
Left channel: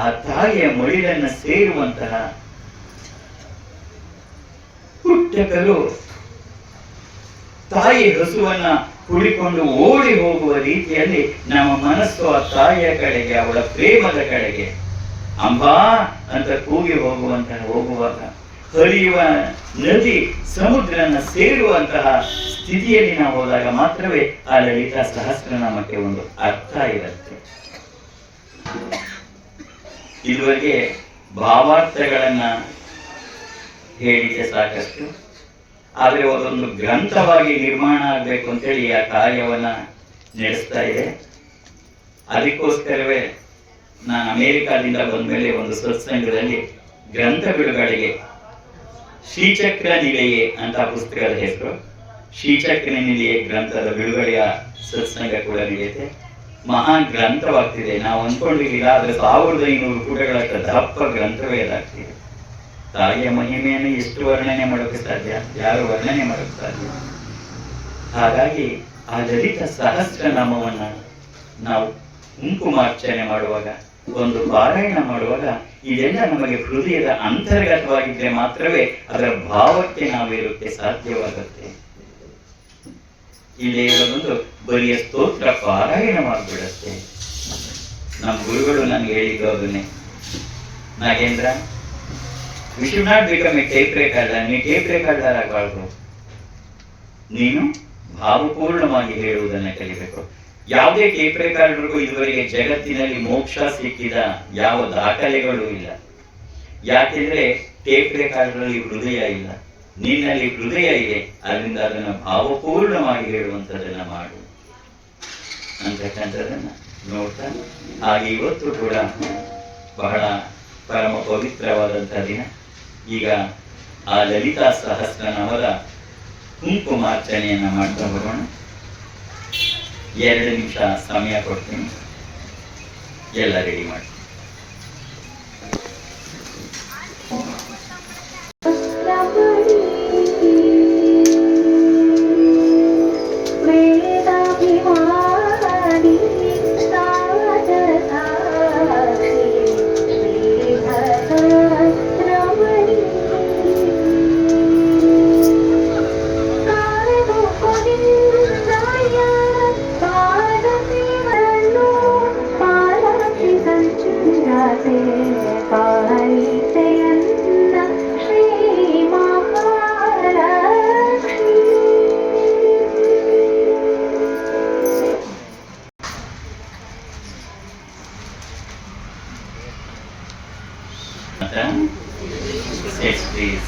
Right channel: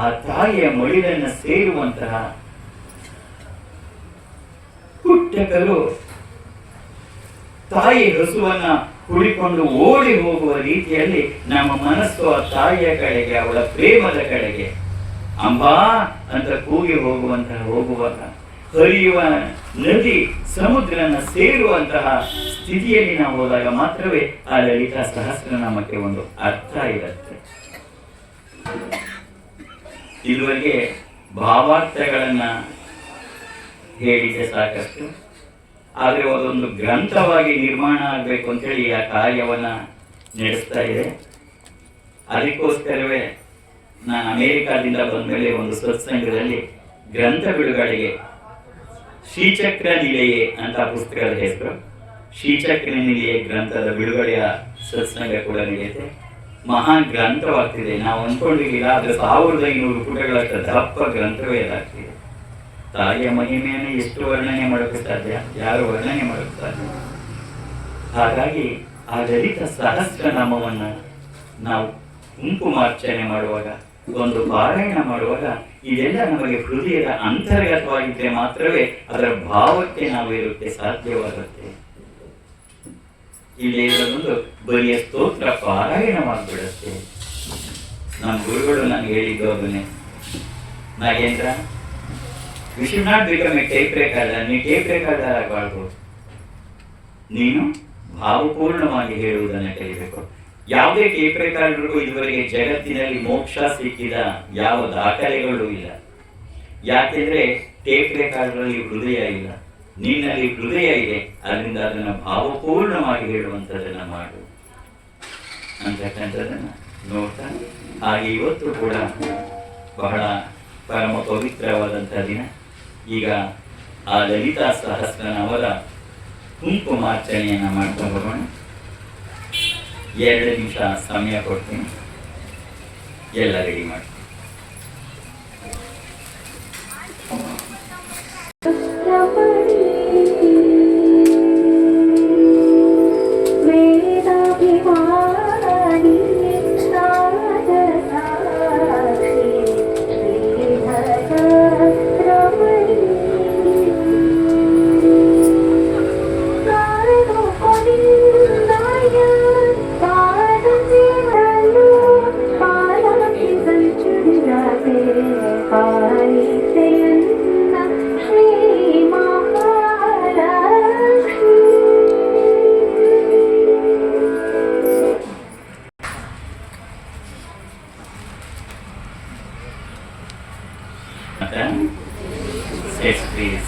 ಆ ತಾಯಿಯ ಮಡಿಲನ್ನು ಸೇರುವಂತಹ ಪುಟ್ಟಕರು ತಾಯಿ ಹಸುವನ್ನ ಕುಡಿಕೊಂಡು ಓಡಿ ಹೋಗುವ ರೀತಿಯಲ್ಲಿ ನಮ್ಮ ಮನಸ್ಸು ಆ ತಾಯಿಯ ಕಡೆಗೆ, ಅವಳ ಪ್ರೇಮದ ಕಡೆಗೆ ಅಂಬಾ ಅಂತ ಕೂಗಿ ಹೋಗುವಾಗ ಹರಿಯುವ ನದಿ ಸಮುದ್ರನ ಸೇರುವಂತಹ ಸ್ಥಿತಿಯಲ್ಲಿ ನಾವು ಹೋದಾಗ ಮಾತ್ರವೇ ಆ ಲಲಿತಾ ಸಹಸ್ರನಾಮಕ್ಕೆ ಒಂದು ಅರ್ಥ ಇರುತ್ತೆ. ಇದುವರೆಗೆ ಭಾವಾರ್ಥಗಳನ್ನ ಹೇಳಿದೆ ಸಾಕಷ್ಟು, ಆದರೆ ಅದೊಂದು ಗ್ರಂಥವಾಗಿ ನಿರ್ಮಾಣ ಆಗಬೇಕು ಅಂತೇಳಿ ಆ ಕಾರ್ಯವನ್ನ ನಡೆಸ್ತಾ ಇದೆ. ಅದಕ್ಕೋಸ್ಕರವೇ ನಾನು ಅಮೆರಿಕಾದಿಂದ ಬಂದ್ಮೇಲೆ ಒಂದು ಸತ್ಸಂಗದಲ್ಲಿ ಗ್ರಂಥ ಬಿಡುಗಡೆಗೆ ಶ್ರೀಚಕ್ರ ನಿಲಯೇ ಅಂತ ಪುಸ್ತಕದ ಹೆಸರು, ಶ್ರೀಚಕ್ರ ನಿಲಯೇ ಗ್ರಂಥದ ಬಿಡುಗಡೆಯ ಸತ್ಸಂಗ ಕೂಡ ನಡೆಯುತ್ತೆ. ಮಹಾನ್ ಗ್ರಂಥವಾಗ್ತಿದೆ. ನಾವು ಅಂದ್ಕೊಂಡಿಲ್ಲ, ಆದ್ರೆ 1500 ಪುಟಗಳಷ್ಟು ದಪ್ಪ ಗ್ರಂಥವೇ ಇದಾಗ್ತಿದೆ. ತಾಯಿಯ ಮಹಿಮೆಯನ್ನು ಎಷ್ಟು ವರ್ಣನೆ ಮಾಡೋಕೆ ಸಾಧ್ಯ? ಯಾರು ವರ್ಣನೆ ಮಾಡೋಕೆ ಸಾಧ್ಯ? ಹಾಗಾಗಿ ಆ ಲಲಿತಾ ಸಹಸ್ರನಾಮವನ್ನು ನಾವು ಕುಂಕುಮಾರ್ಚನೆ ಮಾಡುವಾಗ, ಒಂದು ಪಾರಾಯಣ ಮಾಡುವಾಗ ಇದೆಲ್ಲ ನಮಗೆ ಹೃದಯದ ಅಂತರ್ಗತವಾಗಿದ್ದರೆ ಮಾತ್ರವೇ ಅದರ ಭಾವಕ್ಕೆ ನಾವಿರುತ್ತೆ ಸಾಧ್ಯವಾಗುತ್ತೆ. ಇಲ್ಲೇ ಇರೋದೊಂದು ಬರಿಯ ಸ್ತೋತ್ರ ಪಾರಾಯಣ ಮಾಡಿಬಿಡುತ್ತೆ. ನಮ್ಮ ಗುರುಗಳು ನನಗೆ ಹೇಳಿದ್ದು ಅದನ್ನೇ, Nagendra, we should not become A tape recorder. ನೀ ಟೇಪ್ ರೆಕಾರ್ಡರ್ ಆಗಬಾರ್ದು, ನೀನು ಭಾವಪೂರ್ಣವಾಗಿ ಹೇಳುವುದನ್ನು ಕಲಿಬೇಕು. ಯಾವುದೇ ಟೇಪ್ ರೆಕಾರ್ಡರ್ಗೂ ಇದುವರೆಗೆ ಜಗತ್ತಿನಲ್ಲಿ ಮೋಕ್ಷ ಸಿಕ್ಕಿದ ಯಾವ ದಾಖಲೆಗಳು ಇಲ್ಲ. ಯಾಕೆಂದ್ರೆ ಟೇಪ್ ರೆಕಾರ್ಡರ್ನಲ್ಲಿ ಹೃದಯ ಇಲ್ಲ, ನಿನ್ನಲ್ಲಿ ಹೃದಯ ಇದೆ. ಅದರಿಂದ ಅದನ್ನು ಭಾವಪೂರ್ಣವಾಗಿ ಹೇಳುವಂಥದ್ದನ್ನ ಮಾಡು ಅಂತಕ್ಕಂಥದ್ದನ್ನ ನೋಡ್ತಾ, ಹಾಗೆ ಇವತ್ತು ಕೂಡ ಬಹಳ ಪರಮ ಪವಿತ್ರವಾದಂಥ ದಿನ. ಈಗ ಆ ಲಲಿತಾ ಸಹಸ್ರನಾಮದ ಕುಂಕುಮಾರ್ಚನೆಯನ್ನ ಮಾಡ್ತಾ ಹೋಗೋಣ. 2 ನಿಮಿಷ ಸಮಯ ಕೊಡ್ತೀನಿ, ಎಲ್ಲ ರೆಡಿ ಮಾಡಿ.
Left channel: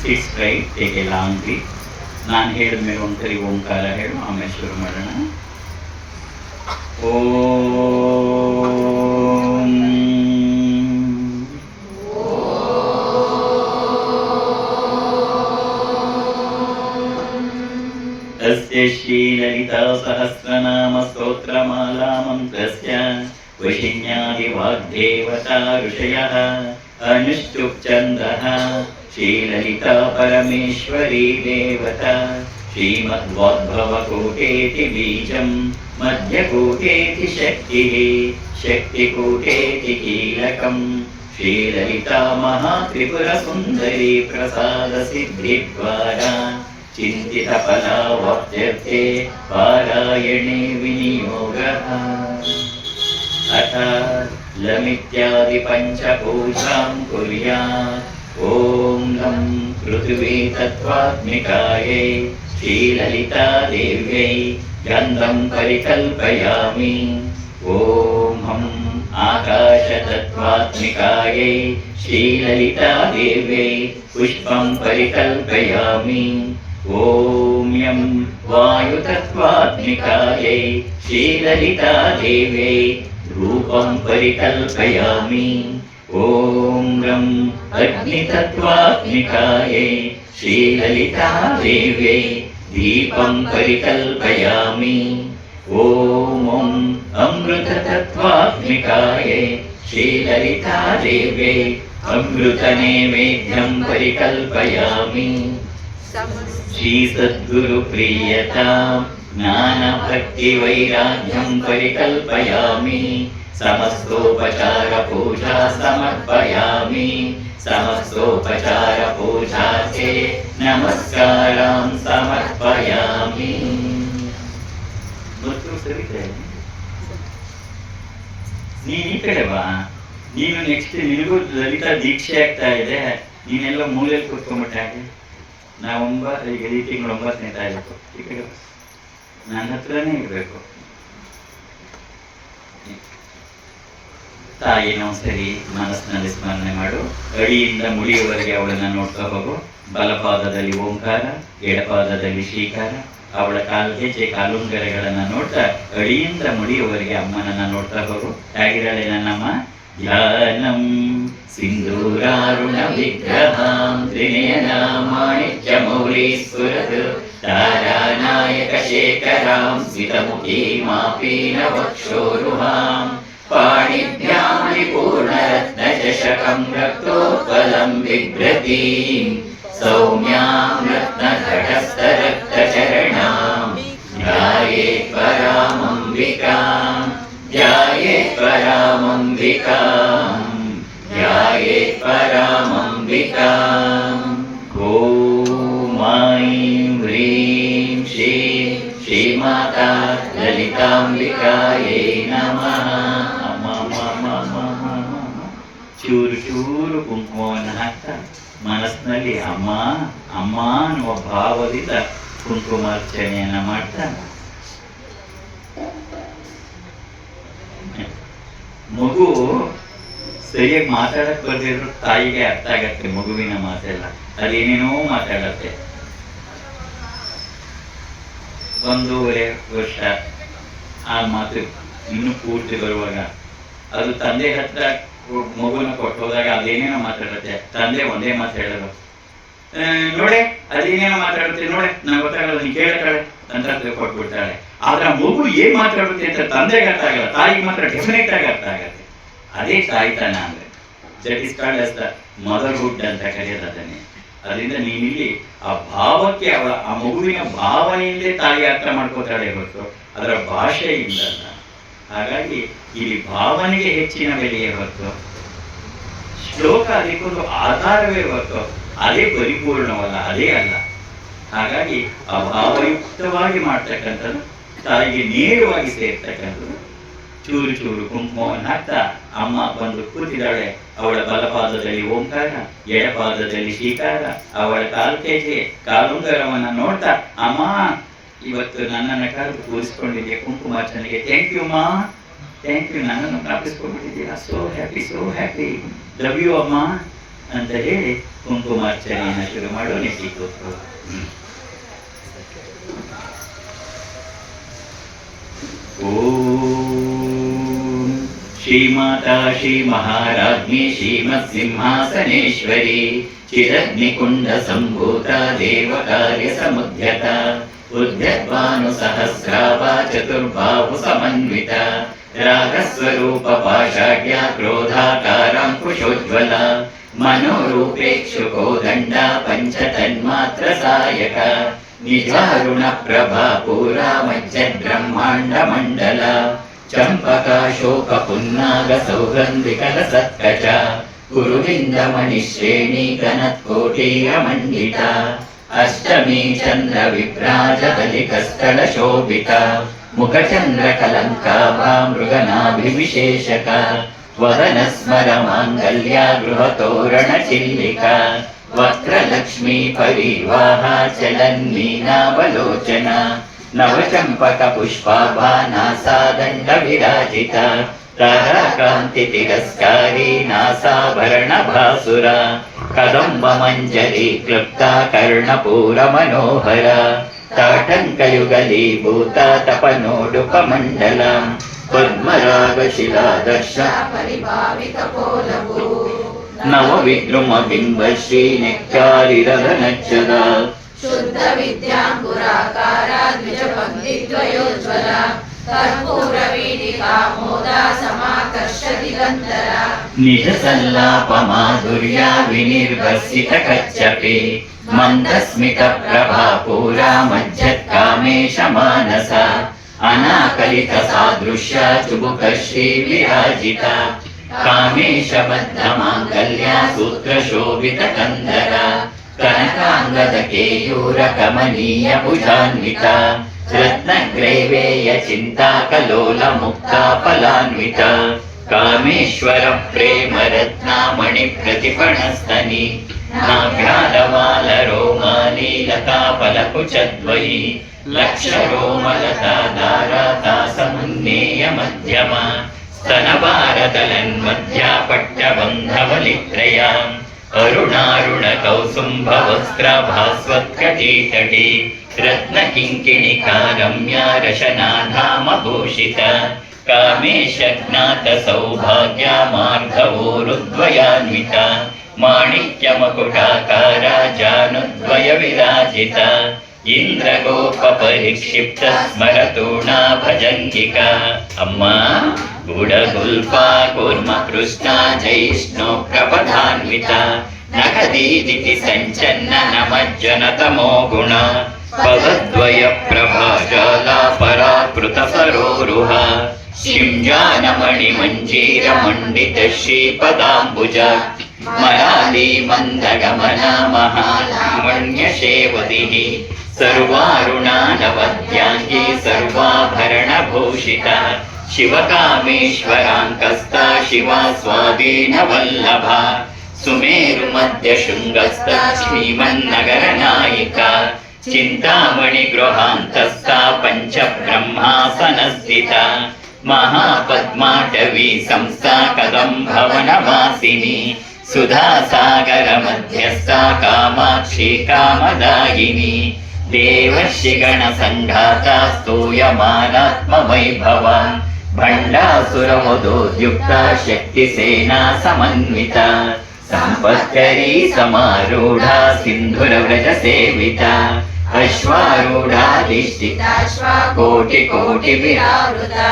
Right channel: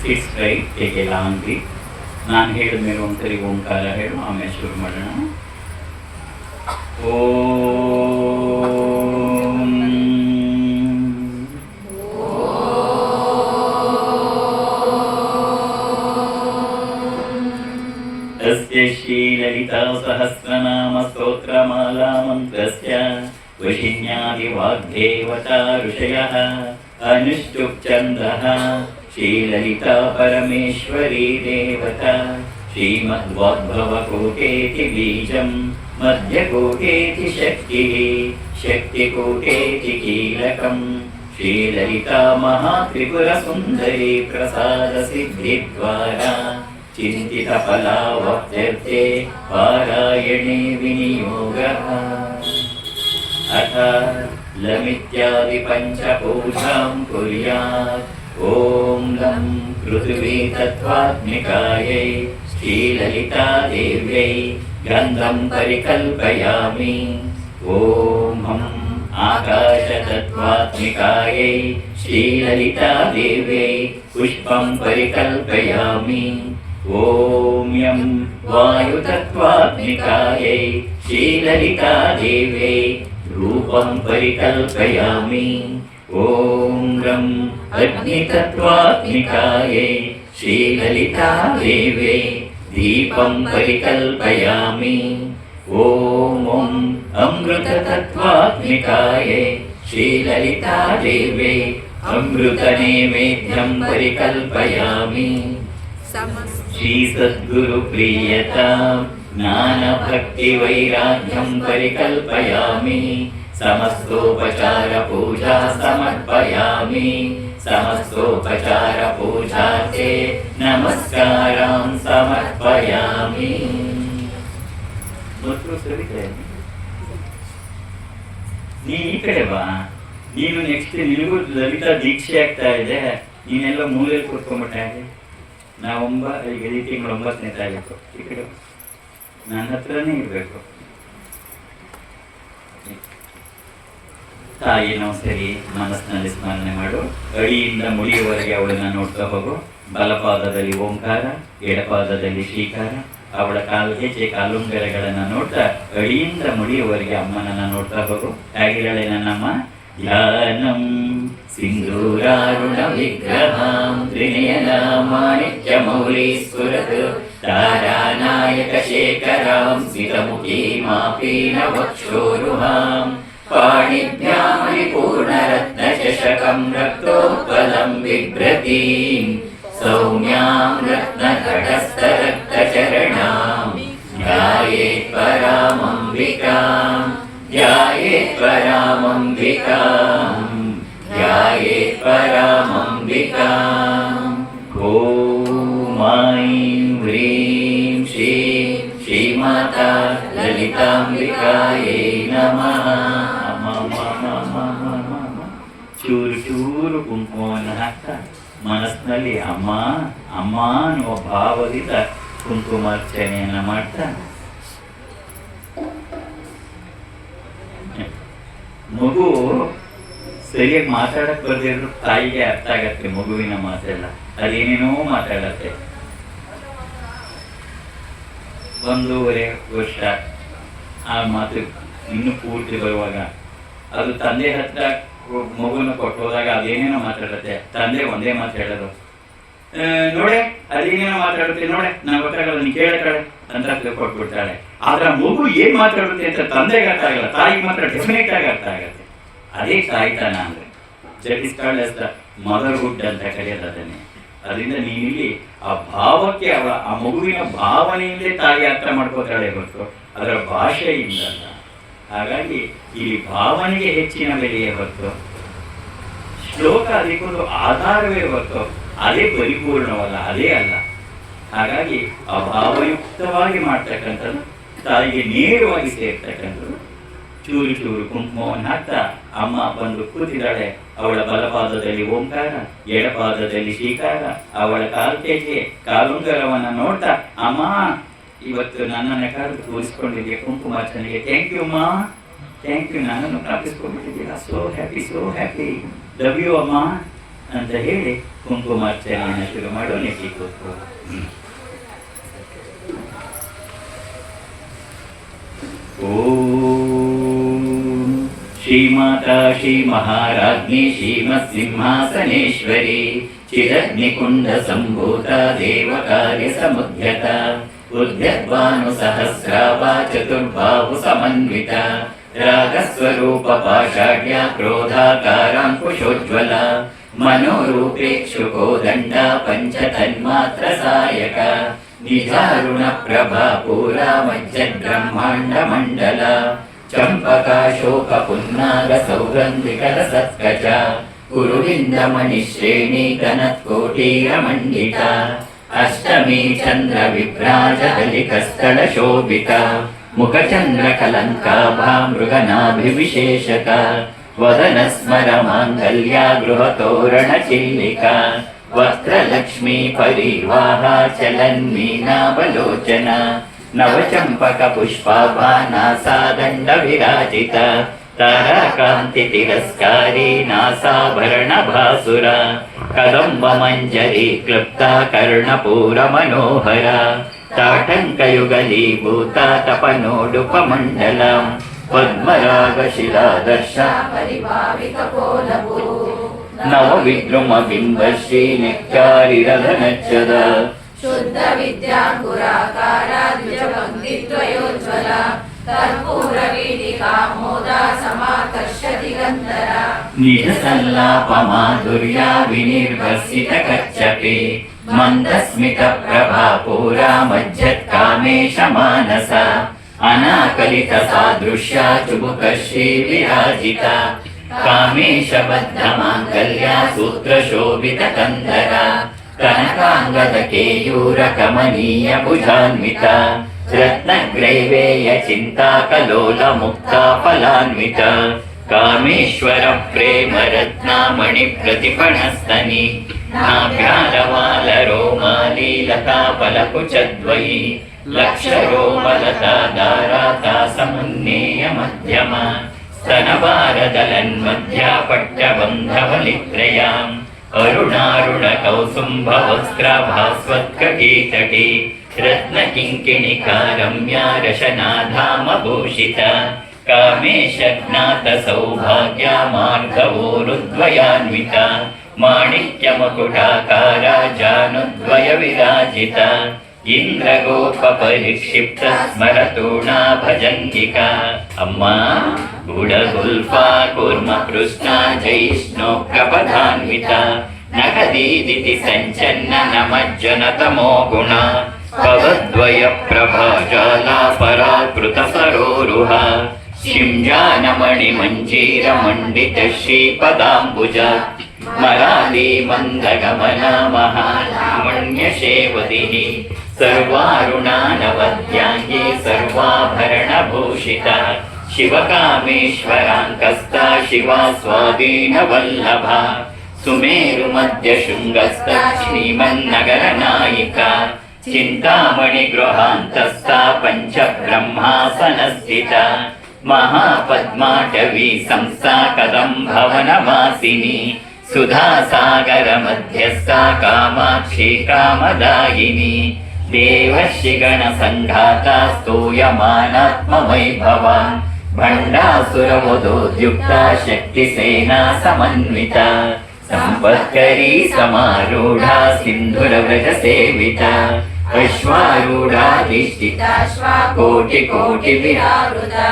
Sit straight, take a long breath. ನಾನು ಹೇಳಿದ ಮೇಲೆ ಒಂದ್ಸರಿ ಓಂಕಾರ ಹೇಳು, ಆಮೇಲೆ ಶುರು ಮಾಡೋಣ. ಓಂ ಅಸ್ಯ ಶ್ರೀ ಲಲಿತಾ ಸಹಸ್ರನಾಮ ಸ್ತೋತ್ರಮಾಲಾ ಮಂತ್ರಸ್ಯ ವಶಿನ್ಯಾದಿ ವಾಗ್ದೇವತಾ ಋಷಯಃ ಅನುಷ್ಠುಪ್ ಛಂದಃ ಶ್ರೀಲಲಿತಾ ಪರಮೇಶ್ವರಿ ದೇವತಾ ಶ್ರೀಮದ್ವಾಗ್ಭವಕೋಟೇತಿ ಬೀಜಂ ಮಧ್ಯಕೋಟೇತಿ ಶಕ್ತಿಃ ಶಕ್ತಿಕೋಟೇತಿ ಕೀಲಕಂ ಶ್ರೀಲಲಿತಾ ಮಹಾತ್ರಿಪುರಸುಂದರಿ ಪ್ರಸಾದ ಸಿದ್ಧಿದ್ವಾರಾ ಚಿಂತಿತ ಫಲಾವಾಪ್ತ್ಯರ್ಥೇ ಪಾರಾಯಣೆ ವಿನಿಯೋಗಃ. ಅಥ ಲಮಿತ್ಯಾದಿ ಪಂಚಪೂಜಾಂ ಕುರ್ಯಾತ್. ಓಂ ನಂ ಪೃಥ್ವೀ ತತ್ವಾತ್ಮಿಕಾಯೈ ಶ್ರೀಲಲಿತಾ ದೇವ್ಯೈ ಗಂಧಂ ಪರಿಕಲ್ಪಯಾಮಿ. ಓಂ ಹಂ ಆಕಾಶ ತತ್ವಾತ್ಮಿಕಾಯೈ ಶ್ರೀಲಲಿತಾ ದೇವ್ಯೈ ಪುಷ್ಪಂ ಪರಿಕಲ್ಪಯಾಮಿ. ಓಂ ಯಂ ವಾಯು ತತ್ವಾತ್ಮಿಕಾಯೈ ಶ್ರೀಲಲಿತಾ ದೇವ್ಯೈ ರೂಪಂ ಪರಿಕಲ್ಪಯಾಮಿ. ಓಂ ರಂ ಅಗ್ನಿ ತತ್ವಾತ್ಮಿಕಾಯೈ ಶ್ರೀಲಲಿತಾ ದೇವ್ಯೈ ದೀಪಂ ಪರಿಕಲ್ಪಯಾಮಿ. ಓಂ ಅಮೃತ ತತ್ವಾತ್ಮಿಕಾಯೈ ಶ್ರೀಲಲಿತಾ ದೇವ್ಯೈ ಅಮೃತ ನೈವೇದ್ಯಂ ಪರಿಕಲ್ಪಯಾಮಿ. ಶ್ರೀ ಸದ್ಗುರು ಪ್ರಿಯತಾಂ ಜ್ಞಾನ ಭಕ್ತಿ ವೈರಾಗ್ಯಂ ಪರಿಕಲ್ಪಯಾಮಿ. ಸಮಸ್ತೋಪಚಾರ ಪೂಜಾ ಸಮರ್ಪಯಾಮಿ. ಸಮಸ್ತೋಪಚಾರ ಪೂಜಾರ್ಥೆ ನಮಸ್ಕಾರಂ ಸಮರ್ಪಯಾಮಿ. ನೀನ್ ಈ ಕಡೆ ಬಾ, ನೀನು ನೆಕ್ಸ್ಟ್ ನಿನಗೂ ಲಲಿತಾ ದೀಕ್ಷೆ ಆಗ್ತಾ ಇದೆ. ನೀನೆಲ್ಲ ಮೂಲೆ ಕೂತ್ಕೊಂಡ್ಬಿಟ್ಟಾಗೆ. ಈಗ ಈ ತಿಂಗಳು 9ನೇ ತಾರೀಕು ಈ ಕಡೆ ನನ್ನ ಹತ್ರನೇ ಇರಬೇಕು. ತಾಯಿನೋ ಸರಿ ಮನಸ್ಸಿನಲ್ಲಿ ಸ್ಮರಣೆ ಮಾಡು. ಅಡಿಯಿಂದ ಮುಡಿಯುವವರೆಗೆ ಅವಳನ್ನ ನೋಡ್ತಾ ಹೋಗು. ಬಲಪಾದದಲ್ಲಿ ಓಂಕಾರ, ಎಡಪಾದದಲ್ಲಿ ಶ್ರೀಕಾರ. ಅವಳ ಹೆಜ್ಜೆ ಕಾಲುಂಗರಗಳನ್ನ ನೋಡ್ತಾ ಅಡಿಯಿಂದ ಮುಡಿಯುವವರೆಗೆ ಅಮ್ಮನನ್ನ ನೋಡ್ತಾ ಹೋಗು. ಹೇಗಿರಲಿ ನನ್ನಮ್ಮ? ಧ್ಯಾನಂ ಸಿಂಧೂರಾರುಣ ವಿಗ್ರಹಾಂ ತ್ರಿನಯನಾಮಾಣಿಕ್ಯಮೌಲಿ ಸ್ಫುರತ್ ತಾರಾನಾಯಕ ಶೇಖರಾಂ ಸ್ಮಿತಮುಖೀಮಾಪೀನ ವಕ್ಷೋರುಹಾಂ ಪಾಣಿಭ್ಯಾಂ ವಿಪೂರ್ಣರತ್ನಚಷಕಂ ರಕ್ತೋತ್ಪಲಂ ಬಿಭ್ರತೀಂ ಸೌಮ್ಯಾಂ ರತ್ನಘಟಸ್ಥರಕ್ತಚರಣಾಂ ಧ್ಯಾಯೇತ್ ಪರಾಮಂಬಿಕಾಂ ಧ್ಯಾಯೇತ್ ಪರಾಮಂಬಿಕಾಂ ಧ್ಯಾಯೇತ್ ಪರಾಮಂಬಿಕಾಂ. ಓಂ ಐಂ ಹ್ರೀಂ ಶ್ರೀಂ ಶ್ರೀಮಾತಾ ಕಾಂತಿಕಾಯೇ ನಮಃ. ಚೂರು ಚೂರು ಕುಂಕುಮವನ್ನು ಹಾಕ್ತಾ ಮನಸ್ಸಿನಲ್ಲಿ ಅಮ್ಮ ಅಮ್ಮ ಅನ್ನುವ ಭಾವದಿಂದ ಕುಂಕುಮಾರ್ಚನೆಯನ್ನ ಮಾಡ್ತಾ ಮಗು ಸರಿಯಾಗಿ ಮಾತಾಡಕ್ ಬರ್ದಿರೋ ತಾಯಿಗೆ ಅರ್ಥ ಆಗತ್ತೆ ಮಗುವಿನ ಮಾತೆಲ್ಲ, ಅದೇನೇನೋ ಮಾತಾಡತ್ತೆ. 1.5 ವರ್ಷ ಆ ಮಾತು ಇನ್ನು ಪೂರ್ತಿ ಬರುವಾಗ ಅದು ತಂದೆ ಹತ್ರ ಮಗುನ ಕೊಟ್ಟು ಹೋದಾಗ ಅದೇನೇನೋ ಮಾತಾಡುತ್ತೆ. ತಂದೆ ಒಂದೇ ಮಾತು ಹೇಳೋದು, ನೋಡೆ ಅದೇನೇನೋ ಮಾತಾಡುತ್ತೆ, ನೋಡೆ ನಂಗೆ ಗೊತ್ತಾಗಲ್ಲ, ನೀನ್ ಕೇಳತ್ತಾಳೆ ಅಂತ ಕೊಟ್ಬಿಡ್ತಾಳೆ. ಆದ್ರೆ ಮಗು ಏನ್ ಮಾತಾಡುತ್ತೆ ಅಂತ ತಂದೆಗೆ ಅರ್ಥ ಆಗಲ್ಲ, ತಾಯಿಗೆ ಮಾತ್ರ ಡೆಫಿನೆಟ್ ಆಗಿ ಅರ್ಥ ಆಗತ್ತೆ. ಅದೇ ತಾಯ್ತನ ಅಂದ್ರೆ that is called as the motherhood ಅಂತ ಕರೆಯೋದು ಅದನ್ನೇ. ಅದರಿಂದ ನೀನಿಲ್ಲಿ ಆ ಭಾವಕ್ಕೆ ಆ ಮಗುವಿನ ಭಾವನೆಯಿಂದಲೇ ತಾಯಿ ಅರ್ಥ ಮಾಡ್ಕೋತಾಳೆ ಹೊರತು ಅದರ ಭಾಷೆಯಿಂದ ಅಲ್ಲ. ಹಾಗಾಗಿ ಇಲ್ಲಿ ಭಾವನೆಗೆ ಹೆಚ್ಚಿನ ಬೆಲೆಯೇ ಹೊರತು ಶ್ಲೋಕ ಅದಕ್ಕೊಂದು ಆಧಾರವೇ ಹೊರತು ಅದೇ ಪರಿಪೂರ್ಣವಲ್ಲ, ಅದೇ ಅಲ್ಲ. ಹಾಗಾಗಿ ಆ ಭಾವಯುಕ್ತವಾಗಿ ಮಾಡ್ತಕ್ಕಂಥದ್ದು ತಾಯಿಗೆ ನೇರವಾಗಿ ಸೇರ್ತಕ್ಕಂಥದ್ದು. ಚೂರು ಚೂರು ಕುಂಕುಮವನ್ನು ಹಾಕ್ತಾ ಅಮ್ಮ ಬಂದು ಕೂತಿದ್ದಾಳೆ. ಅವಳ ಬಲಪಾದದಲ್ಲಿ ಓಂಕಾರ, ಎಡಪಾದದಲ್ಲಿ ಶ್ರೀಕಾರ, ಅವಳ ಕಾಲ್ಕೆಗೆ ಕಾಲುಂಗರವನ್ನ ನೋಡ್ತಾ ಅಮ್ಮ ಇವತ್ತು ನನ್ನನ್ನು ಕರೆದು ಕೂರಿಸ್ಕೊಂಡಿದ್ದೆ ಕುಂಕುಮಾರ್ಚನೆಗೆ, ಥ್ಯಾಂಕ್ ಯು ಅಮ್ಮ, ಥ್ಯಾಂಕ್ ಯು, ನನ್ನನ್ನು ಪ್ರಾರ್ಥಿಸ್ಕೊಂಡಿದ್ದೀಯ, ಸೋ ಹ್ಯಾಪಿ, ಲವ್ ಯು ಅಮ್ಮ ಅಂತ ಹೇಳಿ ಕುಂಕುಮಾರ್ಚನೆಯನ್ನು ಶುರು ಮಾಡೋ ನೆಟ್ಟಿ ಕೂತು. ಓಂ ಶ್ರೀಮಾತಾ ಶ್ರೀ ಮಹಾರಾಜ್ಞಿ ಶ್ರೀಮತ್ ಸಿಂಹಾಸನೇಶ್ವರಿ ಚಿರಗ್ನಿಕುಂಡ ಸಂಭೂತ ದೇವ ಕಾರ್ಯ ಸಮುದ್ಯತ ಉದ್ಯದ್ಭಾನು ಸಹಸ್ರಾವ ಚತುರ್ಬಾಹು ಸಮನ್ವಿತ ರಾಗಸ್ವರೂಪ ಪಾಷಾಢ್ಯ ಕ್ರೋಧಾಕಾರಾಂಕುಶೋಜ್ವಲ ಮನೋರೂಪೇಕ್ಷುಕೋ ದಂಡ ಪಂಚತನ್ಮಾತ್ರ ಸಾಯಕ ನಿಜಾರುಣ ಪ್ರಭಾ ಪೂರಾ ಮಜ್ಜದ್ ಬ್ರಹ್ಮಾಂಡ ಮಂಡಲ ಚಂಪಕ ಶೋಕ ಪುನ್ನಾಗ ಸೌಗಂಧಿಕರ ಸತ್ಕಚ ಗುರುವಿಂದ ಮಣಿಶ್ರೇಣಿ ಕನತ್ಕೋಟೀಯ ಮಂಡಿತ ಅಷ್ಟಮಿ ಚಂದ್ರ ವಿಭ್ರಾಜ ಕಲಿಕಸ್ಥಳ ಶೋಭಿತ ಮುಖಚಂದ್ರ ಕಲಂಕಾಭಾ ಮೃಗನಾಭಿವಿಶೇಷಕ ವದನ ಸ್ಮರ ಮಾಂಗಲ್ಯ ಗೃಹ ತೋರಣ ಚಿಲ್ಲಿಕ ವಕ್ರಲಕ್ಷ್ಮೀ ಪರಿವಾಹ ಚಲನ್ಮೀನಾವಲೋಚನ ನವಚಂಪಕ ಪುಷ್ಪಾಭಾ ನಾಸಾದಂಡ ವಿರಾಜಿತ ತಾರಾಕಾಂತಿ ತಿರಸ್ಕಾರಿ ನಾಸಾಭರಣ ಭಾಸುರ ಕದಂಬ ಮಂಜರಿ ಕ್ಲುಪ್ತ ಕರ್ಣಪೂರ ಮನೋಹರ ತಾಟಂಕಯುಗಲೀಭೂತ ತಪನೋಡುಪ ಮಂಡಲ ಪದ್ಮರಾಗ ಶಿಲಾದರ್ಶ ಪರಿಭಾವಿತ ಕೋಲಭೂ ನವ ವಿದ್ರುಮ ಬಿಂಬಶ್ರೀ ನೆಕ್ಕಾರಿರಘನಚ್ಚದ ಶುದ್ಧ ವಿದ್ಯಾಂಗುರಾಕಾರ ದ್ವಿಜಪಂಕ್ತಿದ್ವಯೋಜ್ವಲ ಕರ್ಪೂರ ವೀಣಿಕಾ ಮೋದ ಸಮಾಕರ್ಷ ದಿಗಂಧರ ನಿಜ ಸಲ್ಲಾಪ ಮಾಧುರ್ಯ ವಿನಿರ್ವಸಿತ ಕಚ್ಚಪಿ ಮಂದಸ್ಮಿತ ಪ್ರಭಾ ಪೂರ ಮಜ್ಜತ್ ಕಾಮೇಶ ಮಾನಸ ಅನಾಕಲಿತ ಸಾದೃಶ್ಯ ಚುಬುಕ ಶ್ರೀ ವಿರಾಜಿತ ಕಾಮೇಶ ಬದ್ಧ ಮಾಂಗಲ್ಯ ಸೂತ್ರ ಶೋಭಿತ ಕಂದರ ಕನಕಾಂಗದ ಕೇಯೂರ ಕಮನೀಯ ಭುಜಾನ್ವಿತ ರತ್ನಗ್ರೈವೇಯ ಚಿಂತಾ ಕಲೋಲ ಮುಕ್ತ ಫಲಾನ್ವಿತ ಕಾಮೇಶ್ವರ ಪ್ರೇಮ ರತ್ನಾಮಣಿ ಪ್ರತಿಫಣಸ್ತನಿ ನಾಗ್ರಾಲವಾಲ ರೋಮಾಲಿ ಲತಾ ಫಲಕುಚದ್ವಯಿ ಲಕ್ಷ ರೋಮಲತಾ ದಾರಾತಾ ಸಮುನ್ನೇಯ ಮಧ್ಯಮ ಸ್ತನಭಾರದಲನ್ಮಧ್ಯ ಪಟ್ಟಬಂಧವಲಿತ್ರಯ ಅರುಣಾರುಣ ಕೌಸುಂಭ ವಸ್ತ್ರ ಭಾಸ್ವತ್ಕಟೀತಟಿ ರತ್ನ ಕಿಂಕಿಣಿಕಾ ರಮ್ಯ ರಶನಾಧಾಮ ಭೂಷಿತ ಕಾಮೇಶ ಜ್ಞಾತ ಸೌಭಾಗ್ಯ ಮಾರ್ಗವೋರುದ್ವಯಾನ್ವಿತ ಮಾಣಿಕ್ಯ ಮಕುಟಾಕಾರ ಜಾನುದ್ವಯ ವಿರಾಜಿತ ಇಂದ್ರಗೋಪ ಪರಿಕ್ಷಿಪ್ತ ಸ್ಮರತೂಣಾ ಭಜಂತಿಕ ಅಮ್ಮ ಗುಡಗುಲ್ಫಾ ಕೂರ್ಮ ಕೃಷ್ಣ ಜೈಷ್ಣು ಪ್ರಪದಾನ್ವಿತ ನಖದೀದಿತಿ ಸಂಚನ್ನ ನಮಜ್ಜನ ತಮೋ ಗುಣ ಪವದ್ವಯ ಪ್ರಭಾಜಾಲ ಪರಾಕೃತ ಸರೋರುಹ ಶಿಂಜಾನಮಣಿ ಮಂಜೀರ ಮಂಡಿತ ಶ್ರೀಪದಾಂಬುಜ ಮರಾಲಿ ಮಂದಗಮನ ಮಹಾಲಾವಣ್ಯ ಶೇವದಿ सर्वारुणानवद्यांगी सर्वाभरणभूषिता शिवकामेश्वराङ्कस्ता शिवा स्वाधीनवल्लभा सुमेरुमध्यशृङ्गस्ता श्रीमन्नगरनायिका चिन्तामणिगृहान्तस्था पञ्चब्रह्मासनस्थिता महापद्माटवी संस्था कदम्भवनवासिनी सुधासागरमध्यस्था कामाक्षी कामदायिनी देवर्षिगणसङ्घाता स्तूयमानात्मवैभवा भण्डासुरवधोद्युक्ता शक्तिसेना समन्विता सम्पत्करी समारूढा सिन्धुरव्रजसेविता अश्वारूढाधिष्ठिता कोटिकोटिविरावृता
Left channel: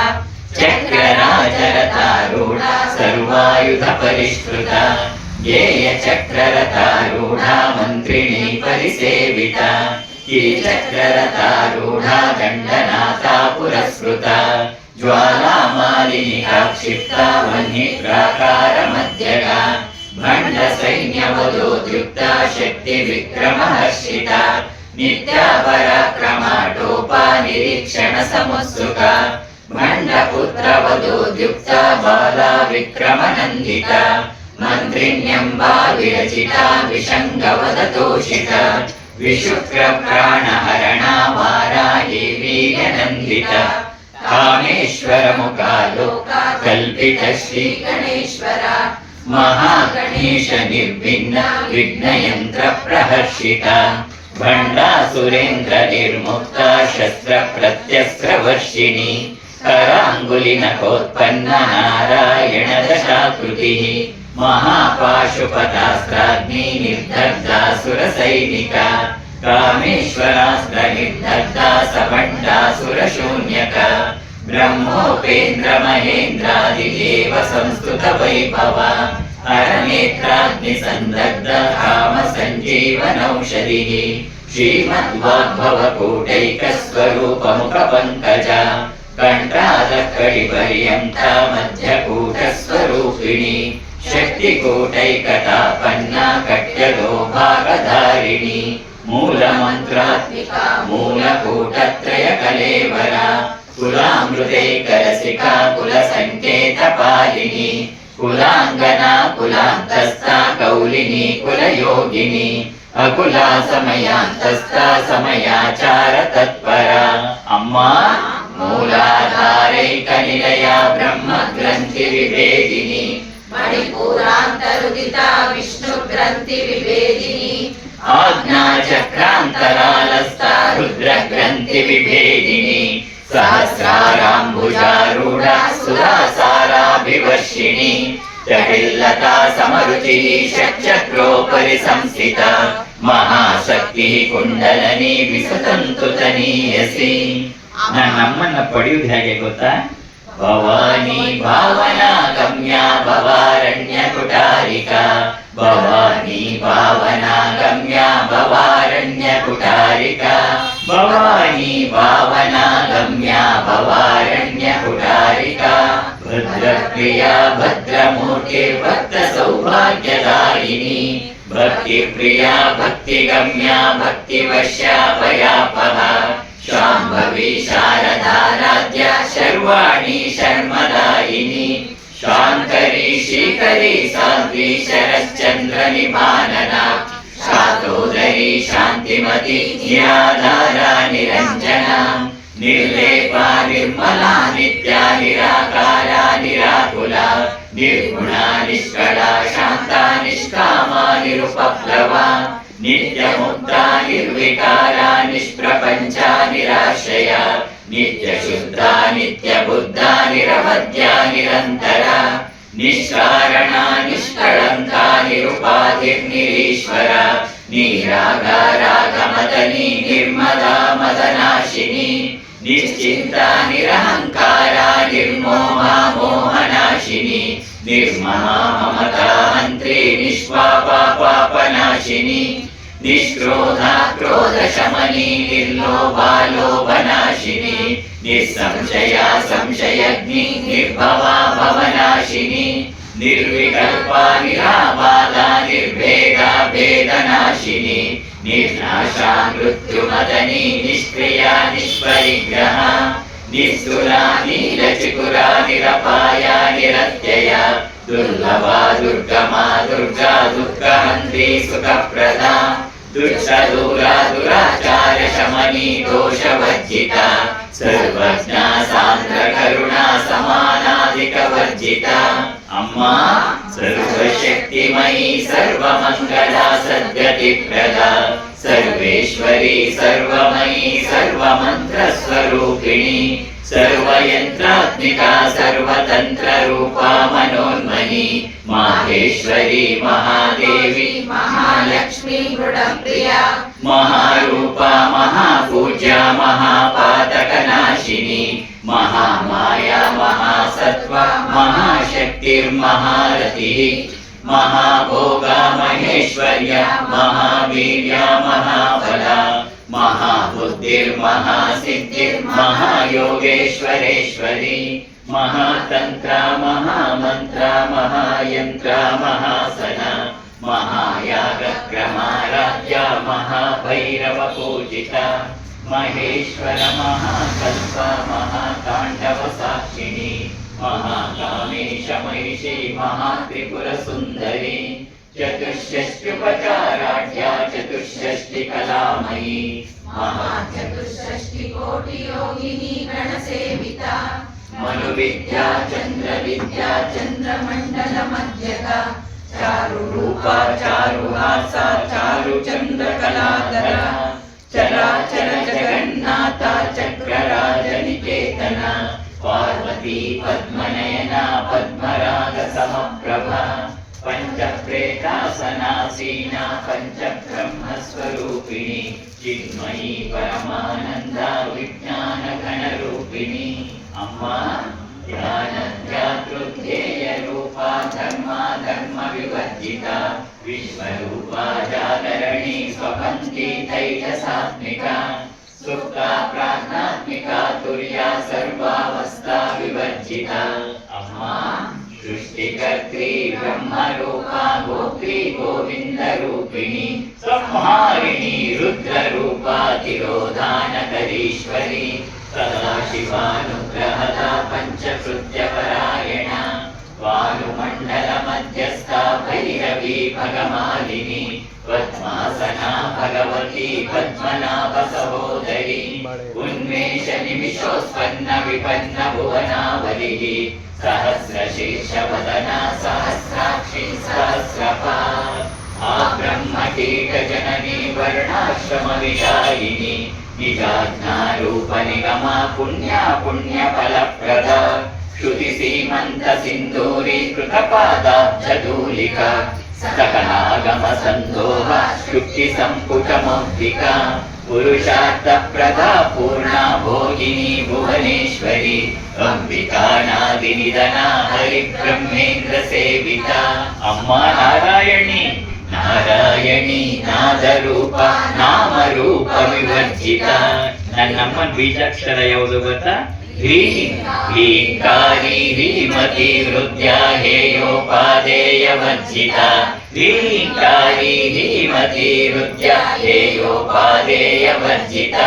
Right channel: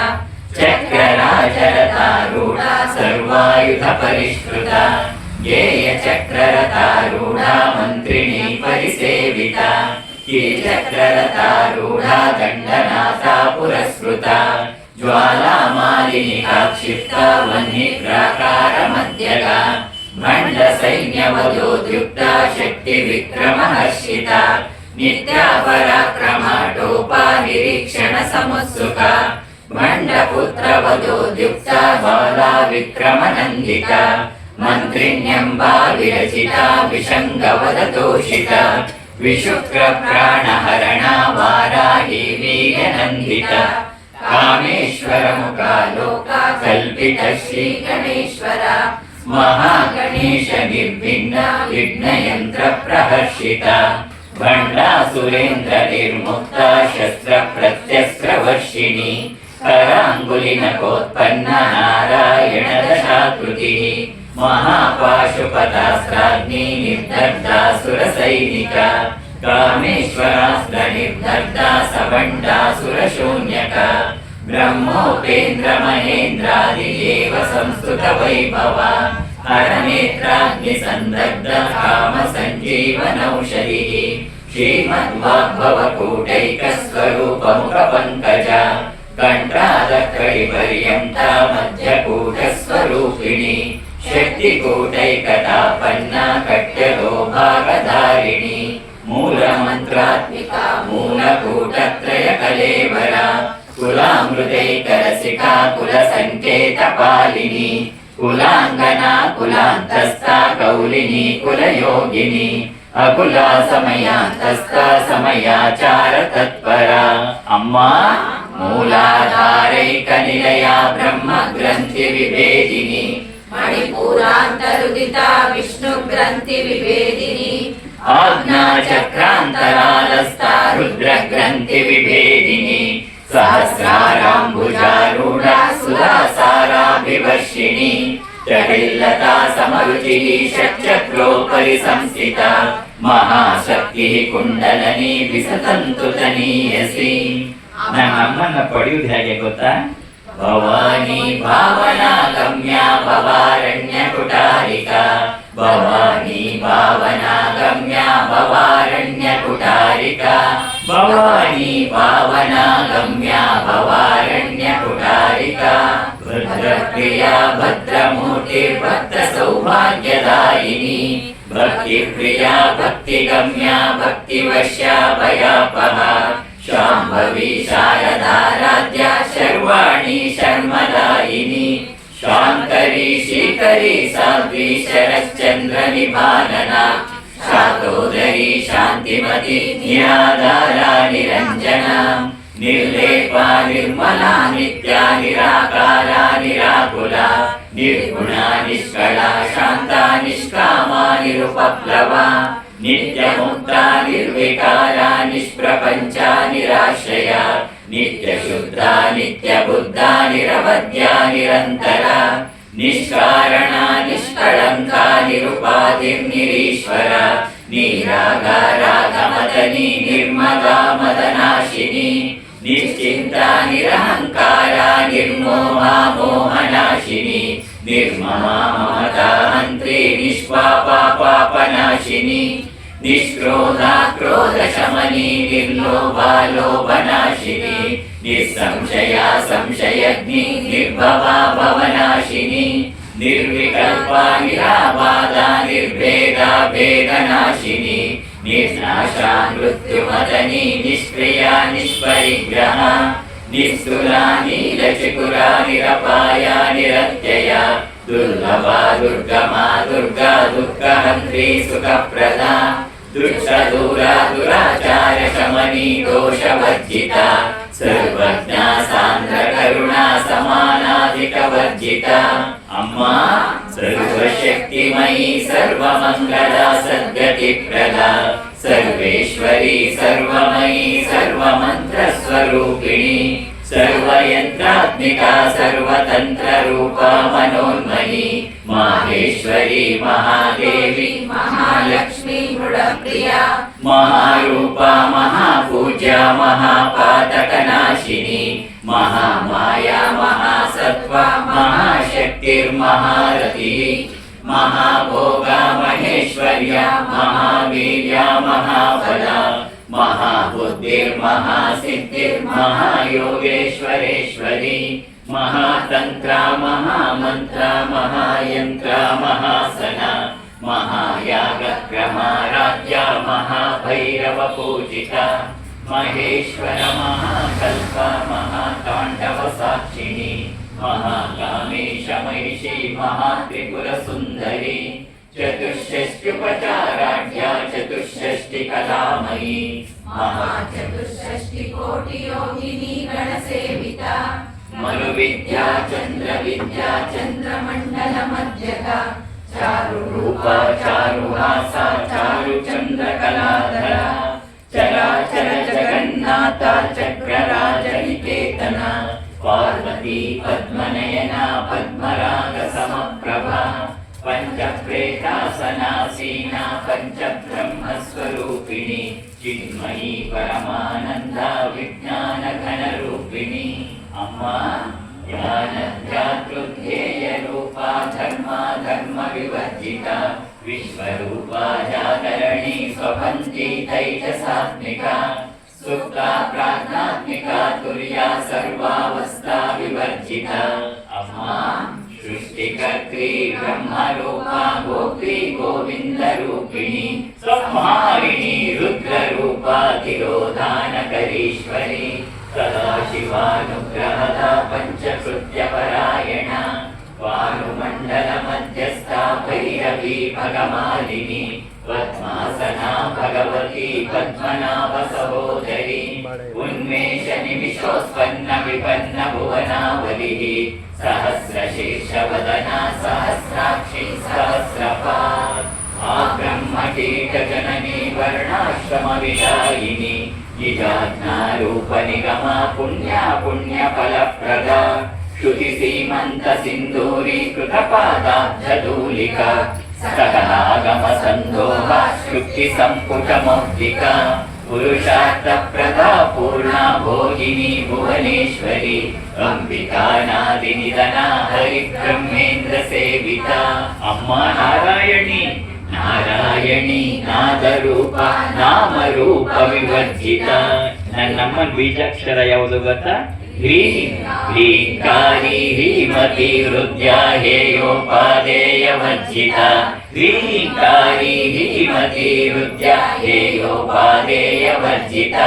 चक्रराजरथारूढा सर्वायुधपरिष्कृता गेयचक्ररथारूढा मन्त्रिणी परिसेविता चक्ररथारूढा दण्डनाथा पुरस्कृता ज्वालामालिनिका क्षिप्ता वह्निप्राकारमध्यगा भण्डसैन्यवधोद्युक्ता शक्तिविक्रमहर्षिता नित्यापराक्रमाटोपा निरीक्षणसमुत्सुका भण्डपुत्रवधोद्युक्ता बाला विक्रमनन्दिता मन्त्रिण्यम्बा विरचिता विशङ्गवदतोषिता विशुक्रप्राणहरणा वाराही वीर्यनन्दिता कामेश्वरमुखा लोका कल्पिता श्रीगणेश्वरा महागणेश निर्विघ्न विघ्नयन्त्रप्रहर्षिता भण्डासुरेन्द्र निर्मुक्ता शस्त्रप्रत्यस्त्रवर्षिणी कराङ्गुलिनकोत्पन्ना नारायणदशाकृतिः महापाशुपतास्त्राग्नि निर्दग्धासुरसैनिका कामेश्वरास्त्र निर्दग्धा सभण्डासुरशून्यका ब्रह्मोपेन्द्र महेन्द्रादिदेव संस्तुतवैभवा हरनेत्राग्निसन्दग्ध कामसञ्जीवनौषधिः श्रीमद्वाग्भवकूटैकस्वरूपमुखपङ्कजा कण्ठादकडिपर्यन्ता मध्यकूटस्वरूपिणी शक्तिकूटैकतापन्ना कट्यतो भागधारिणी मूलमन्त्रात्मिका मूलकूटत्रयकलेवरा कुलामृतैकरसिका कुलसङ्केतपालिनी कुलाङ्गना कुलान्तस्था कौलिनी कुलयोगिनी अकुला समयान्तस्था समयाचारतत्परा अम्मा मूलाधारैकनिलया ब्रह्मग्रन्थिविभेदिनी मणिपूरान्तरुदिता विष्णुग्रन्थिविभेदिनी आज्ञाचक्रान्तरालस्था रुद्रग्रन्थिविभेदिनी सहस्राराम्बुजारूढा सुधासाराभिवर्षिणी जटिल्लता समरुचिः षट्चक्रोपरि संस्थिता महाशक्तिः ಕುಂಡಲನಿ ವಿಸತಂತು ತನೀಯಸಿ. ನಮ್ಮನ್ನ ಪಡೆಯುವುದು ಹೇಗೆ ಗೊತ್ತಾ? ಭವಾನಿ ಭಾವನಾ ಗಮ್ಯ ಭವಾರಣ್ಯ ಕುಟಾರಿಕಾ ಭವಾನಿ ಭಾವನಾ ಗಮ್ಯ ಭವಾರಣ್ಯ ಕುಟಾರಿಕಾ ಭವಾನಿ ಭಾವನಾ ಗಮ್ಯ ಭವಾರಣ್ಯ ಕುಟಾರಿಕಾ ಭದ್ರಪ್ರಿಯಾ ಭದ್ರಮೂರ್ತಿ ಭಕ್ತ ಸೌಭಾಗ್ಯದಾಯಿನಿ ಭಕ್ತಿ ಪ್ರಿಯಾ ಭಕ್ತಿ ಗಮ್ಯ ಭಕ್ತಿ ವಶ್ಯ ಭಯಾಪಹ ಶಾಂಭವಿ ಶಾರದಾರಾಧ್ಯ ಶರ್ವಾಣಿ ಶರ್ಮದಾಯಿನಿ ಶಾಂಕರಿ ಶ್ರೀಕರಿ ಸಾಧ್ವಿ ಶರಶ್ಚಂದ್ರ ನಿಭಾನನ ಶಾತೋದರಿ ಶಾಂತಿಮತಿ ನಿರಾಧಾರ ನಿರಂಜನ ನಿರ್ಲೇಪಾ ನಿರ್ಮಲಾ ನಿತ್ಯ ನಿರಾಕಾರ ನಿರಾಕುಲ ನಿರ್ಗುಣ ನಿಷ್ಕಳ ಶಾಂತ ನಿಷ್ಕಾಮ ನಿರುಪಪ್ಲವ ನಿತ್ಯ ಮುಕ್ತ ನಿರ್ವಿಕಾರ ನಿಷ್ಪ್ರಪಂಚ ನಿರಾಶ್ರಯ ನಿತ್ಯ ಶುದ್ಧ ನಿತ್ಯ ಬುದ್ಧ ನಿರವಧ್ಯ ನಿರಂತರ ನಿಷ್ಕಾರಣ ನಿಷ್ಕಳಂಕ ನಿರುಪಾಧಿರ್ನಿರೀಶ್ವರ ನಿರಾಗ ರಾಗಮದನಿ ನಿರ್ಮಲ ಮದನಾಶಿನಿ ನಿಶ್ಚಿಂತ ನಿರಹಂಕಾರ ನಿರ್ಮೋಹ ಮೋಹನಾಶಿನಿ ನಿರ್ಮಮ ಮಮತಾ ಮಂತ್ರಿ ನಿಷ್ಪಾಪ ಪಾಪನಾಶಿನಿ ನಿಷ್ಕ್ರೋಧ ಕ್ರೋಧ ಶಮನಿ ನಿರ್ಲೋಭ ಲೋಭನಾಶಿನಿ ನಿಸ್ಸಂಶಯ ಸಂಶಯಗ್ನಿ ನಿರ್ಭವ ಭವನಾಶಿನಿ ನಿರ್ವಿಕಲ್ಪ ನಿರಾಬಾಧ ನಿರ್ಭೇದ ಭೇದನಾಶಿನಿ ನಿರ್ನಾಶಾ ಮೃತ್ಯುಮದನಿ ನಿಷ್ಕ್ರಿಯಾ ನಿಷ್ಪರಿಗ್ರಹ ನಿಸ್ತುಲಾ ನೀಲಚಿಕುರ ನಿರಪಾಯ ನಿರತ್ಯಯ ದುರ್ಲಭಾ ದುರ್ಗಮಾ ದುರ್ಗಾ ದುಃಖಹಂತ್ರಿ ಸುಖಪ್ರದ ದುಷ್ಟದೂರ ದುರಾಚಾರ ಶಮನಿ ದೋಷವರ್ಜಿತ ಸರ್ವಜ್ಞ ಸಾಂದ್ರ ಕರುಣಾ ಸಮಾನಾಧಿಕ ವರ್ಜಿತ ಅಮ್ಮ ಸರ್ವಶಕ್ತಿಮಯಿ ಸರ್ವಮಂಗಳ ಸದ್ಗತಿಪ್ರದ ಸರ್ವೇಶ್ವರಿ ಸರ್ವಮಯಿ ಸರ್ವಮಂತ್ರ ಸ್ವರೂಪಿಣಿ ಸರ್ವಯಂತ್ರಾತ್ಮಿಕ ಸರ್ವತಂತ್ರ ರೂಪ ಮನೋನ್ಮನಿ ಮಾಹೇಶ್ವರಿ ಮಹಾದೇವಿ ಮಹಾಲಕ್ಷ್ಮೀ ಮೃಡಪ್ರಿಯ ಮಹಾರೂಪ ಮಹಾಪೂಜ್ಯ ಮಹಾಪಾತಕನಾಶಿನಿ ಮಹಾಮಾಯ ಮಹಾಸತ್ವ ಮಹಾಶಕ್ತಿರ್ಮಹಾರತಿ ಮಹಾಭೋಗ ಮಹೇಶ್ವರ್ಯ ಮಹಾವೀರ್ಯ ಮಹಾಬಲ ಮಹಾಬುದ್ಧಿರ್ಮಹಾಸಿದ್ಧಿರ್ಮಹಾಯೋಗೇಶ್ವರೇಶ್ವರಿ ಮಹಾತಂತ್ರ ಮಹಾಮಂತ್ರ ಮಹಾಯಂತ್ರ ಮಹಾಸನ ಮಹಾಯಾಗಕ್ರಮಾರಾಧ್ಯ ಮಹಾಭೈರವ ಪೂಜಿತ ಮಹೇಶ್ವರ ಮಹಾಕಲ್ಪ ಮಹಾತಾಂಡವ ಸಾಕ್ಷಿಣಿ ಮಹಾಕಾಮೇಶ ಮಹಿಷಿ ಮಹಾತ್ರಿಪುರ ಸುಂದರಿ ಚತುಷ್ಷಷ್ಟ್ಯುಪಚಾರಾಢ್ಯ ಚತುಷ್ಷಷ್ಟಿ ಕಲಾಮಯಿ ಮಹಾಚತುಷ್ಷಷ್ಟಿ ಕೋಟಿ ಯೋಗಿನಿ ಗಣಸೇವಿತ ಮನುವಿದ್ಯಾ ಚಂದ್ರ ವಿದ್ಯಾ ಚಂದ್ರಮಂಡಲ ಮಧ್ಯಕ ಚಾರು ರೂಪ ಚಾರು ಹಾಸ ಚಾರು ಚಂದ್ರ ಕಲಾಧರ ಚರಾಚರ ಜಗನ್ನಾಥ ಚಕ್ರರಾಜ ನಿಕೇತನ ಪಾರ್ವತಿ ಪದ್ಮನಯನ ಪದ್ಮರಾಗ ಸಮಪ್ರಭ ಪಂಚಪ್ರೇತಾಸನಾಸೀನ ಪಂಚಬ್ರಹ್ಮ ಸ್ವರೂಪಿಣಿ ಚಿನ್ಮಯಿ ಪರಮಾನಂದ ವಿಜ್ಞಾನ ಘನ ರೂಪಿಣಿ ಅಮ್ಮ ಜ್ಞಾನಧ್ಯಾತೃಧ್ಯೇಯ ರೂಪ ಧರ್ಮ ಧರ್ಮ ವಿವರ್ಜಿತ ವಿಶ್ವರೂಪ ಜಾಗರಣಿ ಸ್ವಪಂಚಿ ತೈಜಸಾತ್ಮಿಕ ಸುಪ್ತ ಪ್ರಾಜ್ಞಾತ್ಮಿಕ ತುರ್ಯ ಸರ್ವಾವಸ್ಥಾ ವಿವರ್ಜಿತ ಅಮ್ಮ ಸೃಷ್ಟಿಕರ್ತ್ರಿ ಬ್ರಹ್ಮರೂಪ ಗೋಪಿ ಗೋವಿಂದ ರೂಪಿಣಿ ಸಂಹಾರಿಣಿ ರುದ್ರರೂಪ ತಿರೋಧಾನಕರೀಶ್ವರಿ ಸದಾಶಿವಾನುಗ್ರಹದ ಪಂಚಕೃತ್ಯ ಪರಾಯಣ ವಾಯುಮಂಡಲ ಮಧ್ಯಸ್ಥ ಭೈರವಿ ಭಗಮಾಲಿನಿ ಪದ್ಮಾಸನ ಭಗವತಿ ಪದ್ಮನಾಭ ಸಹೋದರಿ ಉನ್ಮೇಷ ನಿಮಿಷೋತ್ಪನ್ನ ವಿಪನ್ನ ಭುವನಾವಲಿ ಸಹಸ್ರಶೀರ್ಷ ವದನ ಸಹಸ್ರಾಕ್ಷಿ ಸಹಸ್ರಪಾತ್ ಆ ಬ್ರಹ್ಮ ಕೀಟ ಜನನಿ ವರ್ಣಾಶ್ರಮ ವಿದಾಯಿನಿ ನಿಜಾಜ್ಞಾರೂಪ ನಿಗಮ ಪುಣ್ಯ ಪುಣ್ಯ ಫಲಪ್ರದ ಶ್ರುತಿ ಸೀಮಂತ ಸಿಂಧೂರೀಕೃತ ಪಾದಾಬ್ಜಧೂಲಿಕ ಸಕಲಾಗಮ ಸಂದೋಹ ಶುಕ್ತಿ ಸಂಪುಟ ಮೌಕ್ತಿಕ ಪುರುಷಾರ್ಥ ಪ್ರದಾ ಪೂರ್ಣ ಭೋಗಿನಿ ಭುವನೇಶ್ವರಿ ಅಂಬಿಕಾನಾದಿ ನಿಧನ ಹರಿ ಬ್ರಹ್ಮೇಂದ್ರ ಸೇವಿತ ಅಮ್ಮ ನಾರಾಯಣಿ ನಾರಾಯಣಿ ನಾದರೂಪ ನಾಮರೂಪ ವಿವರ್ಜಿತ ನನ್ನಮ್ಮನ ಬೀಜಾಕ್ಷರ ಯಾವುದು ಗೊತ್ತಾ? ಹ್ರೀಂ ಹ್ರೀಂಕಾರಿ ಹ್ರೀಮತಿ ಹೃದಯ ಹೇಯೋಪಾದೇಯ ವರ್ಜಿತ ಹ್ರೀಂಕಾರಿ ಹ್ರೀಮತಿ ಹೃದಯ ಹೇಯೋಪಾದೇಯ ವರ್ಜಿತ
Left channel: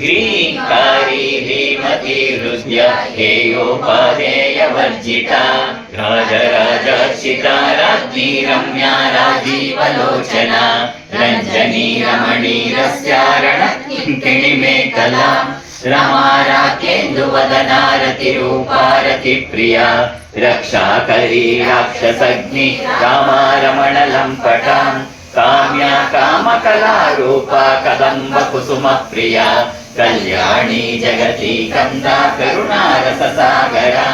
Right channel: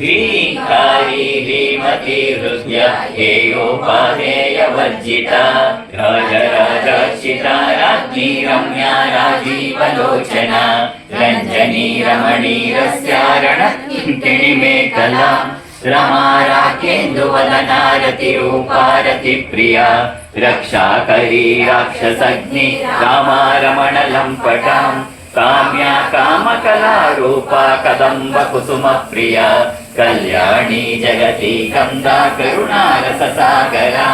ಹ್ರೀಂಕಾರಿ ಹ್ರೀಮತಿ ಹೃದಯ ಹೇಯೋಪಾದೇಯ ವರ್ಜಿತ ರಾಜರಾಜಾರ್ಚಿತ ರಾಜ್ಞಿ ರಮ್ಯಾ ರಾಜೀವಲೋಚನ ರಂಜನಿ ರಮಣೀರಸ್ಯಾರಣ ಕಿಂಕಿಣಿ ಮೇಖಲಾ रमा राकेन्दु वदनारति रूपारति प्रिया रक्षाकरी राक्षसग्नि कामा रमण लम्पटां काम्या कामकला रूपा कदम्ब कुसुम प्रिया कल्याणी जगति कन्दा करुणारस सागरा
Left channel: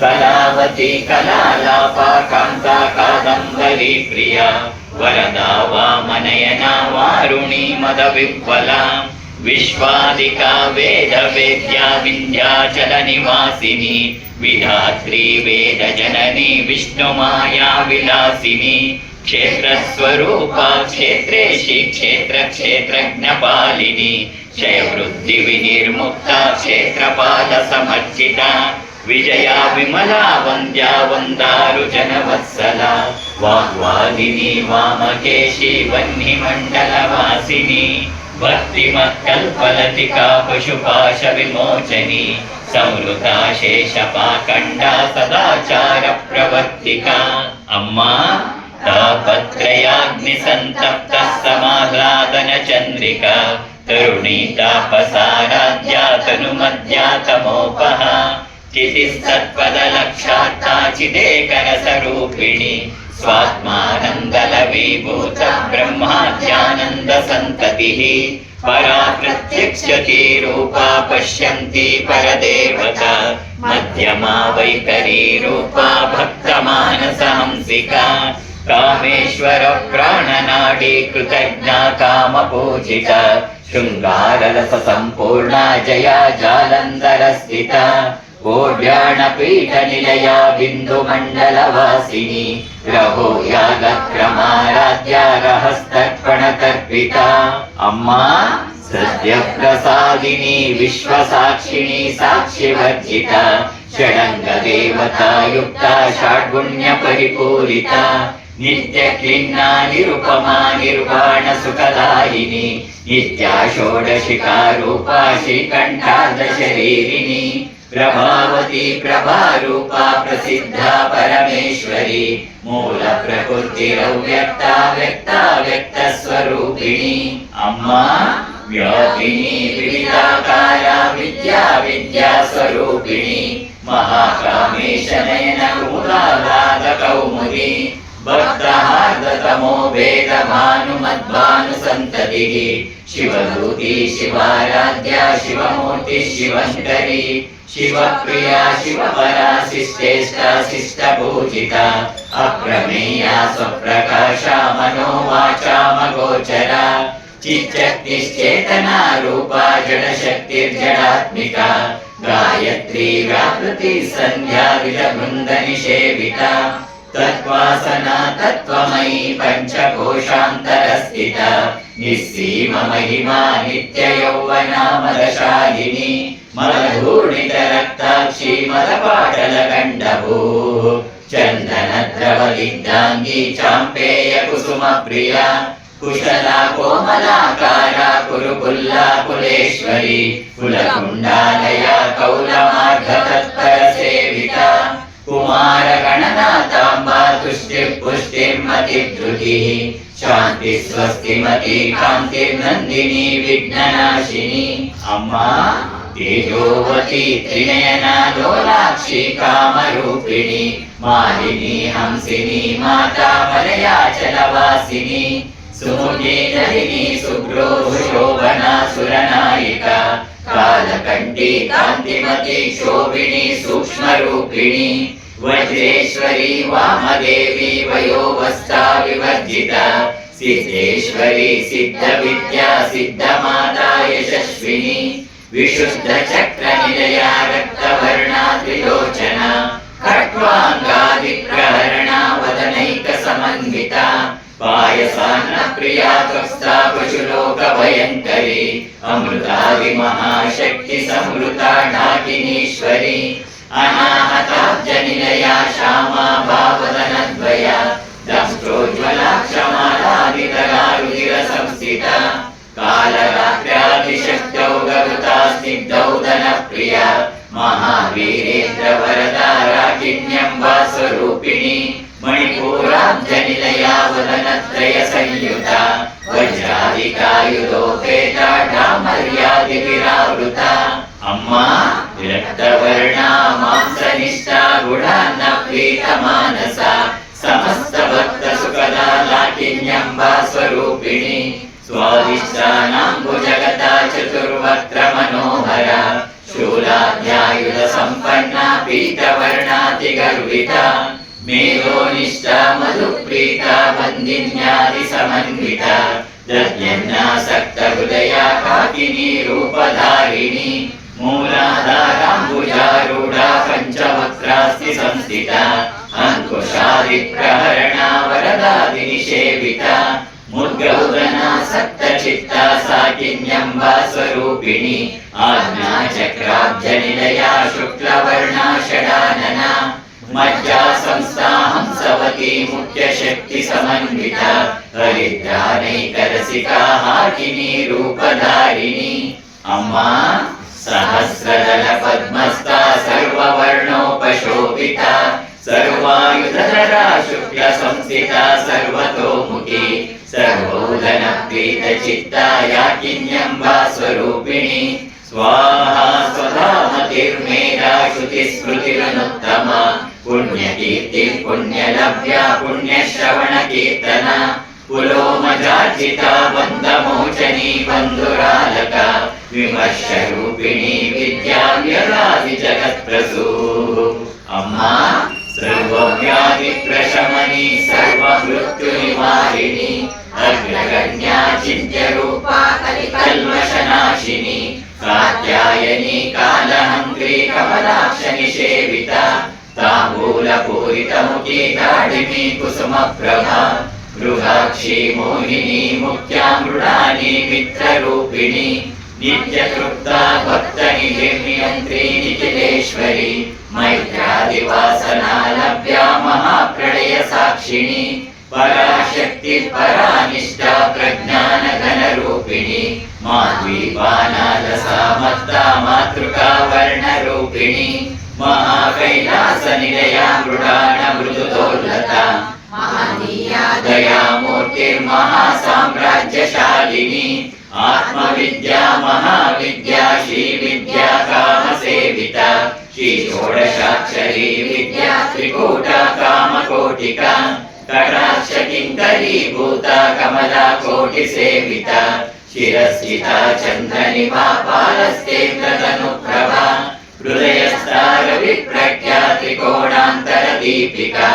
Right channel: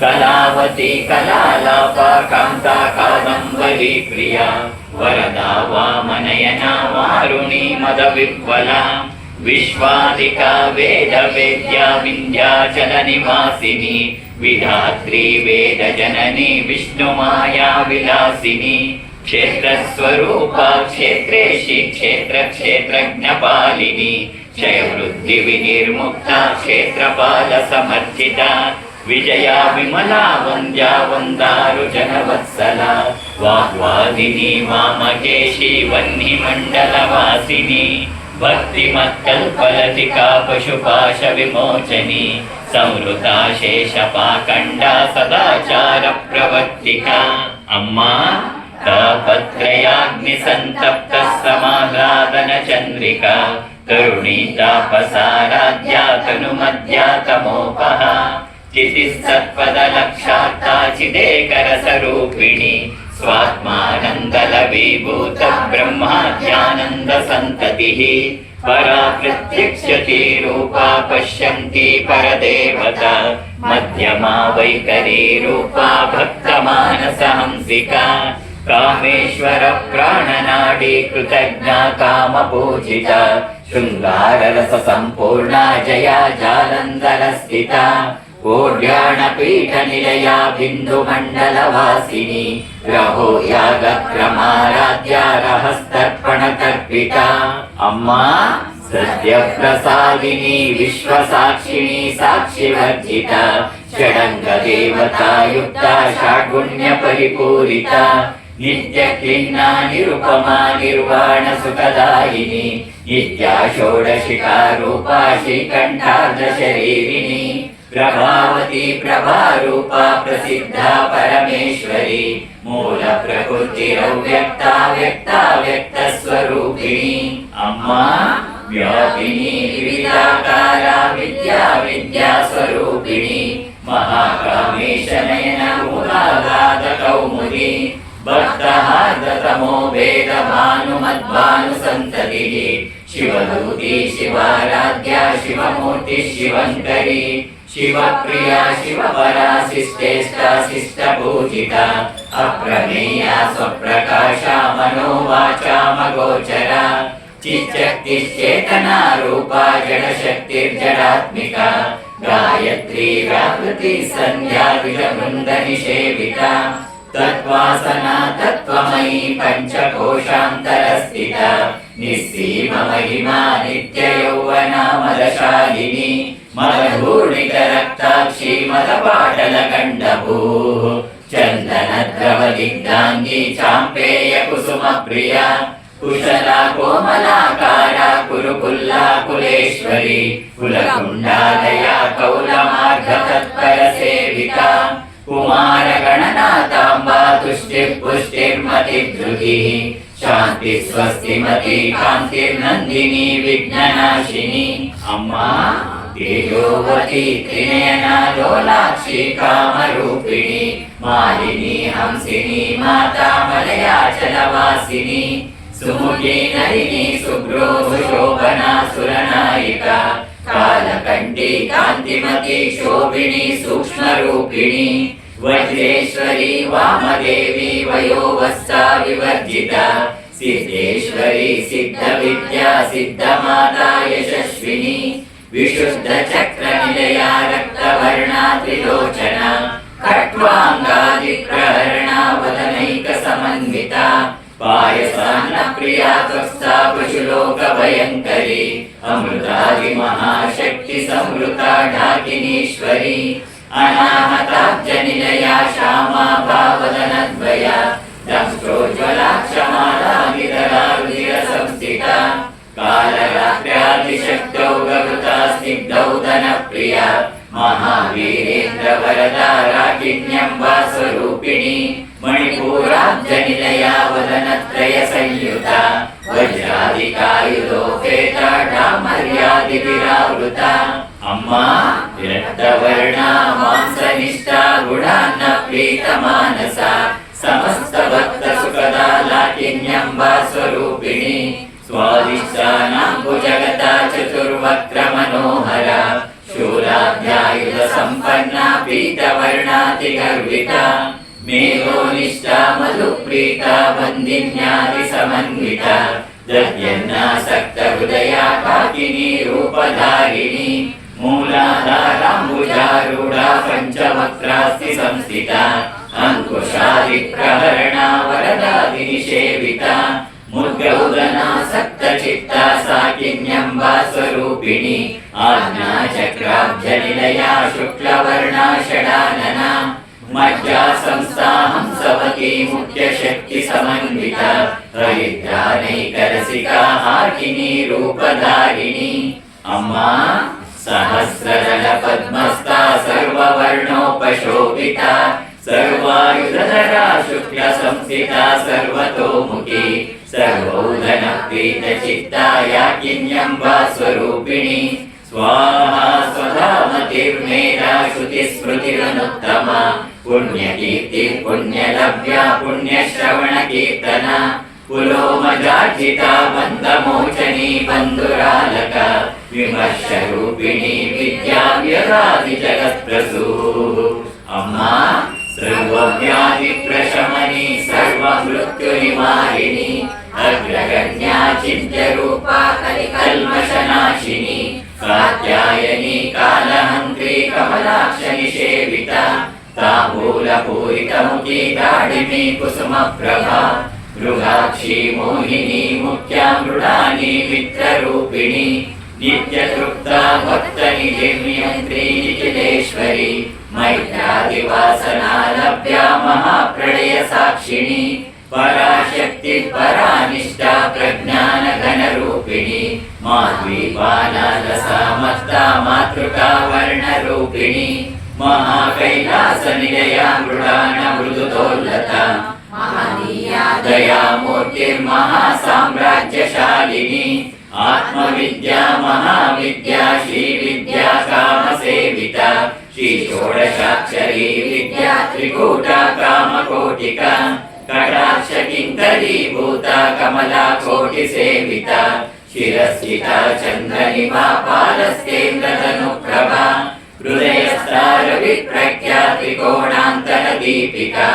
कलावती कलालापा कान्ता कादम्बरी प्रिया वरदा वामनयना वारुणी मद विह्वला विश्वादिका वेद वेद्या विन्ध्याचल निवासिनी विधात्री वेद जननी विष्णुमाया विलासिनी क्षेत्र स्वरूपा क्षेत्रेशी क्षेत्र क्षेत्रज्ञपालिनी क्षय वृद्धि विनिर्मुक्ता क्षेत्रपाल समर्चिता ವಿಜಯ ವಿಮಲಾ ವಂದ್ಯಾ ವಂದಾರು ಜನವತ್ಸಲ ವಾಗ್ವಾದಿನಿ ವಾಮಕೇಶಿ ವನ್ನಿ ಮಂಡಲ ವಾಸಿನಿ ಭಕ್ತಿ ಮತ್ಕಲ್ಪಲತಿಕಾ ಪಶುಪಾಶ ವಿಮೋಚನಿ ಸಂವೃತಾ ಶೇಷ ಪಾಖಂಡ ಸದಾಚಾರ ಪ್ರವರ್ತಿಕ ಅಮ್ಮ ತಾಪತ್ರಯಾಗ್ನಿ ಸಂತಪ್ತ ಸಮಾಹ್ಲಾದನ ಚಂದ್ರಿಕಾ ತರುಣಿ ತಾಪಸಾರಾಧ್ಯ ತನು ಮಧ್ಯಾತಮೋಪಹ ಚಿತಿಸ್ತತ್ಪದ ಲಕ್ಷಾತ್ತಾ ಚಿದೇಕರ ಸ್ವರೂಪಿಣಿ ಸ್ವಾತ್ಮಾನಂದಲ ವಿಭೂತ ಬ್ರಹ್ಮಾಧ್ಯಾನಂದ ಸಂತತಿಃ ಪರಾ ಪ್ರತ್ಯಕ್ಷತಿ ರೂಪಾ ಪಶ್ಯಂತಿ ಪರದೇವತಾ ಮಧ್ಯಮಾ ವೈಖರಿ ರೂಪಾ ಭಕ್ತ ಮಾನಸ ಹಂಸಿಕಾ ಕಾಮೇಶ್ವರ ಪ್ರಾಣನಾಡಿ ಕೃತಜ್ಞ ಕಾಮ ಪೂಜಿತ ಶೃಂಗಾರ ರಸ ಸಂಪೂರ್ಣ ಜಯ ಜಾಲಂಧರ ಸ್ಥಿತ ಕೋಡ್ಯಾಣ ಪೀಠ ನಿಲಯ ಬಿಂದು ಮಂಡಲ ವಾಸಿನಿ ರಹೋ ಯಾಗ ಕ್ರಮಾರಾಧ್ಯ ರಹಸ್ತರ್ಪಣ ಕರ್ಪಿತ ಅಮ್ಮ ಸದ್ಯ ಪ್ರಸಾದಿನಿ ವಿಶ್ವ ಸಾಕ್ಷಿಣಿ ಸಾಕ್ಷಿ ವರ್ಜಿತ ಷಡಂಗ ದೇವತಾಯುಕ್ತ ಷಾಡ್ಗುಣ್ಯ ಪರಿಪೂರಿತ ನಿತ್ಯ ಕ್ಲಿನ್ನ ನಿರುಪಮಾ ನಿರ್ವಾಣ ಸುಖದಾಯಿನಿ ನಿತ್ಯ ಷೋಡಶಿಖಾ ರೂಪಾ ಶ್ರೀಕಂಠಾರ್ಧ ಶರೀರಿಣಿ ಪ್ರಭಾವತಿ ಪ್ರಭಾರೂಪಾ ಪ್ರಸಿದ್ಧ ಪರಮೇಶ್ವರಿ ಮೂಲ ಪ್ರಕೃತಿರವ್ಯಕ್ತ ವ್ಯಕ್ತ ವ್ಯಕ್ತ ಸ್ವರೂಪಿಣಿ ಅಮ್ಮ ವ್ಯಾಪಿನಿ ವಿವಿಧಾಕಾರ ವಿದ್ಯಾ ವಿದ್ಯಾ ಸ್ವರೂಪಿಣಿ ಮಹಾಕಾಮೇಶ ನಯನ ಕುಮುದಾಗಾಧ ಕೌಮುದಿ ಭಕ್ತಹಾರ್ದತಮೋ ವೇದ ಭಾನು ಮದ್ಭಾನು ಸಂತತಿಃ ಶಿವದೂತಿ ಶಿವಾರಾಧ್ಯ ಶಿವಮೂರ್ತಿ ಶಿವಂಕರಿ ಶಿವಪ್ರಿಯ ಶಿವಪರಾ ಶಿಷ್ಟೇಷ್ಟ ಶಿಷ್ಟ ಪೂಜಿತ ಅಪ್ರಮೇಯ ಸ್ವಪ್ರಕಾಶ ಮನೋವಾಚಾಮಗೋಚರ ಚಿಚ್ಚಕ್ತಿಶ್ಚೇತನ ರೂಪಾ ಜಡಶಕ್ತಿರ್ಜಡಾತ್ಮಿಕ ಗಾಯತ್ರಿ ವ್ಯಾಪೃತಿ ಸಂಧ್ಯಾ ವಿಜಬೃಂದ ನಿಷೇವಿತ ತತ್ವಾಸನಾ ತತ್ವಮಯಿ ಪಂಚಕೋಶಾಂತರ ಸ್ಥಿತ ನಿಸ್ಸೀಮ ಮಹಿಮಾ ನಿತ್ಯ ಯೌವನ ಮದಶಾಲಿನಿ ಮದಧೂರ್ಣಿತ ರಕ್ತಾಕ್ಷಿ ಮದಪಾಟಲ ಕಂಡಭೂ ಚಂದನ ದ್ರವ ದಿಗ್ಧಾಂಗಿ ಚಾಂಪೇಯ ಕುಸುಮ ಪ್ರಿಯ ಕುಶಲ ಕೋಮಲಾಕಾರ ಕುರುಕುಲ್ಲಾ ಕುಲೇಶ್ವರಿ ಕುಲಕುಂಡಾಲಯ ಕೌಲಮಾರ್ಧ ತತ್ಪರ ಸೇವಿತ ಕುಮಾರ ಗಣನಾಥಾಂಬಾ ತುಷ್ಟಿರ್ಪುಷ್ಟಿರ್ಮತಿ ಧೃತಿ ಶಾಂತಿ ಸ್ವಸ್ತಿಮತಿ ಕಾಂತಿರ್ನಂದಿನಿ ವಿಘ್ನನಾಶಿನಿ ಅಮ್ಮ ತೇಜೋವತಿ ತ್ರಿನಯನ ಲೋಲಾಕ್ಷಿ ಕಾಮರೂಪಿಣಿ ಮಾಲಿನಿ ಹಂಸಿನಿ ಮಾತಾ ಮಲಯಾಚಲ ವಾಸಿನಿ ಸುಮುಖಿ ನಳಿನಿ ಸುಬ್ರೋ ಶೋಭನಾ ಸುರನಾಯಿಕ ಕಾಲಕಂಠಿ ಕಾಂತಿಮತಿ ಶೋಭಿನಿ ಸೂಕ್ಷ್ಮ ರೂಪಿಣಿ ವಜ್ರೇಶ್ವರಿ ವಾಮದೇವಿ ವಯೋವಸ್ತಾ ವಿವರ್ಜಿತ ಸಿದ್ಧೇಶ್ವರಿ ಸಿದ್ಧ ವಿದ್ಯಾ ಸಿದ್ಧ ಮಾತಾ ಯಶಸ್ವಿನಿ ವಿಶುದ್ಧ ಚಕ್ರ ನಿಲಯ ರಕ್ತವರ್ಣ ತ್ರಿಲೋಚನ ಖಟ್ವಾಂಗಾದಿ ಪ್ರಹರಣ ವದನೈಕ ಸಮನ್ವಿತ ಪಾಯಸಾನ್ನ ಪ್ರಿಯ ತ್ವಸ್ತಾ ಪಶುಲೋಕ ಭಯಂಕರಿ ಅಮೃತಾದಿ ಮಹಾಶಕ್ತಿ ಸಂವೃತ ಢಾಕಿನೀಶ್ವರಿ ಅನಾಹತಾಬ್ಜ ನಿಲಯ ಶ್ಯಾಮಾ ಭಾವದನ ದ್ವಯ ದಂಷ್ಟೋಜ್ವಲಾಕ್ಷ ಮಾಲಾದಿತರಾರುಧಿರ ಸಂಸ್ಥಿತ ಕಾಲರಾತ್ರ್ಯಾದಿಶಕ್ತೌ ಸ್ನಿಗ್ಧೌ ಧನ ಪ್ರಿಯ ಮಹಾವೀರೇಂದ್ರ ವರದಾರಾಕಿಣ್ಯಂಬಾ ಸ್ವರೂಪಿಣಿ ಮಣಿಪೂರಾಬ್ಜ ನಿಲಯ ವದನತ್ರಯ ಸಂಯುತ ವಜ್ರಾದಿಕಾಯುಧೋಪೇತ ಡಾಮರ್ಯಾದಿ ವಿರಾವೃತ ಅಮ್ಮ ರಕ್ತವರ್ಣ ಮಾಂಸನಿಷ್ಠ ಗುಣಾನ್ನ ಪ್ರೀತ ಮಾನಸ ಸಮಸ್ತ ಭಕ್ತ ಸುಖದ ಲಾಕಿನ್ಯಂಬಾ ಸ್ವರೂಪಿಣಿ ಸ್ವಾದಿಷ್ಟಾನಾಂಬು ಜಗತ ಚತುರ್ವಕ್ರ ಮನೋಹರ ಶೂಲಾಧ್ಯಾಯುಧ ಸಂಪನ್ನ ಪೀಠವರ್ಣಾತಿ ಗರ್ವಿತ ಮೇಘೋನಿಷ್ಠ ಮಧುಪ್ರೀತ ಬಂದಿನ್ಯಾದಿ ಸಮನ್ವಿತ ದದ್ಯನ್ನಾಸಕ್ತ ಹೃದಯ ಕಾಕಿನಿ ರೂಪಧಾರಿಣಿ ಮೂಲಾಧಾರಾಂಬುಜಾರೂಢ ಪಂಚವಕ್ರಾಸ್ತಿ ಸಂಸ್ಥಿತ ಅಂಕುಶಾದಿ ಪ್ರಹರಣ ವರದಾದಿ ನಿಷೇವಿತ ಮುದ್ಗೌದನ ಸಪ್ತಚಿತ್ತ ಸಾಕಿನ್ಯಂಬ ಸ್ವರೂಪಿಣಿ ಆಜ್ಞಾ ಚಕ್ರಾಬ್ಜ ನಿಲಯ ಶುಕ್ಲವರ್ಣ ಷಡಾನನ ಮಜ್ಜಾ ಸಂಸ್ಥಾ ಹಂಸವತಿ ಮುಖ್ಯ ಶಕ್ತಿ ಸಮನ್ವಿತ ಹರಿದ್ರಾನೈಕರಸಿಕಾ ಹಾಕಿನಿ ರೂಪಧಾರಿಣಿ ಅಮ್ಮ ಸಹಸ್ರದಳ ಪದ್ಮಸ್ಥ ಸರ್ವವರ್ಣೋಪಶೋಭಿತ ಸರ್ವಾಯುಧರ ಶುಕ್ಲ ಸಂಸ್ಥಿತ ಸರ್ವತೋಮುಖಿ ಸರ್ವೋದನ ಪ್ರೀತ ಚಿತ್ತ ಯಾಕಿನ್ಯಂಬ ಸ್ವರೂಪಿಣಿ ಸ್ವಾಹಾ ಸ್ವಧಾ ಮತಿರ್ಮೇಧಾ ಶ್ರುತಿ ಸ್ಮೃತಿರನುತ್ತಮ ಪುಣ್ಯಕೀರ್ತಿ ಪುಣ್ಯಲಭ್ಯ ಪುಣ್ಯಶ್ರವಣ ಕೀರ್ತನ ಪುಲೋಮಜಾರ್ಜಿತ ಬಂಧಮೋಚನಿ ಬಂಧುರಾಲಕ ವಿಮರ್ಶ ರೂಪಿಣಿ ವಿದ್ಯಾವ್ಯರಾದಿ ಜಗತ್ಪ್ರಸೂ ಅಮ್ಮ ಸರ್ವವ್ಯಾಧಿ ಪ್ರಶಮನಿ ಸರ್ವ ಮೃತ್ಯು ನಿವಾರಿಣಿ ಅಗ್ರಗಣ್ಯ ಚಿಂತ್ಯ ರೂಪ ಕಲ್ಮಶನಾಶಿನಿ ಕಾತ್ಯಾಯನಿ ಕಾಲಹಂತ್ರಿ ಕಮಲಾಕ್ಷ ನಿಷೇವಿತ ತಾಂಬೂಲ ಪೂರಿತ ಮುಖಿ ದಾಡಿಮಿ ಕುಸುಮ ಪ್ರಭಾ ಮೃಗಾಕ್ಷಿ ಮೋಹಿನಿ ಮುಖ್ಯಾಮೃಡಾನಿ ಮಿತ್ರರೂಪಿಣಿ ನಿತ್ಯ ತೃಪ್ತ ಭಕ್ತ ನಿಜೇಮ್ಯಂತ್ರಿ ನಿಖಿಲೇಶ್ವರಿ ಮೈತ್ರಾದಿವಾಸನಾ ಲಭ್ಯ ಮಹಾಪ್ರಳಯ ಸಾಕ್ಷಿಣಿ ಪರಾಶಕ್ತಿ ಪರಾನಿಷ್ಠ ಪ್ರಜ್ಞಾನ ಘನ ರೂಪಿಣಿ ಮಾದ್ವೀಪಾನಾದ ಸಮಸ್ತ ಮಾತೃಕಾ ವರ್ಣ ರೂಪಿಣಿ ಮಹಾಕೈಲಾಸ ನಿಲಯ ಮೃಡಾಣ ಮೃದುದೋಲ್ಲತ ದಯಾಮೂರ್ತಿರ್ಮಹಾ ಸಾಮ್ರಾಜ್ಯಶಾಲಿನಿ ಆತ್ಮವಿದ್ಯಾ ಮಹಾವಿದ್ಯಾ ಶ್ರೀ ವಿದ್ಯಾ ಕಾಮ ಸೇವಿತ ಶ್ರೀ ಷೋಡಶಾಕ್ಷರಿ ವಿದ್ಯಾ ತ್ರಿಕೂಟ ಕಾಮಕೋಟಿಕ ಕಟಾಕ್ಷ ಕಿಂಕರೀಭೂತ ಕಮಲಾ ಕೋಟಿ ಸೇವಿತ ಶಿರಸ್ಥಿತ ಚಂದ್ರನಿಭಾಪಾಲಸ್ತೇಂದ್ರತನುಪ್ರಭಾ ಹೃದಯಸ್ಥಾರ ವಿಪ್ರಖ್ಯಾ ತ್ರಿಕೋಣಾಂತರ ದೀಪಿಕಾ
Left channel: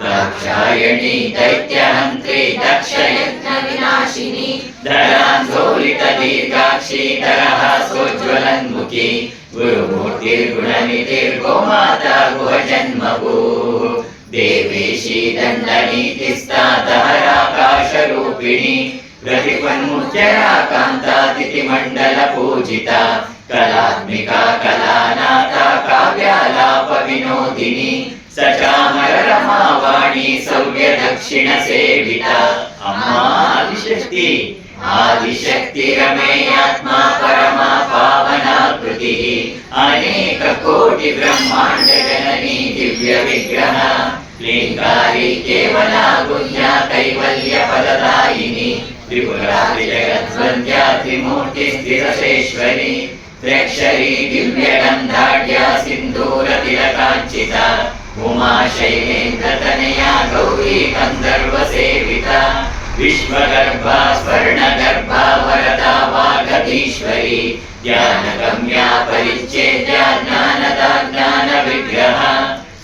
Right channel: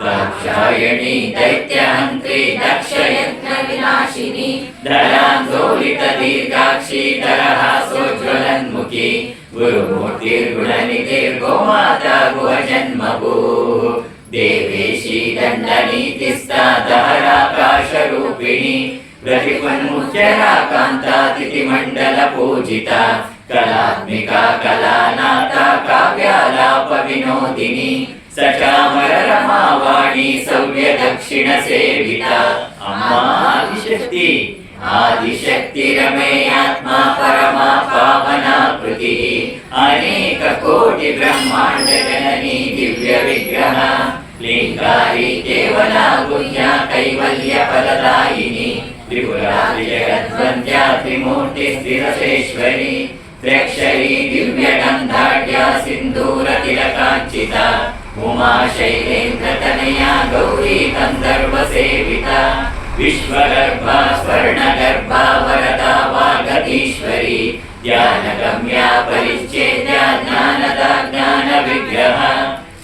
ದಾಕ್ಷಾಯಣಿ ದೈತ್ಯಹಂತ್ರಿ ದಕ್ಷಯಜ್ಞ ವಿನಾಶಿನಿ ಧರಾಂದೋಲಿತ ದೀರ್ಘಾಕ್ಷಿ ದರಹಾಸೋಜ್ವಲನ್ಮುಖಿ ಗುರುಮೂರ್ತಿರ್ಗುಣನಿಧಿರ್ಗೋಮಾತಾ ಗುಹಜನ್ಮಭೂ ದೇವೇಶಿ ದಂಡನೀತಿಸ್ಥಾ ದಹರಾಕಾಶ ರೂಪಿಣಿ ಪ್ರತಿಪನ್ಮುಖ್ಯರಾ ಕಾಂತಾತಿಥಿ ಮಂಡಲ ಪೂಜಿತ ಕಲಾತ್ಮಿಕಾ ಕಲಾನಾಥ ಕಾವ್ಯಾಲಾಪ ವಿನೋದಿನಿ ಸಚಾಮರ ರಮಾವಾಣಿ ಸವ್ಯ ದಕ್ಷಿಣ ಸೇವಿತ ಅಮ್ಮ ಆದಿಶಕ್ತಿ ಆದಿಶಕ್ತಿ ರಮೇಯಾತ್ಮ ಪರಮ ಪಾವನಾಕೃತಿ ಅನೇಕ ಕೋಟಿ ಬ್ರಹ್ಮಾಂಡ ಜನನಿ ದಿವ್ಯ ವಿಗ್ರಹ ಲಿಂಗಾರಿ ಕೇವಲ ಗುಣ್ಯ ಕೈವಲ್ಯ ಫಲದಾಯಿನಿ ತ್ರಿಪುರಾರಿ ಜಗದ್ವಂದ್ಯ ತ್ರಿಮೂರ್ತಿ ಸ್ಥಿರಸೇಶ್ವರಿ ತ್ರ್ಯಕ್ಷರಿ ದಿವ್ಯ ಗಂಧಾಢ್ಯ ಸಿಂಧೂರ ತಿಲಕಾಂಚಿತ ಉಮಾ ಶೈಲೇಂದ್ರ ತನಯ ಗೌರಿ ಗಂಧರ್ವ ಸೇವಿತ ವಿಶ್ವಗರ್ಭ ಸ್ವರ್ಣಗರ್ಭ ವರದಾ ವಾಗೀಶ್ವರಿ ಧ್ಯಾನಗಮ್ಯ ಪರಿಚ್ಛೇದ್ಯ ಜ್ಞಾನದ ಜ್ಞಾನ ವಿಗ್ರಹ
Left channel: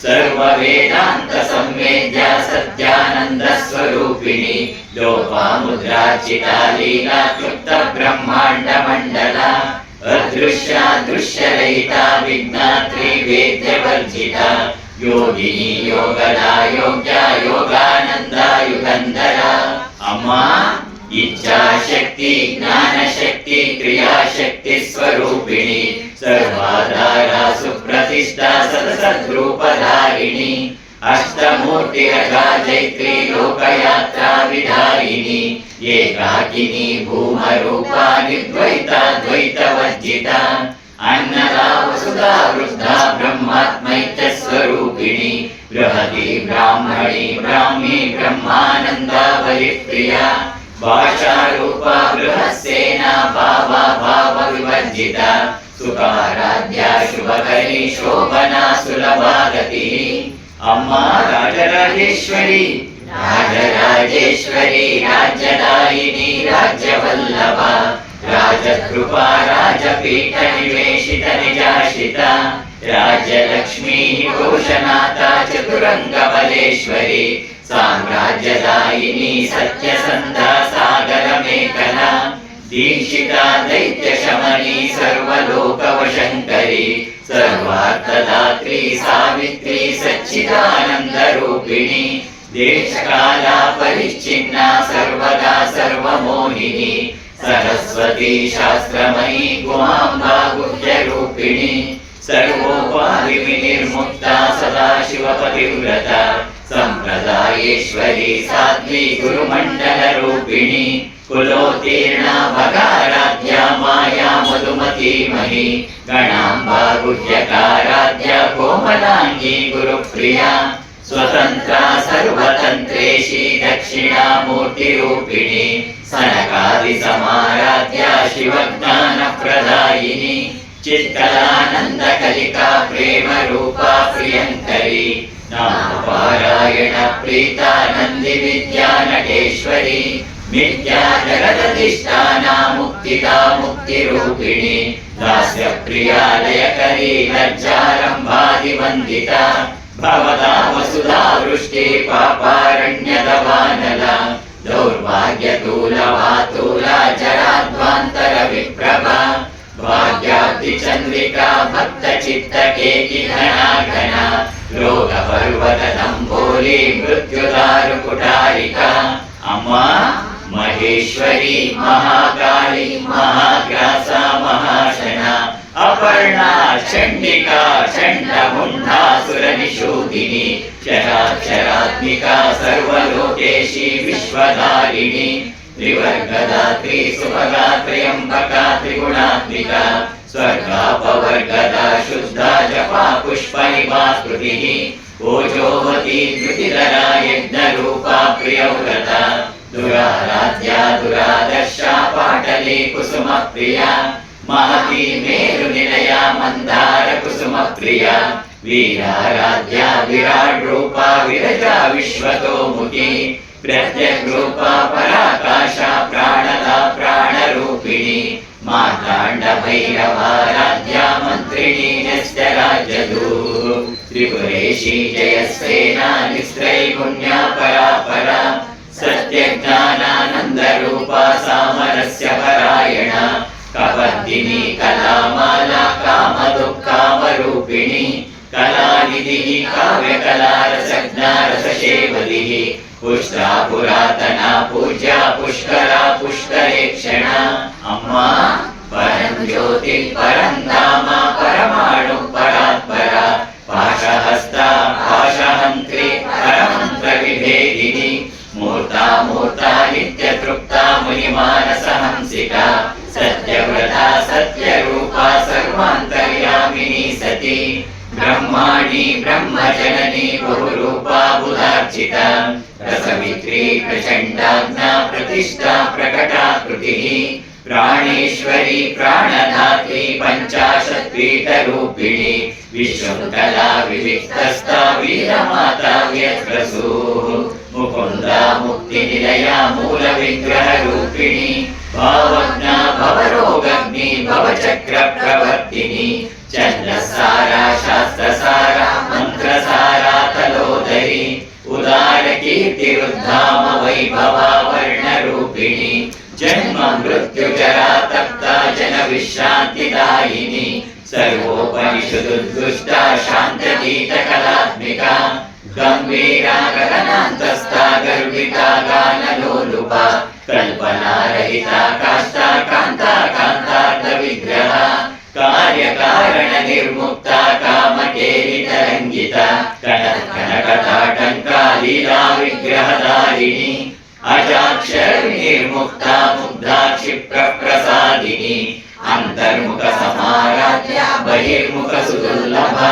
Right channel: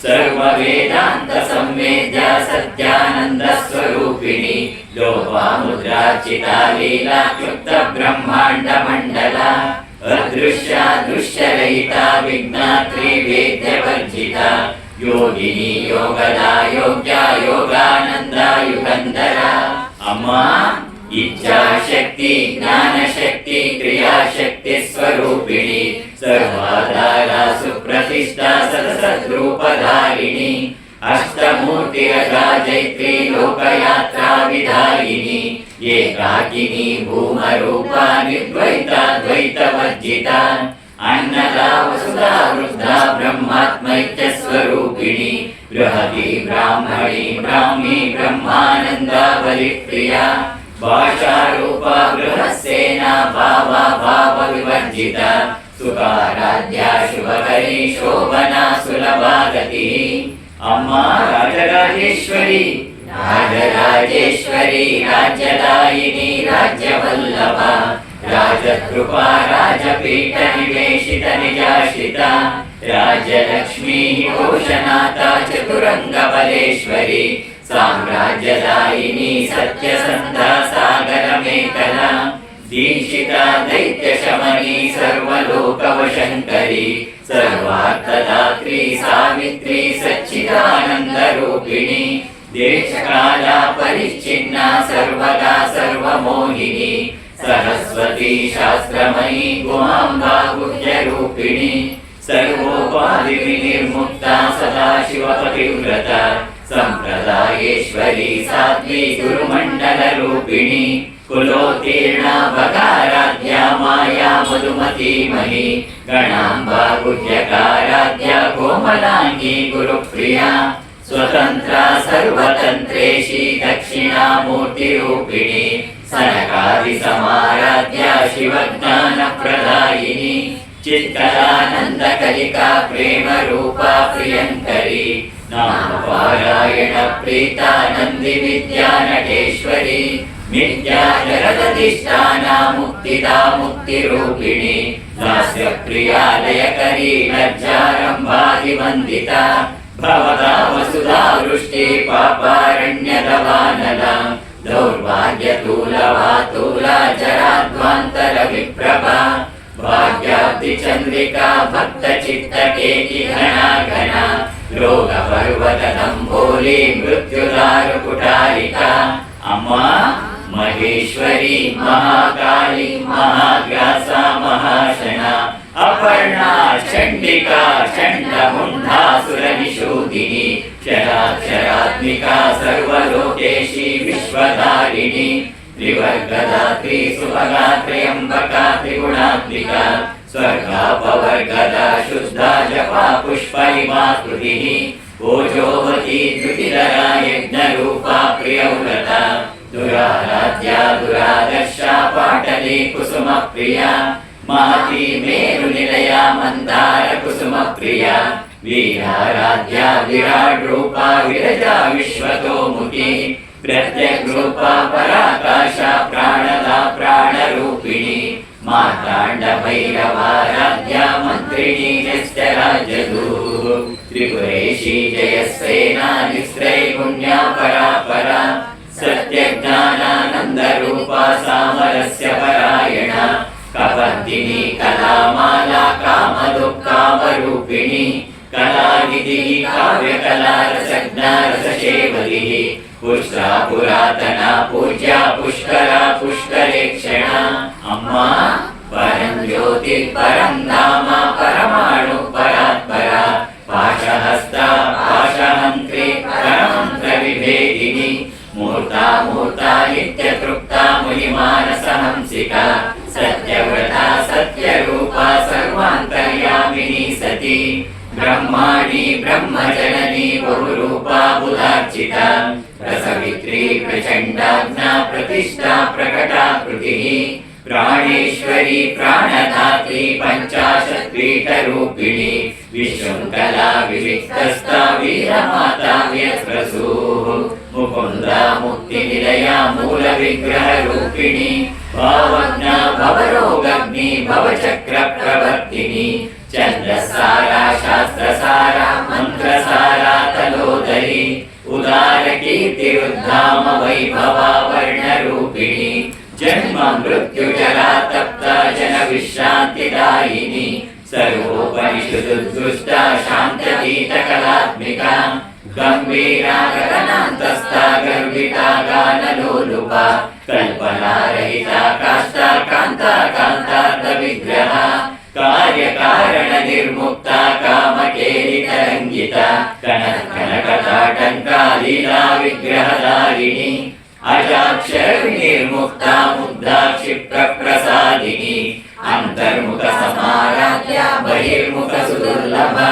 ಸರ್ವ ವೇದಾಂತ ಸಂವೇದ್ಯ ಸತ್ಯಾನಂದ ಸ್ವರೂಪಿಣಿ ಲೋಪಾಮುದ್ರಾರ್ಚಿತ ಲೀಲಾ ಕ್ಲುಪ್ತ ಬ್ರಹ್ಮಾಂಡ ಮಂಡಲ ಅದೃಶ್ಯ ದೃಶ್ಯರಹಿತ ವಿಜ್ಞಾತ್ರಿ ವೇದ್ಯ ವರ್ಜಿತ ಯೋಗಿನಿ ಯೋಗದ ಯೋಗ್ಯ ಯೋಗಾನಂದ ಯುಗಂಧರ ಅಮ್ಮ ಇಚ್ಛಾಶಕ್ತಿ ಜ್ಞಾನಶಕ್ತಿ ಕ್ರಿಯಾಶಕ್ತಿ ಸ್ವರೂಪಿಣಿ ಸರ್ವಾಧಾರ ಸುಪ್ರತಿಷ್ಠಾ ಸದಸದ್ರೂಪಧಾರಿಣಿ ಅಷ್ಟಮೂರ್ತಿರಜೈತ್ರಿ ಲೋಕಯಾತ್ರಾ ವಿಧಾಯಿನಿ ಏಕಾಕಿನಿ ಭೂಮರೂಪ ನಿರ್ದ್ವೈತ ದ್ವೈತ ವರ್ಜಿತ ಅನ್ನದಾ ವಸುಧಾ ವೃದ್ಧಾ ಬ್ರಹ್ಮಾತ್ಮೈಕ್ಯ ಸ್ವರೂಪಿಣಿ ಬೃಹತಿ ಬ್ರಾಹ್ಮಣಿ ಬ್ರಾಹ್ಮಿ ಬ್ರಹ್ಮಾನಂದ ಬಲಿಪ್ರಿಯ ಭಾಷಾರೂಪ ಬೃಹಸ್ಸೇನ ಭಾವ ಭಾವ ವಿವರ್ಜಿತ ಸುಖಾರಾಧ್ಯ ಶುಭಕರಿ ಶೋಭನಾ ಸುಲಭಾಗತಿ ಅಮ್ಮ ರಾಜರಾಜೇಶ್ವರಿ ರಾಜರಾಜೇಶ್ವರಿ ರಾಜ್ಯದಾಯಿನಿ ರಾಜ್ಯವಲ್ಲಭ ರಾಜಕೃಪಾ ರಾಜಪೀಠ ನಿವೇಶಿತ ನಿಜಾಶಿತ ರಾಜ್ಯಲಕ್ಷ್ಮೀ ಘೋಷನಾಥ ಚತುರಂಗ ಬಲೇಶ್ವರಿ ಸಾಮ್ರಾಜ್ಯದಾಯಿನಿ ಸತ್ಯಸಂಧ ಸಾಗರ ಮೇಖಲ ದೀಕ್ಷಿತ ದೈತ್ಯ ಶಮನಿ ಸರ್ವಲೋಕವಶಂಕರಿ ಸರ್ವಾರ್ಥದಾತ್ರಿ ಸಾವಿತ್ರಿ ಸಚ್ಚಿದಾನಂದ ರೂಪಿಣಿ देशकाल परिच्छिन्न सर्वदा सर्वमोहिनी सरस्वती शास्त्रमयी गुहाम्बा गुह्यरूपिणी सर्वोपाधि विनिर्मुक्ता सदाशिवपतिव्रता संप्रदायेश्वरी साध्वी गुरुमण्डलरूपिणी कुलोत्तीर्णा भगाराध्या माया मधुमती मही गणाम्बा गुह्यकाराध्या कोमलांगी गुरुप्रिया स्वतंत्रा सर्वतंत्रेशी दक्षिणामूर्तिरूपिणी सनकादि समाराध्या शिवज्ञानप्रदायिनी चित्कलानंद कलिका प्रेम रूपा प्रियंकरी नाम पारायण प्रीता नंदि विद्या नटेश्वरी मिथ्या जगदधिष्ठाना मुक्तिदा मुक्तिरूपिणी दास्य प्रियालयकरी लज्जारंभादिवंदिता भवदा वसुधा वृष्टि पापारण्यदवानला दौर्भाग्यतूलवातूला जराध्वान्तर विप्रभा भाग्याब्धि चंद्रिका भक्त चित्तकेकि घना घना रोग पर्वत नंभोली मृत्युदारु कुटारिका अम्मा महेश्वरी महाकाली महाग्रासा महाशना अपर्णा चंडिका चंडमुंडासुरनिशूदिनी शराक्षरात्मिका सर्वलोकेशी विश्वधारिणी त्रिवर्गदात्री सुभगा त्र्यंबका त्रिगुणात्मिका स्वर्गापवर्गदा शुद्धा जपा पुष्पनिभा कृतिः ओजोवती द्युतिधरा यज्ञरूपा प्रियव्रता दुराराध्या दुरादर्शा पाटली कुसुमप्रिया महती मेरुनिलया मन्दार कुसुमप्रिया वीराराध्या विराट रूपा विरजा विश्वतोमुखी प्रत्यक रूपा पराकाशा प्राणदा प्राणरूपिणी मातांड भैरवाराध्या मंत्रिणी नित्यराजदूः त्रिपुरेशी जयसेना निस्त्रैगुण्या परापरा सत्यज्ञानानंद रूपा सामरस्य परायणा कपर्दिनी कलामाला कामदुःखामरूपिणी कलानिधिः काव्यकलारसज्ञारससेवदिः पुष्टा पुरातना पूज्या पुष्करा पुष्करेक्षणा अम्मा परं ज्योति परं धाम परमाणु परात्परा पाशहस्ता पाशहन्त्री परमन्त्र विभेदिनी मूर्ता मूर्ता नित्यतृप्ता महिमानसहंसिका सत्यव्रता सत्यरूपा सर्वान्तर्यामिनी सती ब्रह्माणी ब्रह्मजननी बहुरूपा बुधार्चिता रसवित्री प्रचण्डाज्ञा प्रतिष्ठा प्रकटाकृतिः प्राणेश्वरी प्राणधात्री पञ्चाशत्पीठरूपिणी विशृङ्खला विविक्तस्था वीरमाता व्यस्रसूः मुकुन्दा मुक्तिनिलया मूलविग्रहरूपिणी भावज्ञा भवरोगग्नि भवचक्रप्रवर्तिनी चन्द्रसारा शास्त्रसारा मन्त्रसारा तलोदरी उदार कीर्तिरुद्धाम वैभवा वर्णरूपिणी जन्म मृत्यु जरा तप्ता जन विश्रान्तिदायिनी सर्वोपनिषदुद्गुष्टा शान्त्यतीत कलात्मिका गम्भीरा गगनान्तस्था गर्भिता गानलोलुपा कल्पनारहिता काष्ठा कान्ता कान्तार्थविग्रहा कार्यकारण निर्मुक्ता कामकेलितरङ्गिता कनकटाटङ्का लीला विग्रहधारिणी अजाक्षर निर्मुक्ता मुग्धा क्षिप्रप्रसादिनी अंतर्मुख समाराध्या बहिर्मुख सुदुर्लभा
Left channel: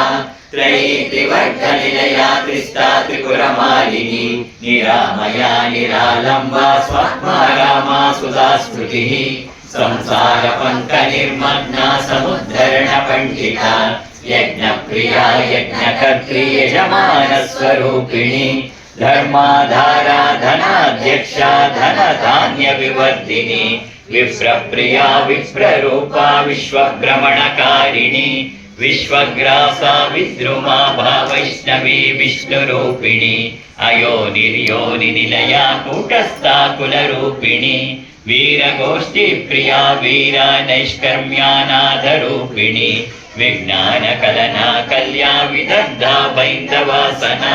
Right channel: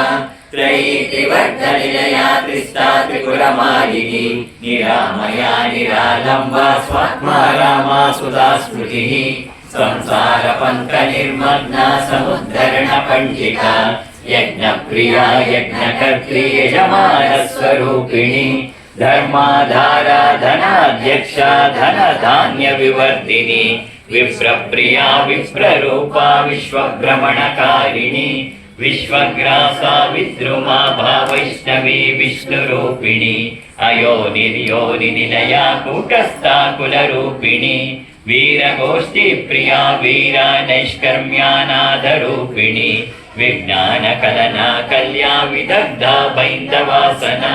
त्रयी त्रिवर्गनिलया त्रिस्ता त्रिपुरमालिनी निरामया निरालम्बा स्वात्मा रामा सुधा स्मृतिः संसार पंक निर्मग्ना समुद्धरण पंडिता यज्ञप्रिया यज्ञकर्त्री यजमान स्वरूपिणी धर्माधारा धनाध्यक्षा धनधान्य विवर्धिनी विप्रप्रिया विप्ररूपा विश्वभ्रमणकारिणी विश्वग्रासा विद्रुमा भावैष्णवी विष्णुरूपिणी अयोनिर्योनिनिलया कूटस्था कुलरूपिणी वीरगोष्ठी प्रिया वीरा नैष्कर्म्यानाथरूपिणी विज्ञानकलना कल्या विदग्धा वैन्दवासना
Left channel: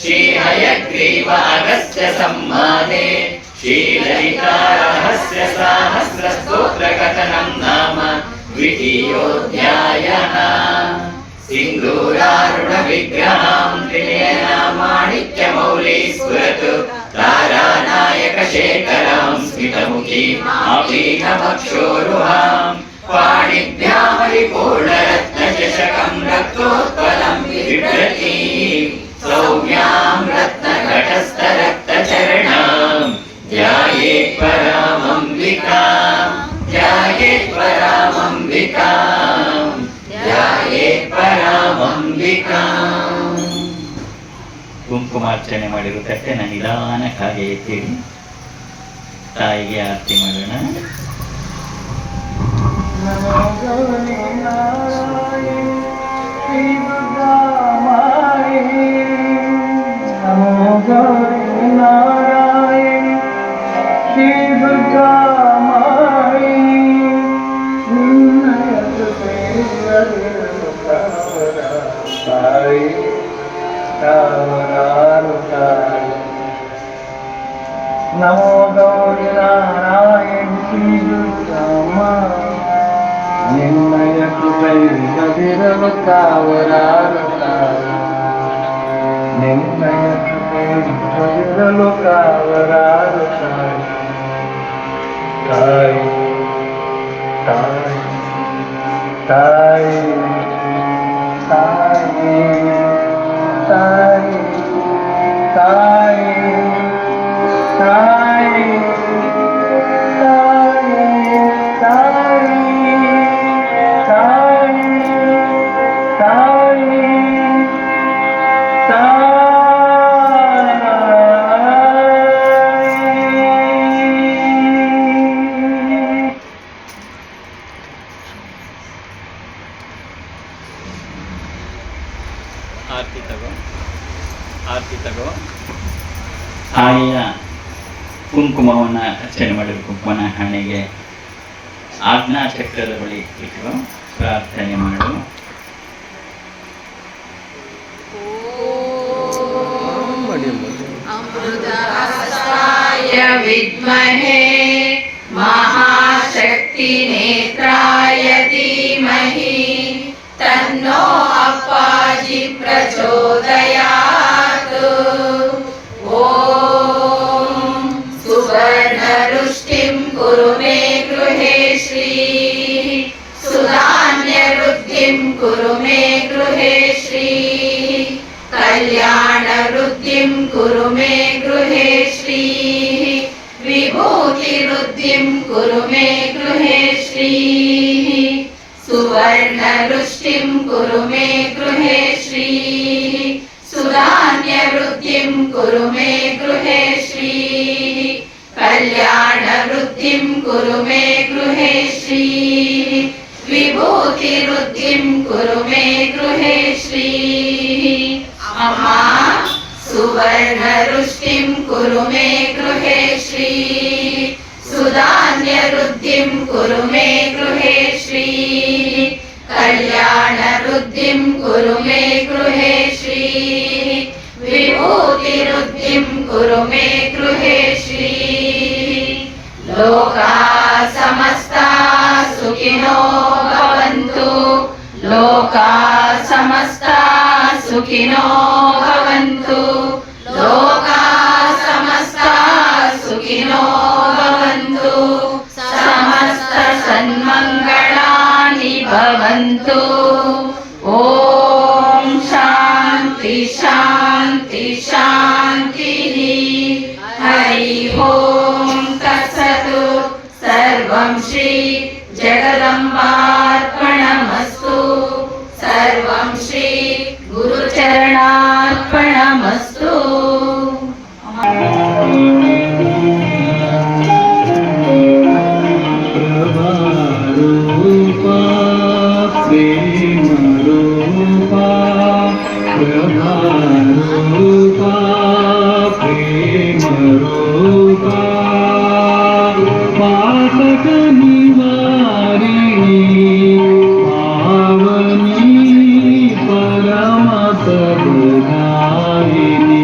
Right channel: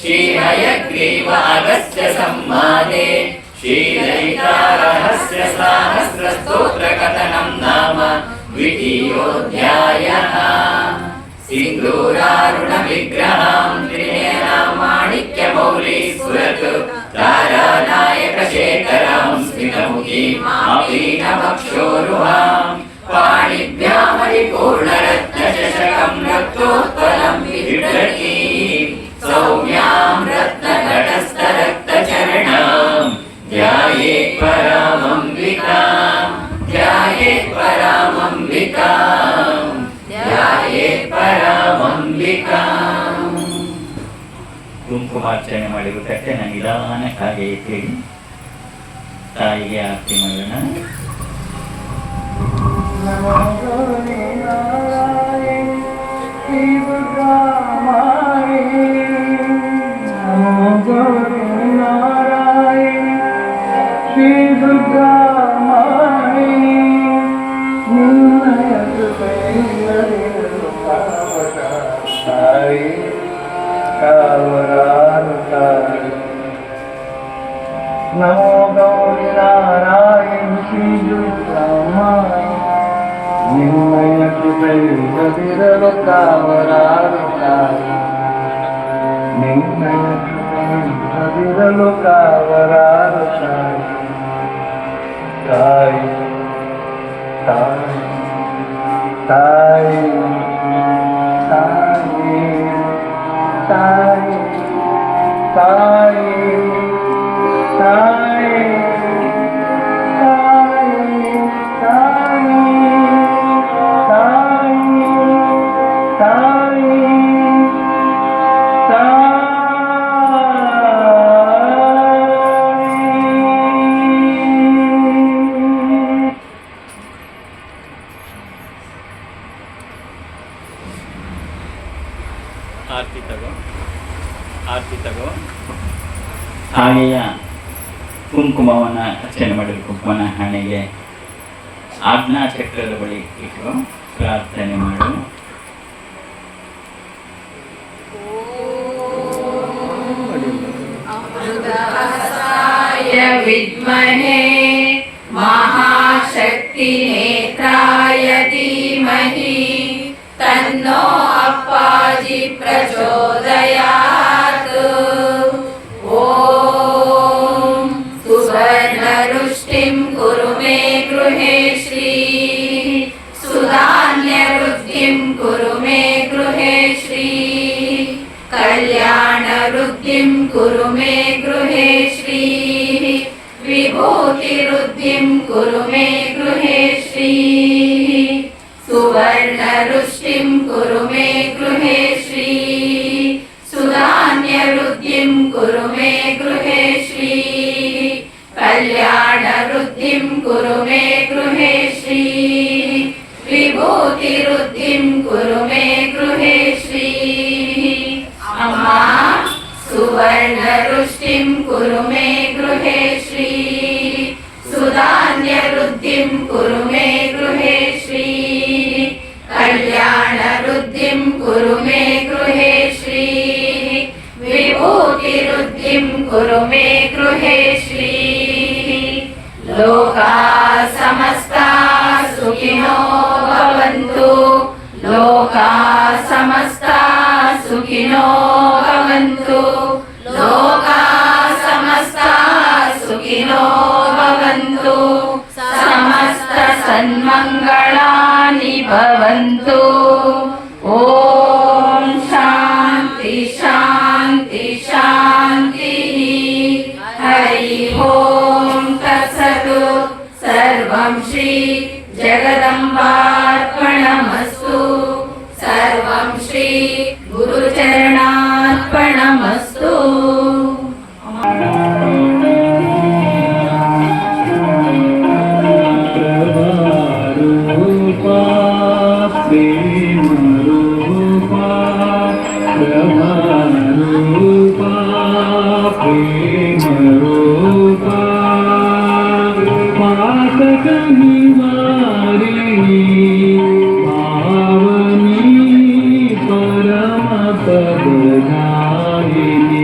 श्रीहयग्रीव अगस्त्य संवादे श्रीललिता रहस्य सहस्रस्तोत्रकथनं नाम द्वितीयोऽध्यायः। सिन्दूरारुणविग्रहां त्रिनयनामाणिक्यमौली स्फुरतु तारानायकशेखरां स्मितमुखीम् आपीनमक्षोरुहां पाणिभ्यामरिपूर्णरत्नचषकं रक्तोत्पलं बिभ्रतीं सौम्यां रत्नघटस्थरक्तचरणां ध्यायेत् परामम्बिकां ध्यायेत् परामम्बिकां ಧ್ಯಾಯೇತ್ ಪರಾಮಂಬಿಕಾಂ. ಕುಂಕುಮಾರ್ಚನೆ ಮಾಡಿರೋ ತಟ್ಟೆನ ನಿಧಾನಕ್ಕಾಗಿ ಎತ್ತಿಡಿ. ತಾಯಿಗೆ ಆರತಿ ಮಾಡೋಣ. नमो गौरी नारायण श्री दुर्गामाई निन्नय कृपैर्गतिरव कावरारुताई निन्नय कृपैर्गतिरव कावरारुताई ताई ताई ताई ताई ताई ಆರತಿ ತಗೋ. ತಾಯಿಯ ಕುಂಕುಮವನ್ನು ಅರ್ಚನೆ ಮಾಡಿದ ಕುಂಕುಮನ ಹಣೆಗೆ ಆಜ್ಞಾ ಚಕ್ರದ ಬಳಿ ಇಟ್ಟು ಪ್ರಾರ್ಥನೆ ಮಾಡು. अमृतहस्ताय विद्महे महाशक्तिनेत्राय धीमहि तन्नो अप्पाजि प्रचोदयात्. ॐ सुवर्णरुष्टिं कुरु मे गृहे श्रीः सुधान्यवृद्धिं कुरु मे गृहे श्रीः कल्याणवृद्धिं कुरु मे गृहे श्रीः विभूतिवृद्धिं कुरु मे गृहे श्रीः सुवर्णरुष्टिं कुरु मे गृहे श्रीः सुधान्यवृद्धिं कुरु मे गृहे श्रीः कल्याणवृद्धिं कुरु मे गृहे श्रीः विभूतिवृद्धिं कुरु मे गृहे श्रीः अम्मा सुवर्णरुष्टिं कुरु मे गृहे श्रीः सुधान्यवृद्धिं कुरु मे गृहे श्रीः कल्याणवृद्धिं कुरु मे गृहे श्रीः विभूतिवृद्धिं कुरु मे गृहे श्रीः लोकाः समस्ताः सुखिनो भवन्तु लोकाः समस्ताः सुखिनो भवन्तु लोकाः समस्ताः सुखिनो भवन्तु समस्त सन्मङ्गलानि भवन्तु. ॐ शान्ति शान्ति शान्तिः. हरि ओं तत्सत्. सर्वं श्री जगदम्बार्पणमस्तु. सर्वं श्री गुरुचरणार्पणमस्तु. परम तरुणारिणी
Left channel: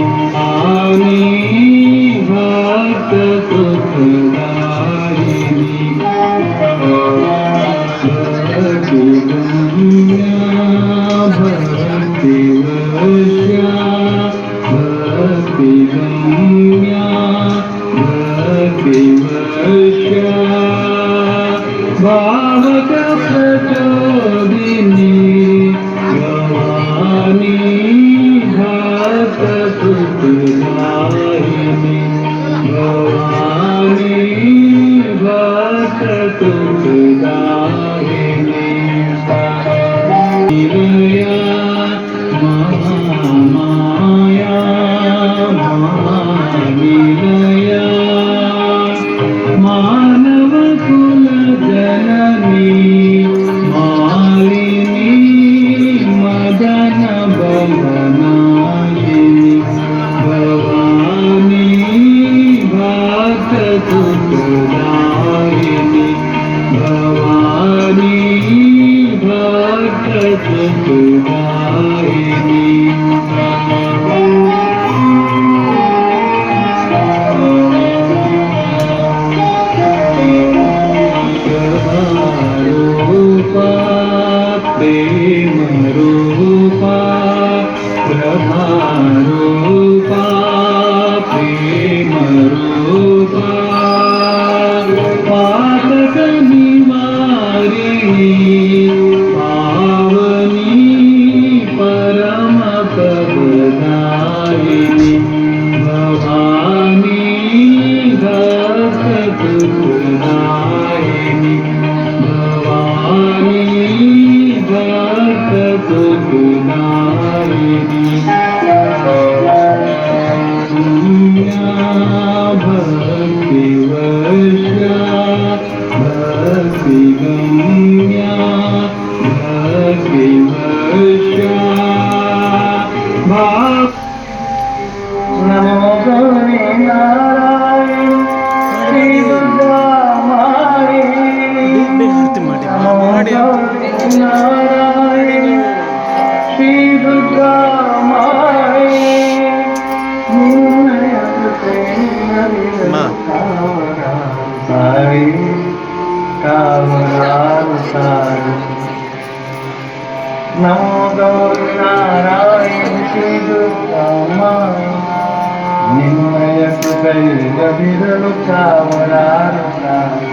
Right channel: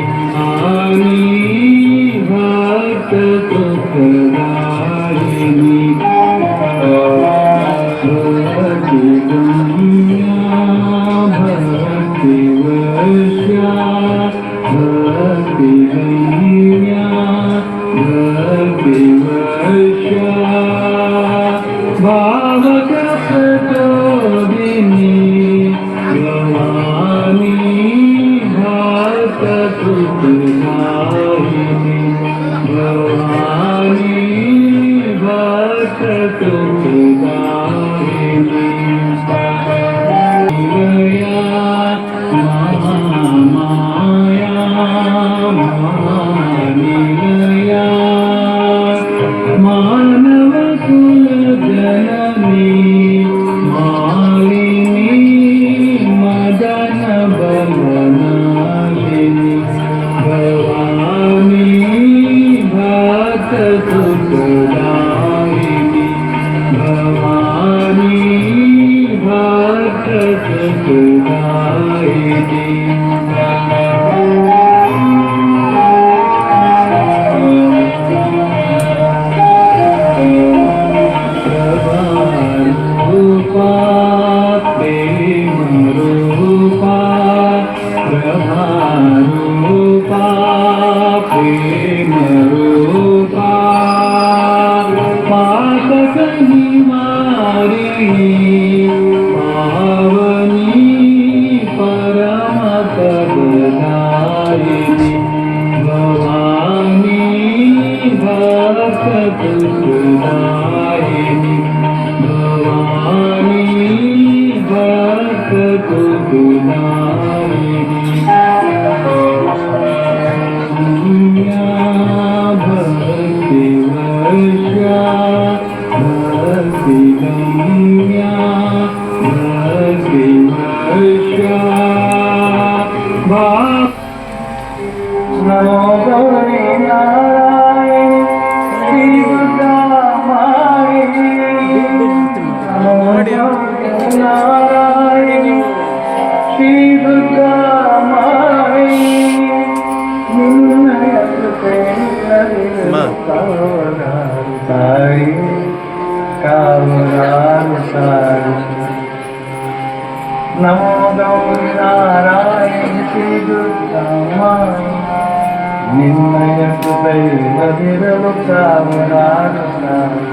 ನಿನ್ನಯ ಕೃಪೆಯಿಲ್ಲದಿರಲು ಕಾವಲಾರುತ್ತಾರೆ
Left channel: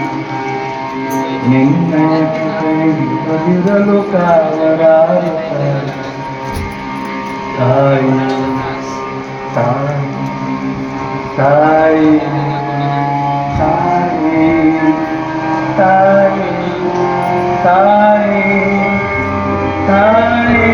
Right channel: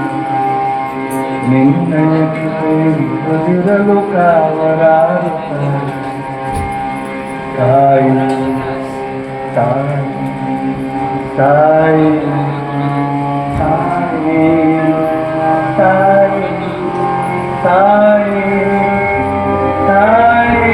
ನಿನ್ನಯ ಕೃಪೆಯಿಲ್ಲದಿರಲು ಕಾವಲಾರುತ್ತಾರೆ ತಾಯಿ ತಾಯಿ ತಾಯಿ ತಾಯಿ ತಾಯಿ ತಾಯಿ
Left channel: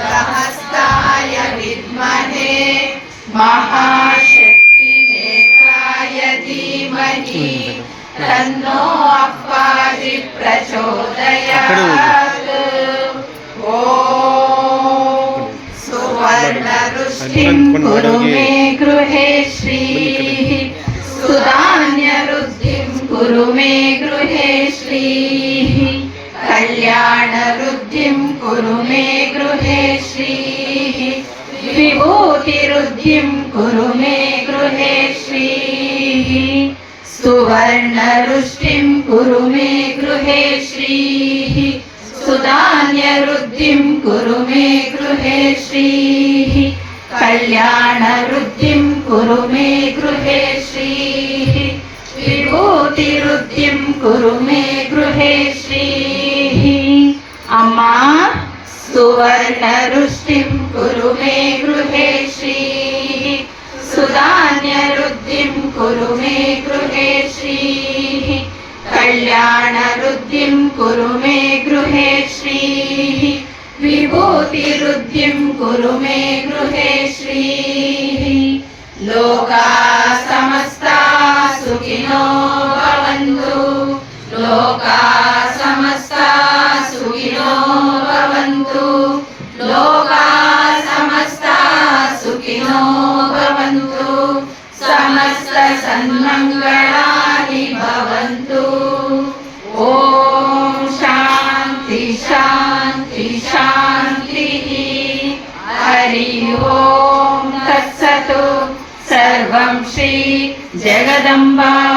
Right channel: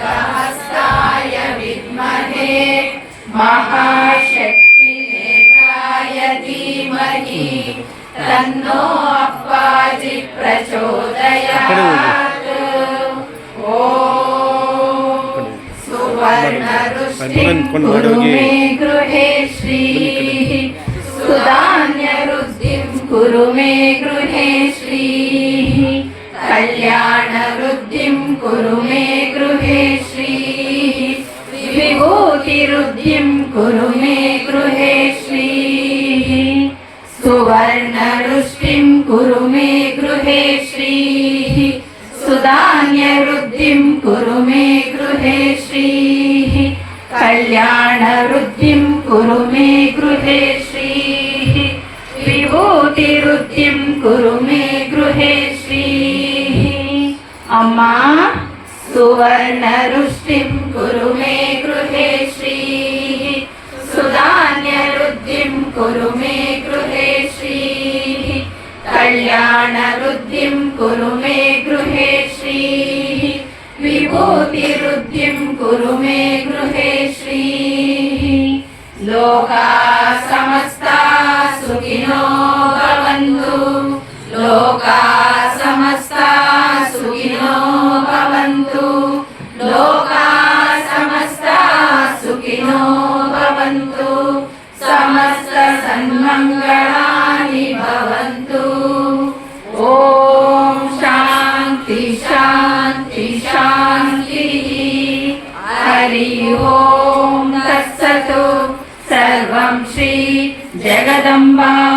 अमृतहस्ताय विद्महे महाशक्तिनेत्राय धीमहि तन्नो अप्पाजि प्रचोदयात्। ॐ सुवर्णरुष्टिं कुरु मे गृहे श्रीः सुधान्यवृद्धिं कुरु मे गृहे श्रीः कल्याणवृद्धिं कुरु मे गृहे श्रीः विभूतिवृद्धिं कुरु मे गृहे श्रीः सुवर्णरुष्टिं कुरु मे गृहे श्रीः सुधान्यवृद्धिं कुरु मे गृहे श्रीः कल्याणवृद्धिं कुरु मे गृहे श्रीः विभूतिवृद्धिं कुरु मे गृहे श्रीः अम्मा सुवर्णरुष्टिं कुरु मे गृहे श्रीः सुधान्यवृद्धिं कुरु मे गृहे श्रीः कल्याणवृद्धिं कुरु मे गृहे श्रीः विभूतिवृद्धिं कुरु मे गृहे श्रीः लोका समस्ता सुखिनो भवन्तु लोका समस्ता सुखिनो भवन्तु लोका समस्ता सन्मङ्गलानि भवन्तु। ॐ शान्ति शान्ति शान्तिः। हरि ओम तत्सत्। सर्वं श्री जगदम्बा